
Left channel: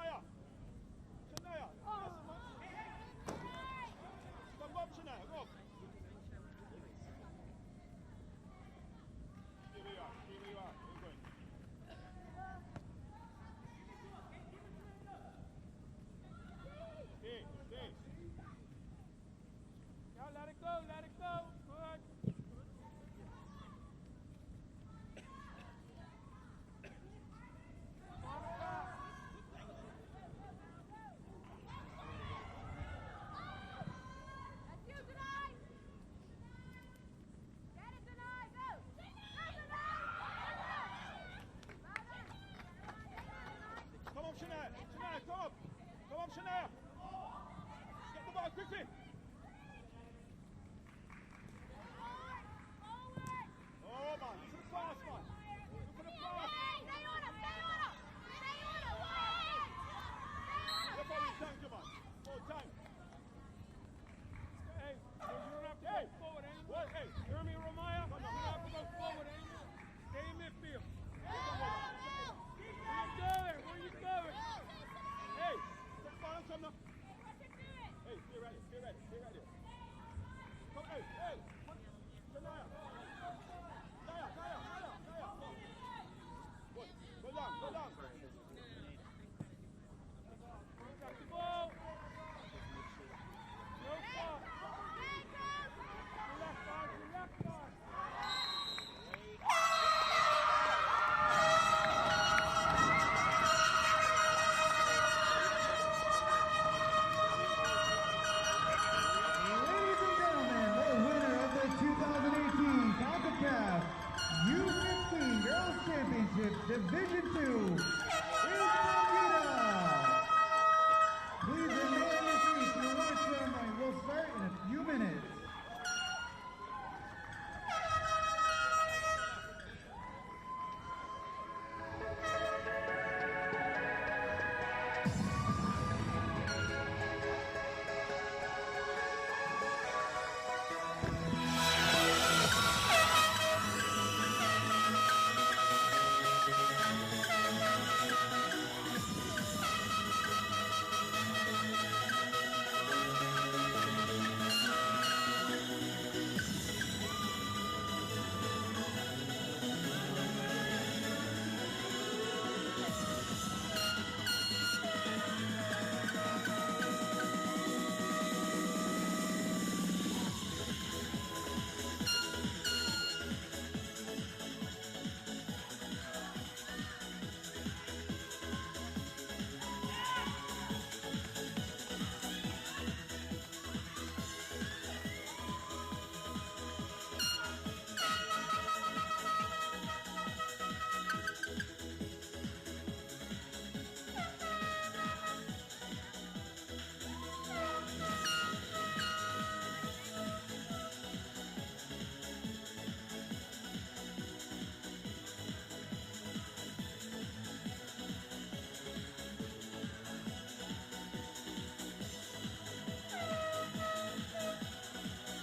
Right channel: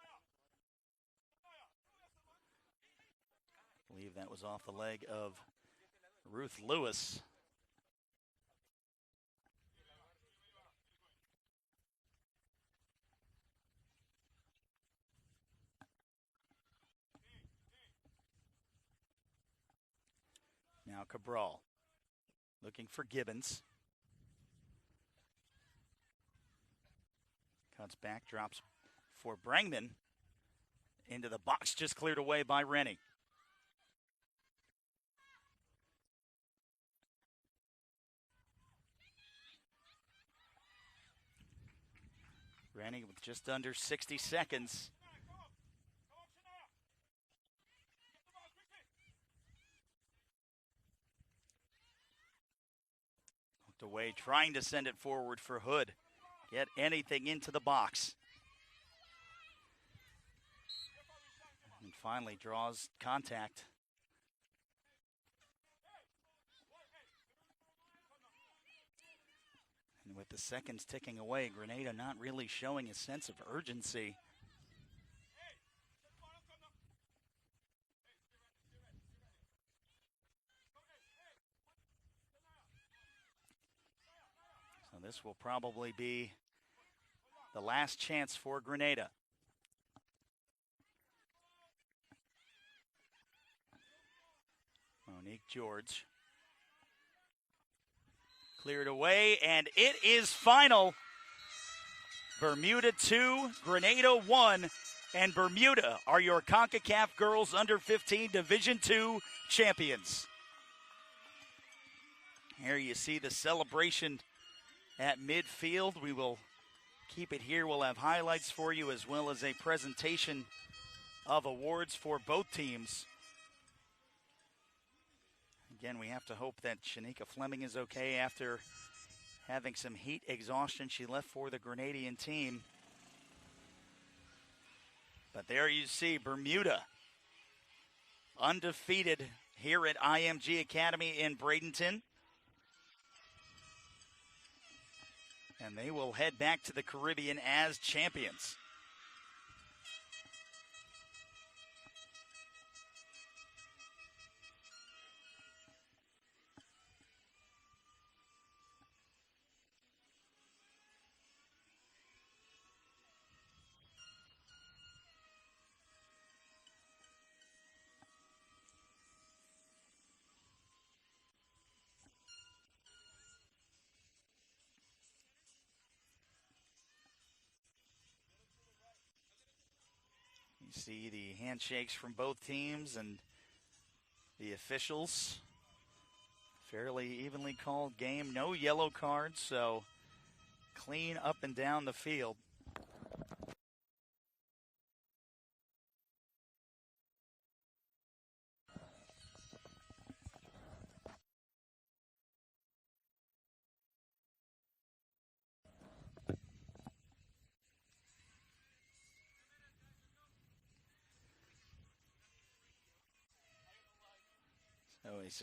believe that was off the leg of Ruth Lewis. Now Cabral looking for Gibbons. Back drops for Brangman into the box, just cleared away by Rennie. Rennie just under 60 seconds. DeWay trying to send it forward for Hood. Get anything into the box. Finally draws contact. With the seconds ticking away, Grenada not really showing a sense of urgency. This will probably be the last chance for Grenada. Nick George. Cleared away, and it is final. Bermuda 2, Grenada 1, and Bermuda are your Concacaf Girls Under-15 Division II champions. Here you see the celebration at midfield. We will keep it here. We'll have highlights for you as well as a presentation of awards for both teams. Again, we have to hope that Shanika Fleming is okay after having some heat exhaustion. She left for the Grenadian team. And there you see Bermuda undefeated here at IMG Academy in Bradenton. We will head back to the Caribbean as champions. up and down the field.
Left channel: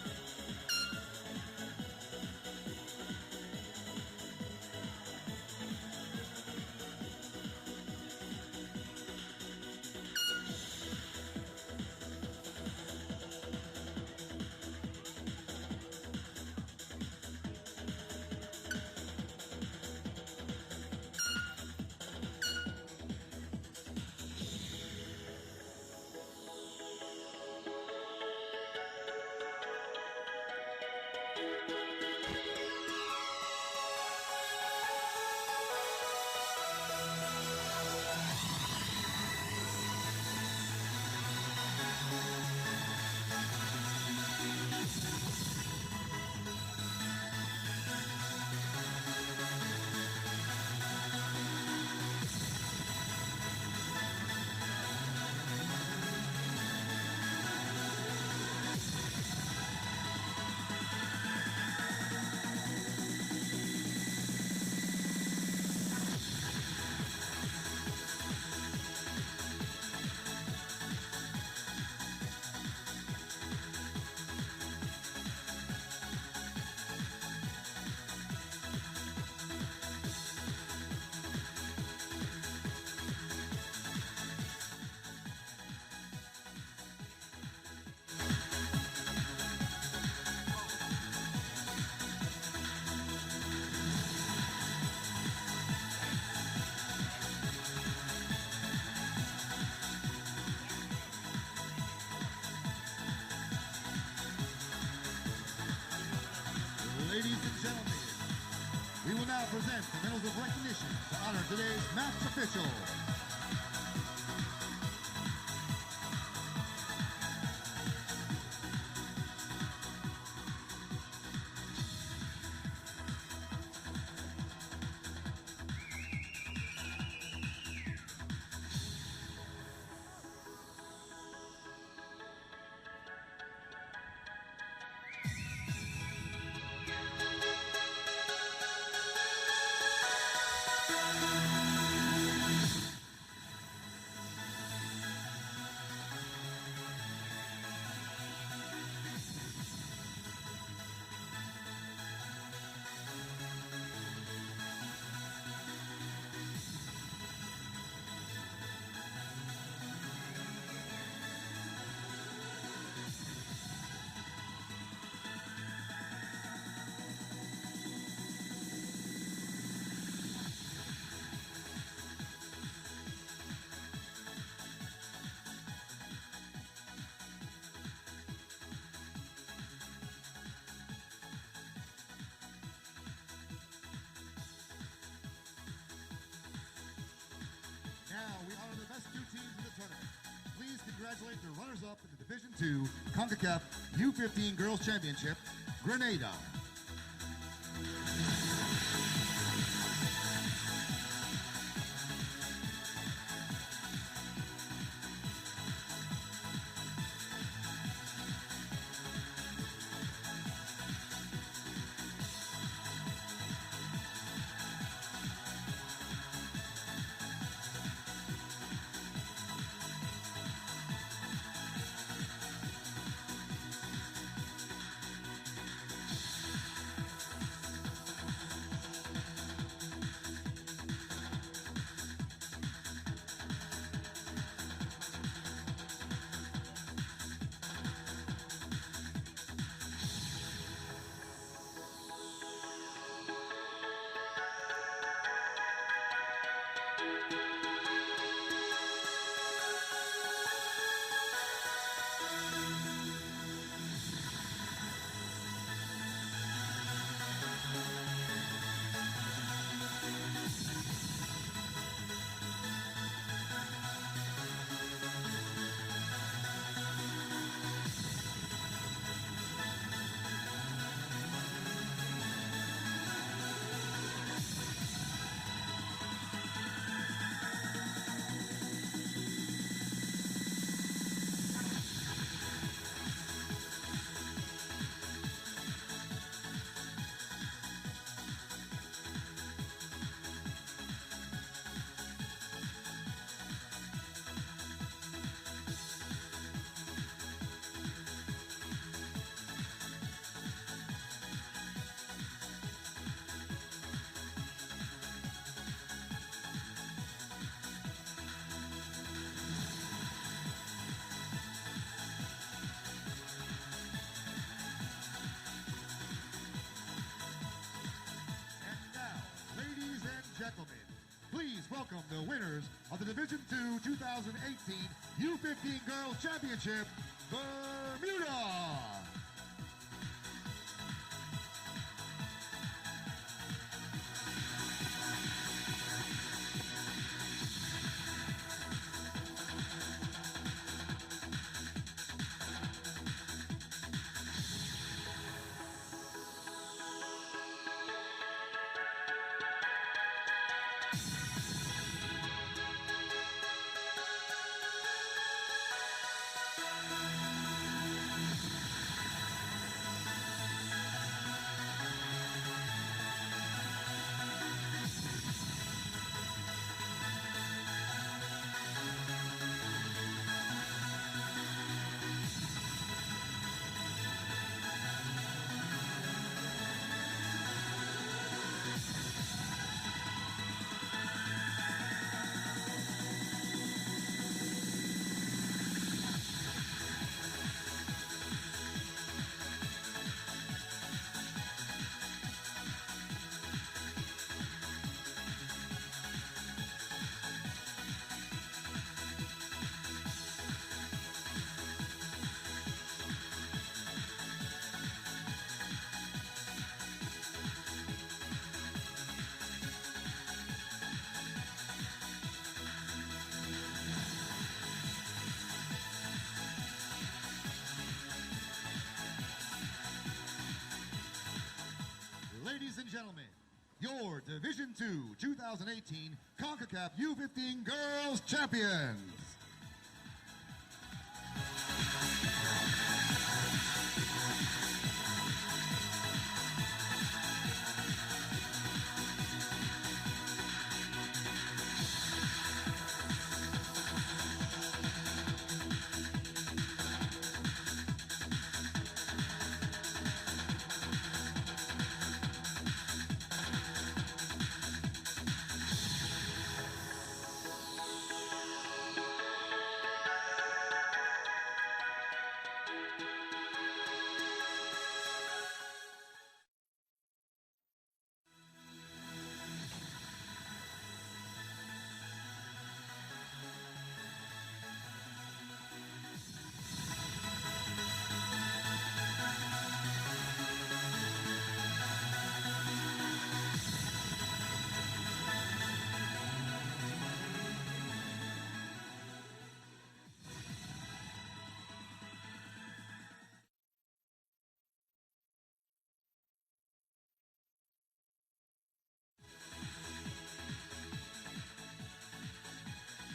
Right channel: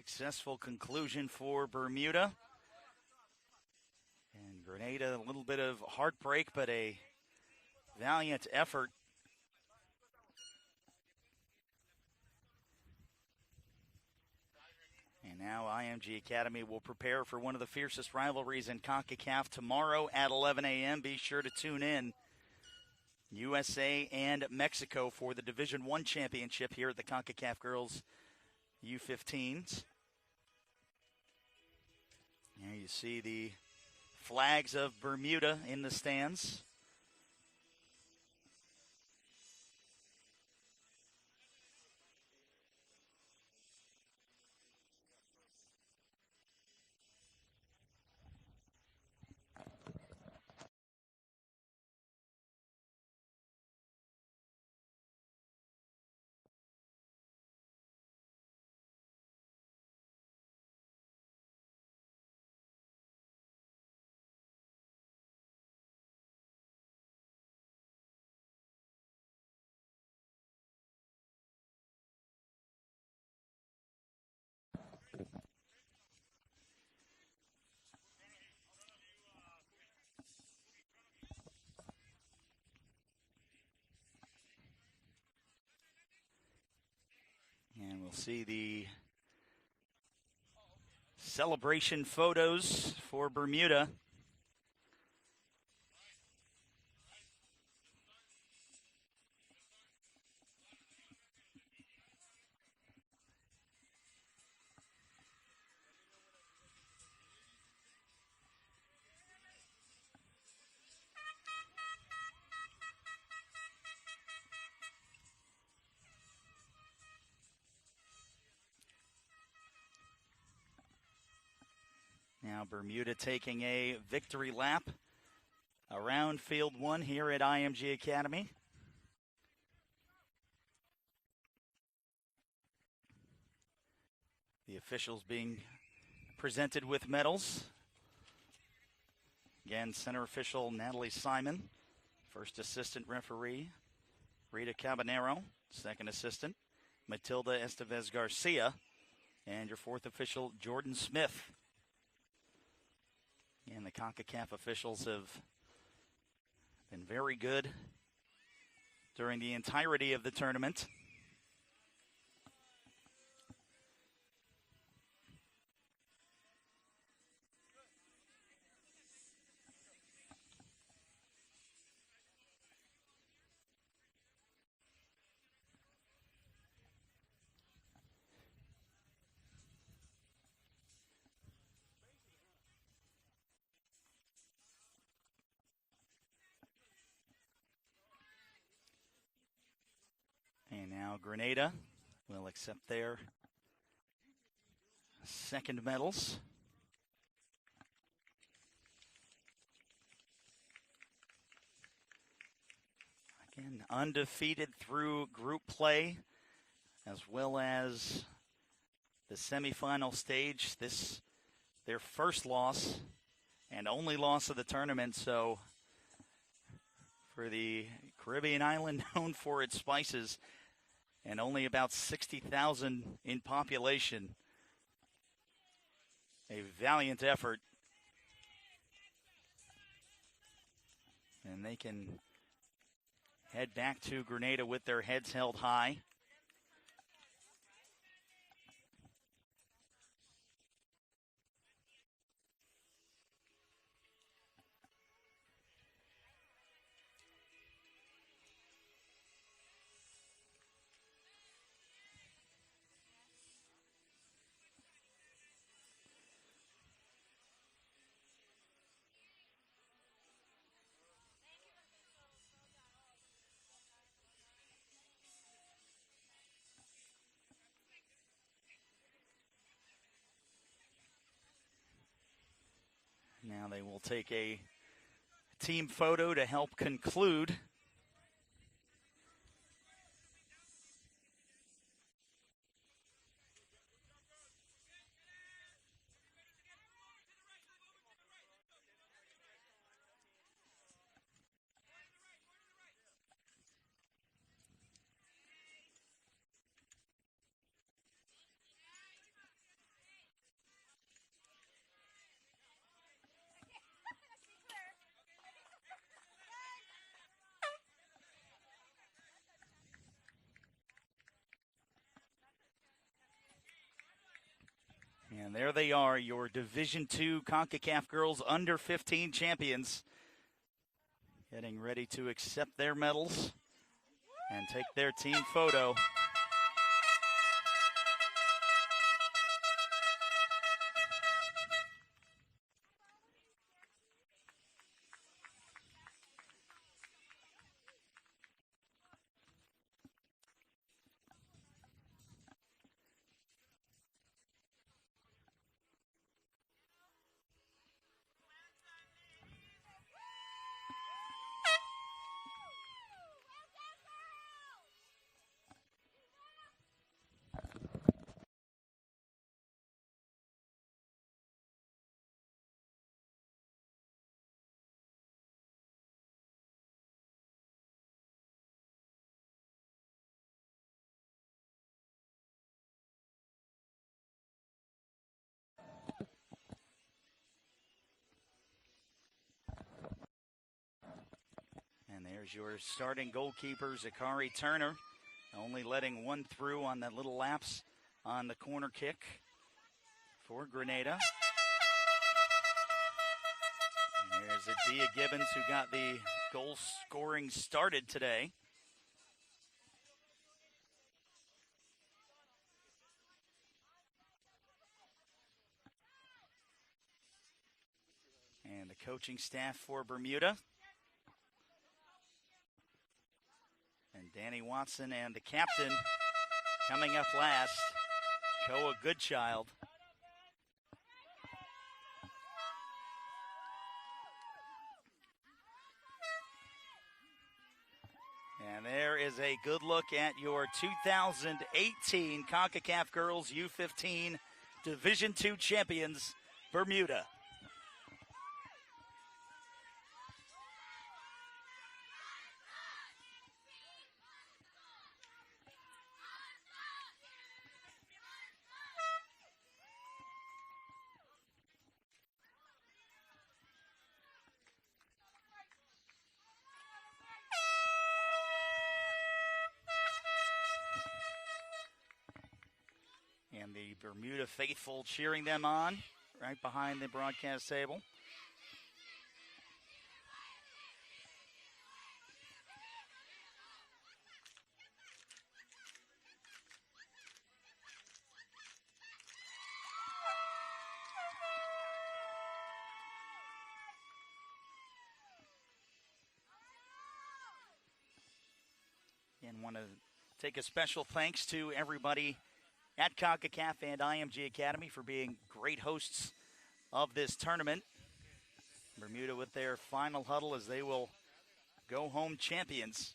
Successful conclusion for Bermuda. Grenada, a little bit of heartbreak, but a valiant effort. Now IMG Academy will prepare for one of the fiercest rivalries in Concacaf tomorrow at 11 a.m. Be sure to tune in. USA and Mexico for the Division I championship here at the Concacaf Girls U15s. You see the flags of Bermuda in the stands. Celebration photos for Bermuda. Ladies and gentlemen, we will now present the medals of recognition to honor today's match official. Bermuda taking a victory lap around Field 1 here at IMG Academy. The officials being presented with medals. Again, center official Natalie Simon, assistant referee Rita Cabanero, second assistant Matilda Estevez Garcia, and your fourth official Jordan Smith. Concacaf officials have been very good during the entirety of the tournament. Grenada will accept their Concacaf U15 Girls Championship. Second medals. Grenada. Undefeated through group play, as well as the semifinal stage. This their first loss and only loss of the tournament. So for the Caribbean island known for its spices, and only about 60,000 in population. A valiant effort. And they can head back to Grenada with their heads held high. photo to help conclude. There they are, your Division II Concacaf Girls Under-15 champions, getting ready to accept their medals and take their team photo. Starting goalkeeper Zakari Turner, only letting one through on that little lapse on the corner kick for Grenada. There's Adia Gibbons, who got the goal scoring started today. And the coaching staff for Bermuda. And the captain coming up last, Koa Goodchild. Ladies and gentlemen, your Division II 2018 Concacaf U15 Girls Champion. There is a good look at your 2018 Concacaf Girls U15 Division II champions, Bermuda. Faithful cheering them on right behind the broadcast table. And want to take a special thanks to everybody at Concacaf and IMG Academy for being great hosts of this tournament. Bermuda with their final huddle as they will go home champions.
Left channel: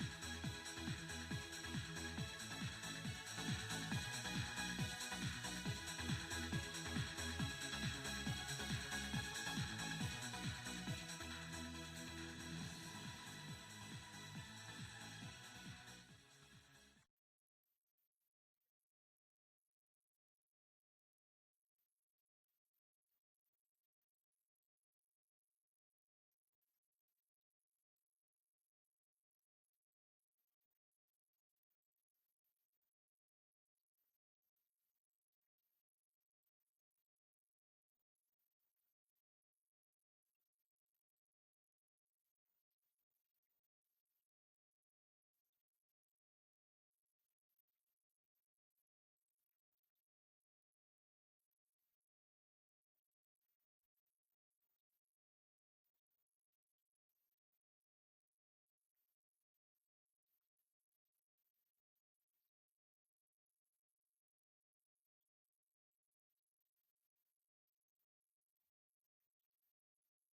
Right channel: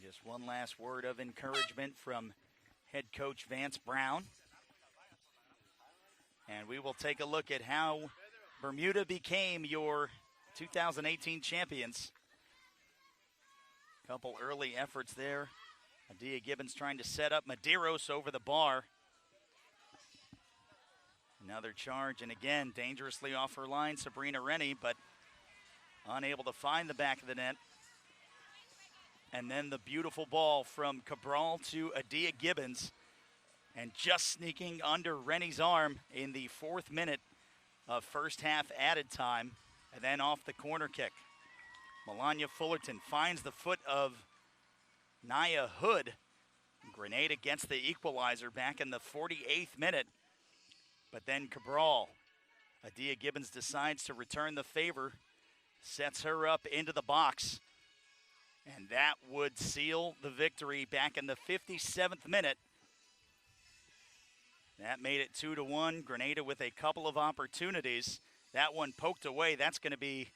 Just one last word of encouragement from head coach Vance Brown. And we will take a look at how Bermuda became your 2018 champions. Couple early efforts there. Adia Gibbons trying to set up Medeiros over the bar. Another charge, and again, dangerously off her line, Sabrina Rennie, but unable to find the back of the net. And then the beautiful ball from Cabral to Adia Gibbons, and just sneaking under Rennie's arm in the 4th minute of first half added time, and then off the corner kick. Melania Fullerton finds the foot of Naya Hood. Grenada gets the equalizer back in the 48th minute, but then Cabral, Adia Gibbons decides to return the favor, sets her up into the box, and that would seal the victory back in the 57th minute That made it 2-1. Grenada with a couple of opportunities. That one poked away. That's going to be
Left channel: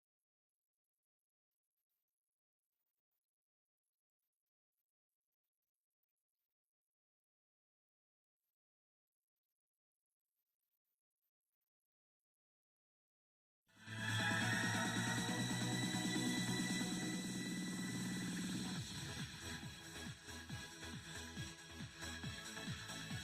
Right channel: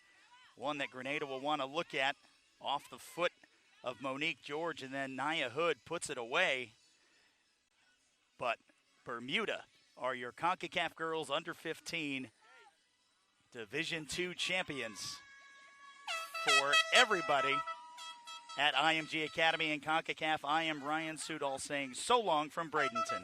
one that Grenada will want to look at off the foot of Monique George, and then Nia Hood puts it away. But Bermuda are your Concacaf girls under 15 Division II champions. For everybody at IMG Academy and Concacaf, I am Ryan Sudol saying so long from Bradenton.